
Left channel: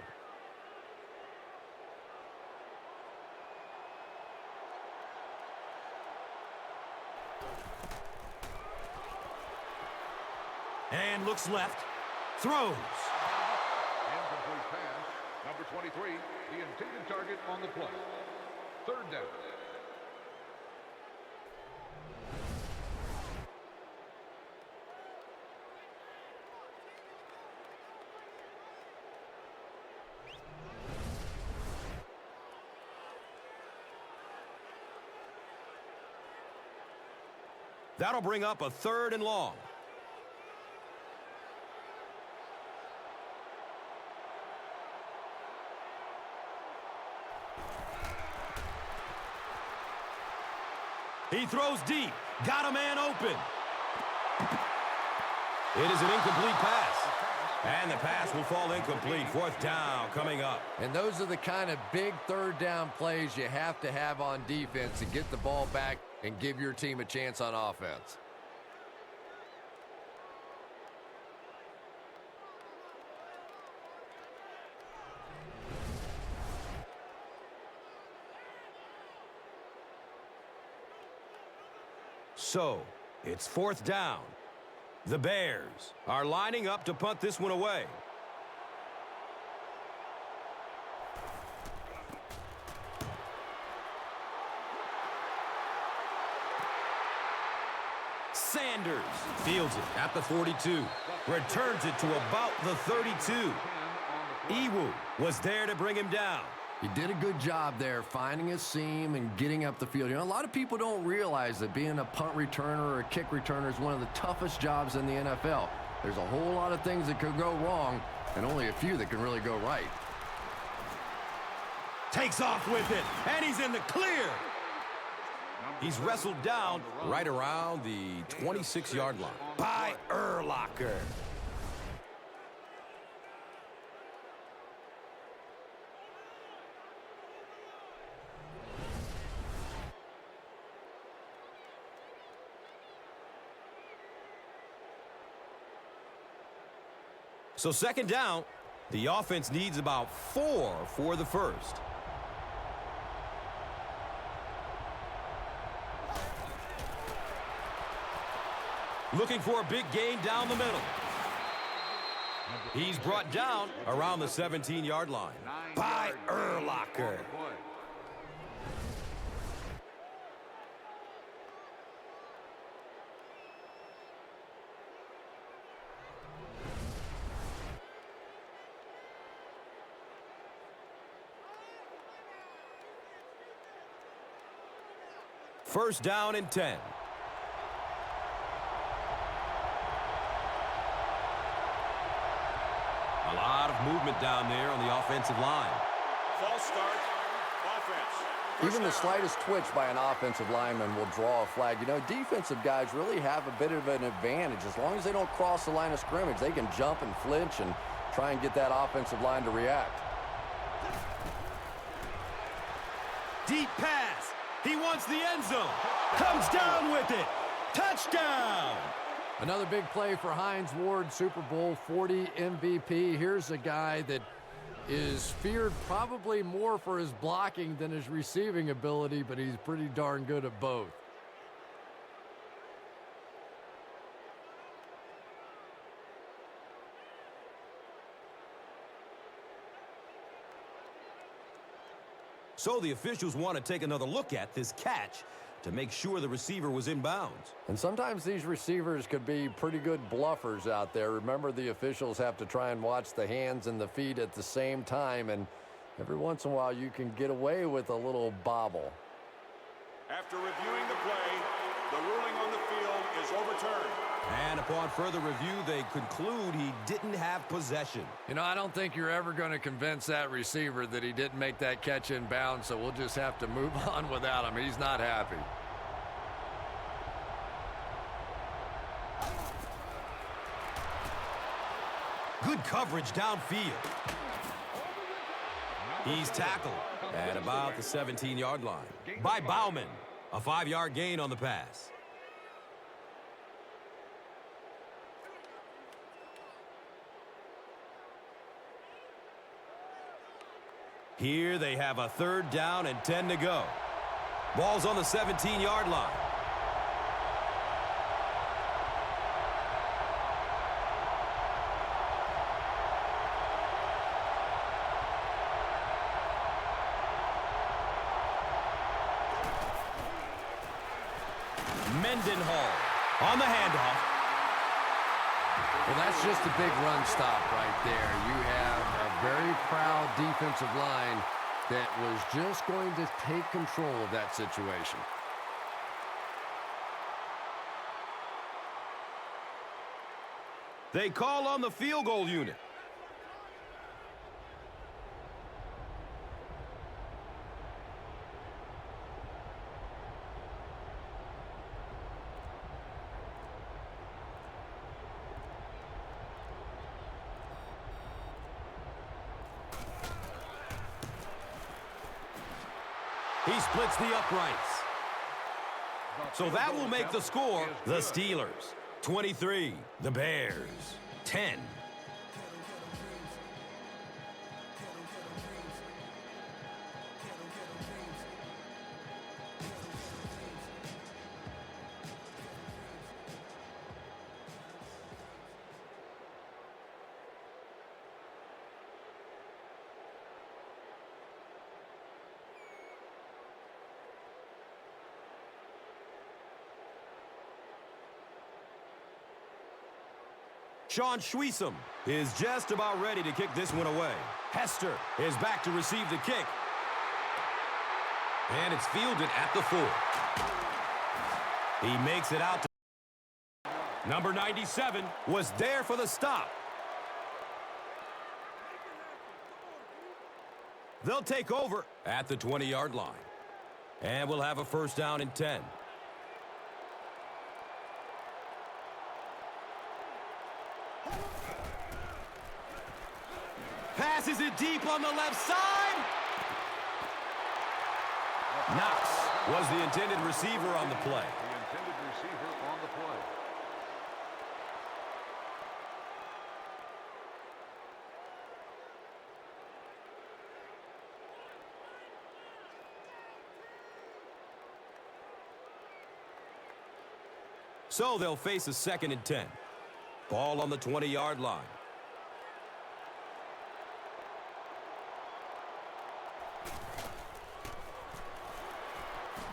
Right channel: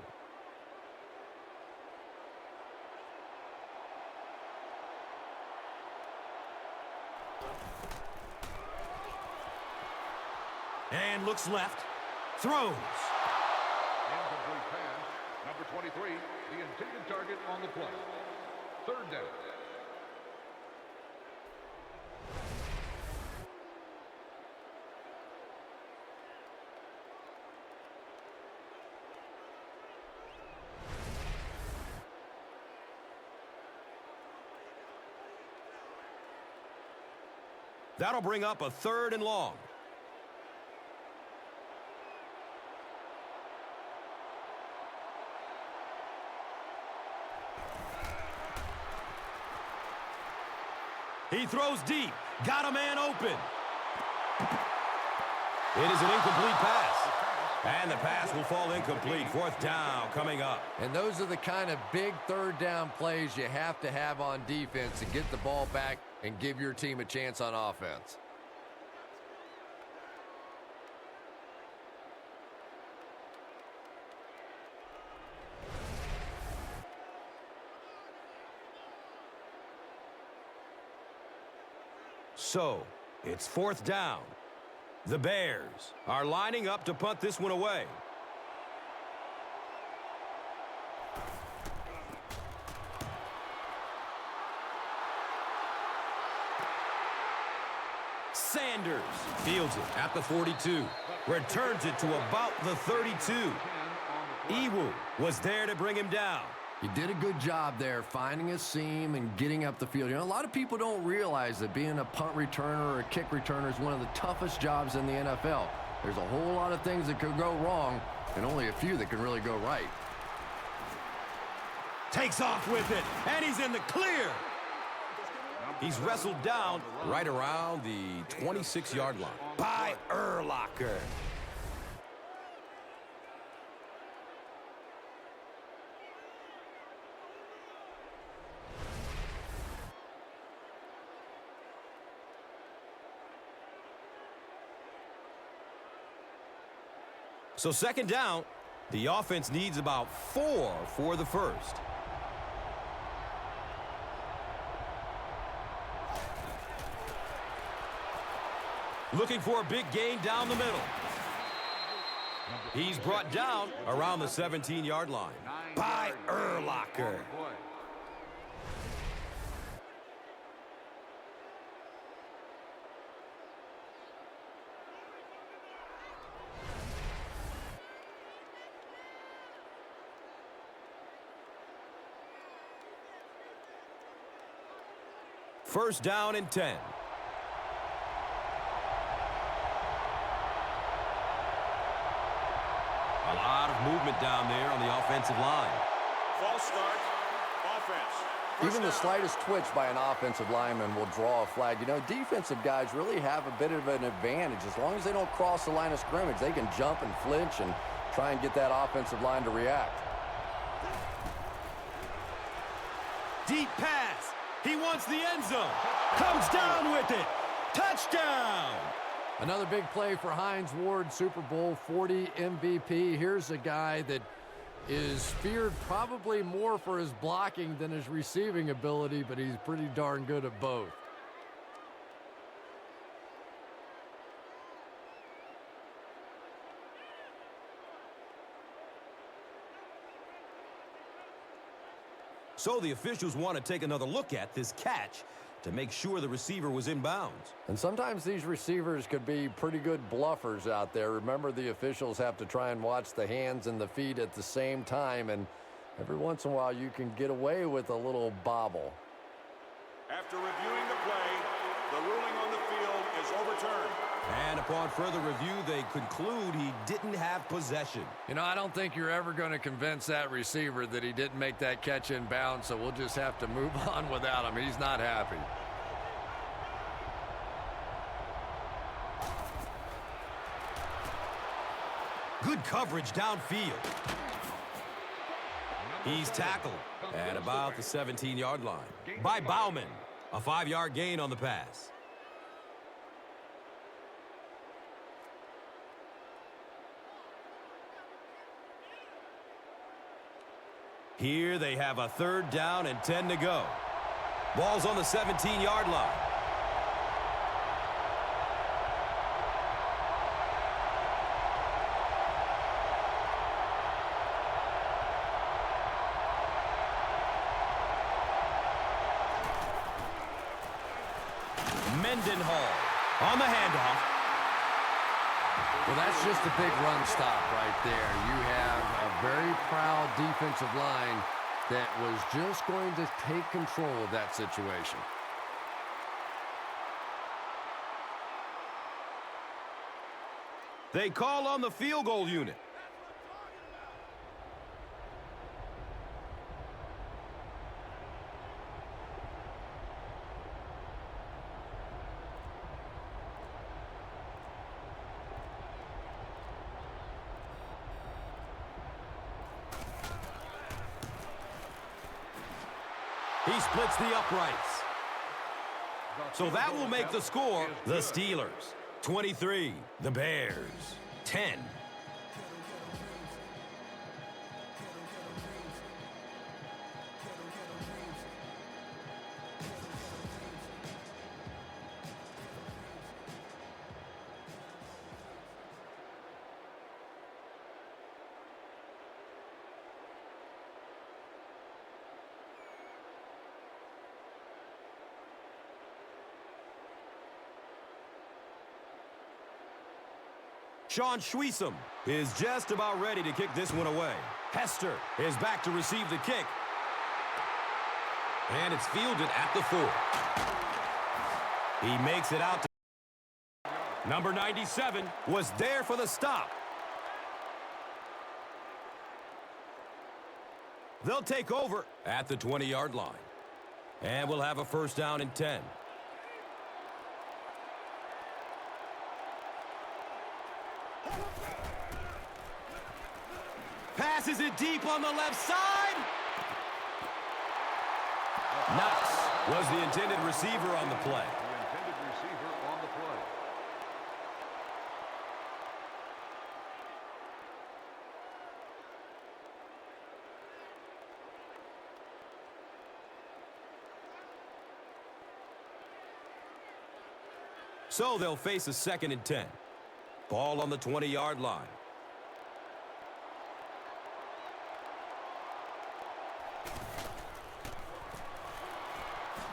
And looks left. Throws. Incomplete pass. Number 23, the intended target on the play. Third down. That'll bring up a third and long. He throws deep. Got a man open. It is an incomplete pass. And the pass will fall incomplete. Fourth down coming up. And those are the kind of big third down plays you have to have on defense to get the ball back and give your team a chance on offense. So, it's fourth down. The Bears are lining up to punt this one away. Sanders fields it at the 42. Returns it to about the 32. Iwu was there to bring him down. He did a good job there finding a seam and getting up the field. You know, a lot of people don't realize that being a punt returner or a kick returner is one of the toughest jobs in the NFL. There's a whole lot of things that could go wrong and only a few that can really go right. Takes off with it, and he's in the clear. He's wrestled down right around the 26-yard line by Urlacher. So second down, the offense needs about 4 for the first. Looking for a big gain down the middle. He's brought down around the 17-yard line by Urlacher. First down and 10. A lot of movement down there on the offensive line. Even the slightest twitch by an offensive lineman will draw a flag. You know, defensive guys really have a bit of an advantage. As long as they don't cross the line of scrimmage, they can jump and flinch and try and get that offensive line to react. Deep pass. He wants the end zone. Comes down with it. Touchdown. Another big play for Hines Ward, Super Bowl 40 MVP. Here's a guy that is feared probably more for his blocking than his receiving ability, but he's pretty darn good at both. So the officials want to take another look at this catch to make sure the receiver was in bounds. And sometimes these receivers could be pretty good bluffers out there. Remember, the officials have to try and watch the hands and the feet at the same time, and every once in a while you can get away with a little bobble. And upon further review, they conclude he didn't have possession. You know, I don't think you're ever going to convince that receiver that he didn't make that catch in bounds, so we'll just have to move on without him. He's not happy. Good coverage downfield. He's tackled at about the 17-yard line by Bauman. A 5-yard gain on the pass. Here they have a 3rd down and 10 to go. Ball's on the 17-yard line. Mendenhall on the handoff. Well, that's just a big run stop right there. You have a very proud defensive line that was just going to take control of that situation. They call on the field goal unit. He splits the uprights. So that will make the score the Steelers 23, the Bears 10. Sean Schweesum is just about ready to kick this one away. Hester is back to receive the kick. And it's fielded at the 4. He makes it out to number 97 was there for the stop. They'll take over at the 20-yard line. And we'll have a 1st down and 10. Passes it deep on the left side. Knox was the intended receiver on the play. So they'll face a 2nd and 10. Ball on the 20-yard line.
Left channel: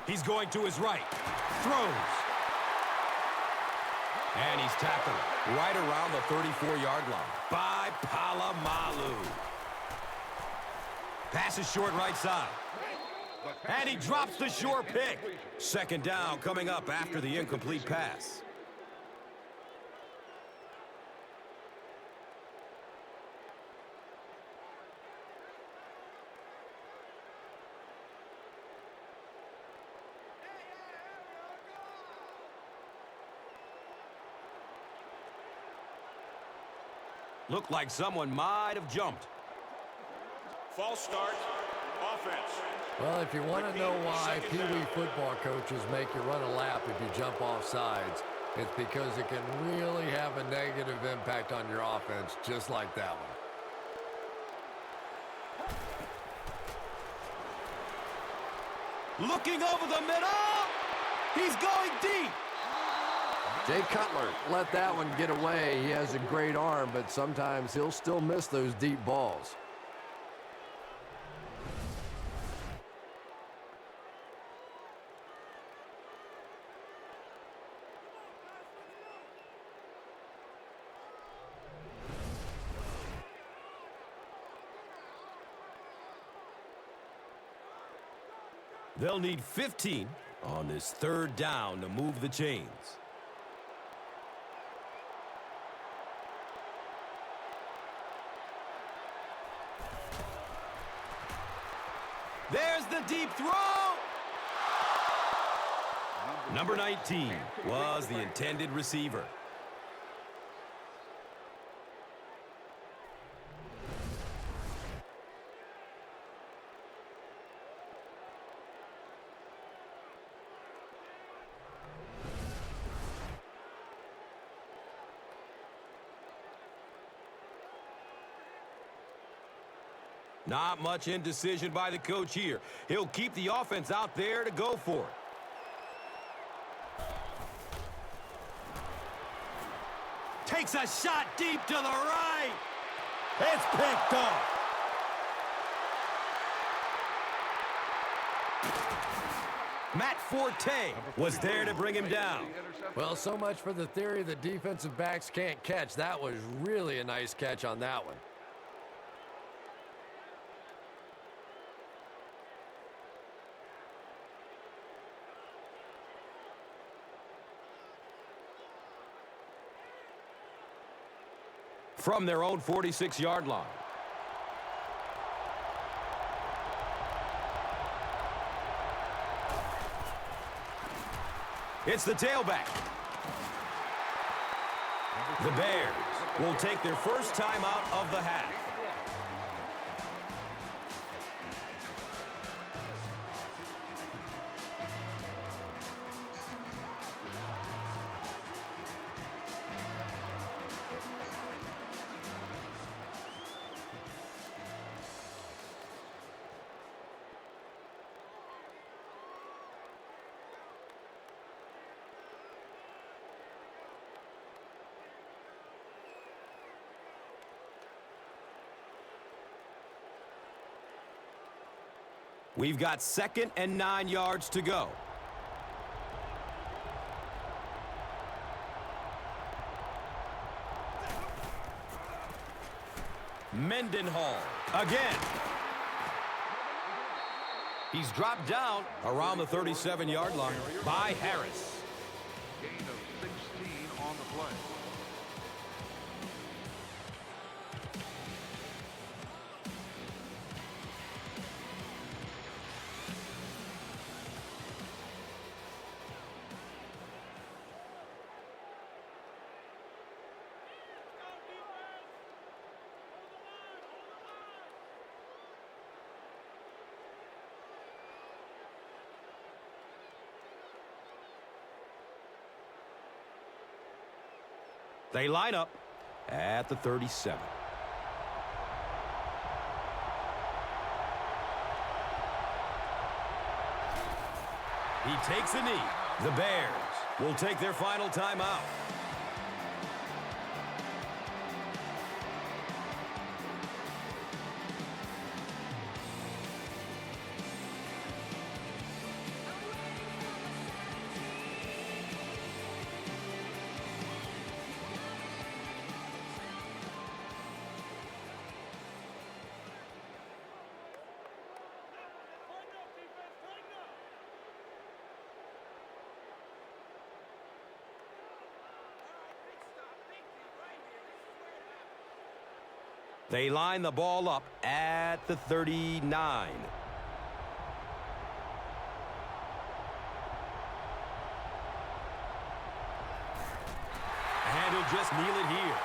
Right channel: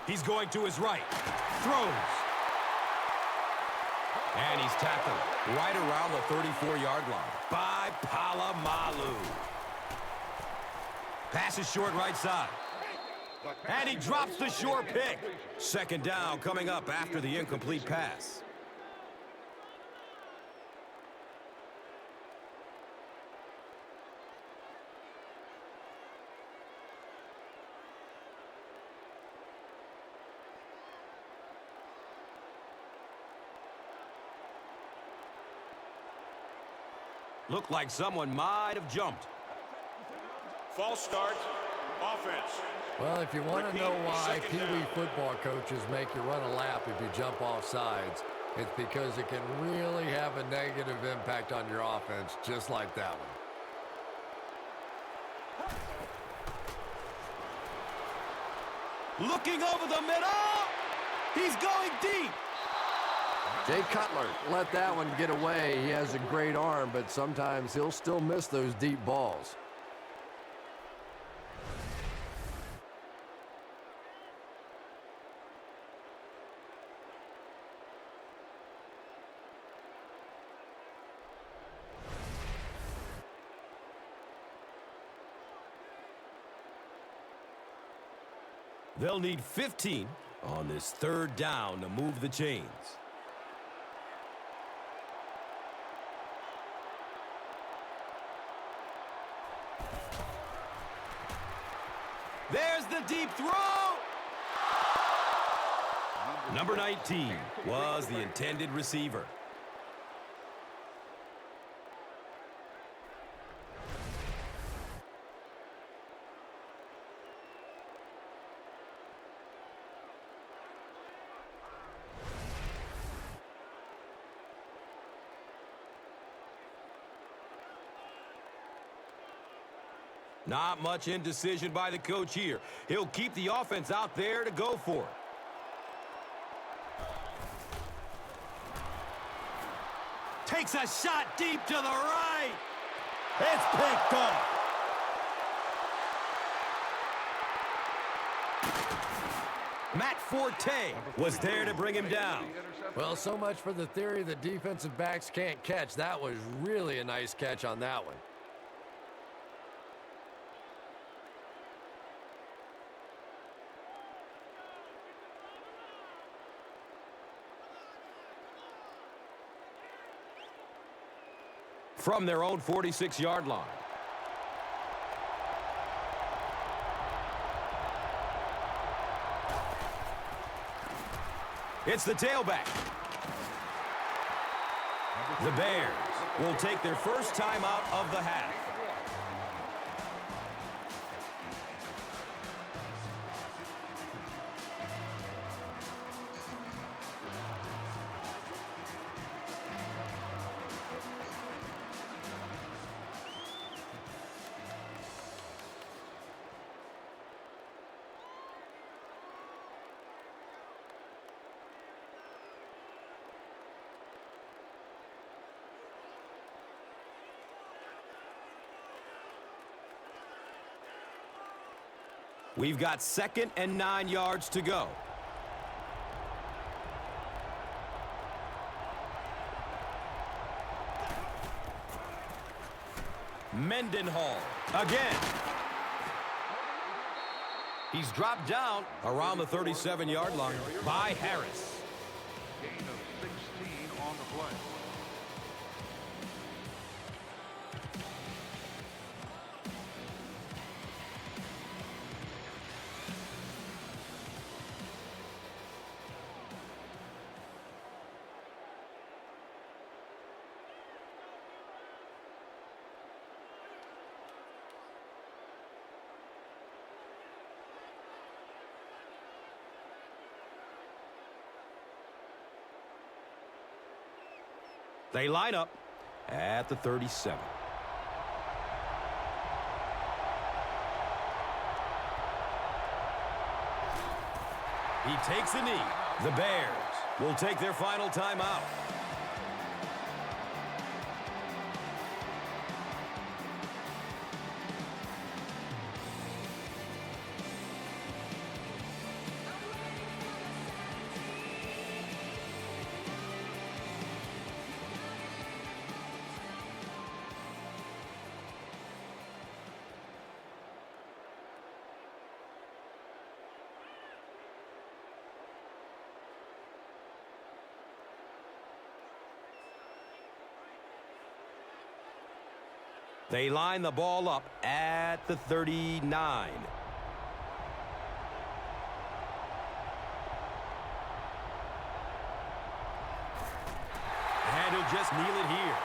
He's going to his right. Throws. And he's tackled right around the 34-yard line by Polamalu. Passes short right side. And he drops the short pick. 2nd down coming up after the incomplete pass. Looked like someone might have jumped. Well, if you want to know why Pee Wee football coaches make you run a lap if you jump off sides, It's because it can really have a negative impact on your offense, just like that one. Looking over the middle. He's going deep. Jay Cutler let that one get away. He has a great arm, but sometimes he'll still miss those deep balls. They'll need 15 on this third down to move the chains. There's the deep throw. Number 19 was the intended receiver. Not much indecision by the coach here. He'll keep the offense out there to go for it. Takes a shot deep to the right. It's picked off. Matt Forte was there to bring him down. Well, so much for the theory that defensive backs can't catch. That was really a nice catch on that one. From their own 46-yard line. It's the tailback. The Bears will take their first time out of the half. We've got 2nd and 9 yards to go. Mendenhall again. He's dropped down around the 37-yard line by Harris. Gain of 16 on the play. They line up at the 37. He takes a knee. The Bears will take their final timeout. They line the ball up at the 39. And he'll just kneel it here.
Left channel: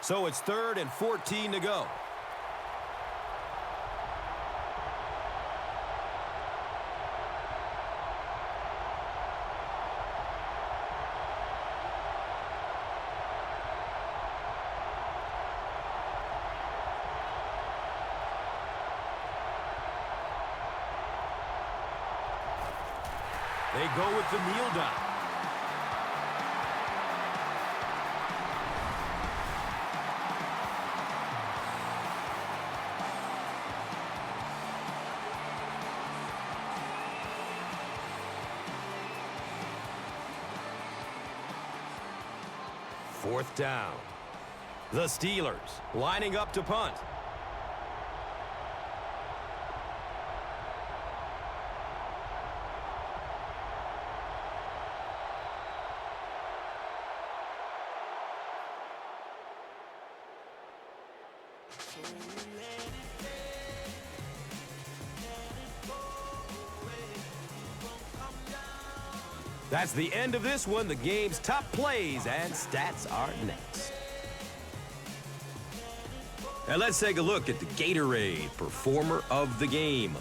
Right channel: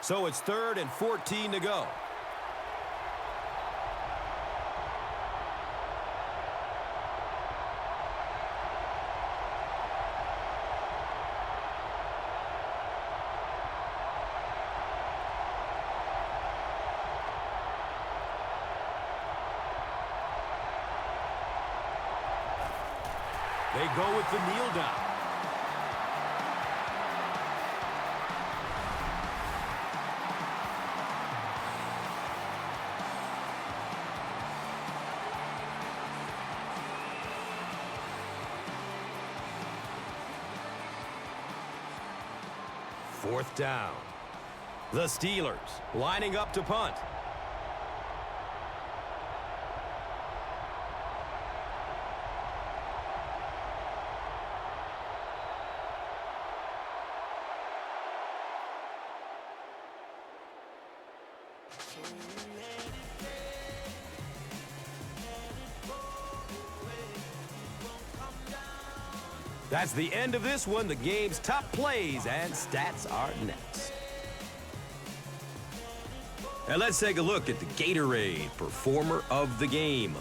So it's 3rd and 14 to go. They go with the kneel down. Fourth down. The Steelers lining up to punt. That's the end of this one. The game's top plays and stats are next. And let's take a look at the Gatorade Performer of the Game.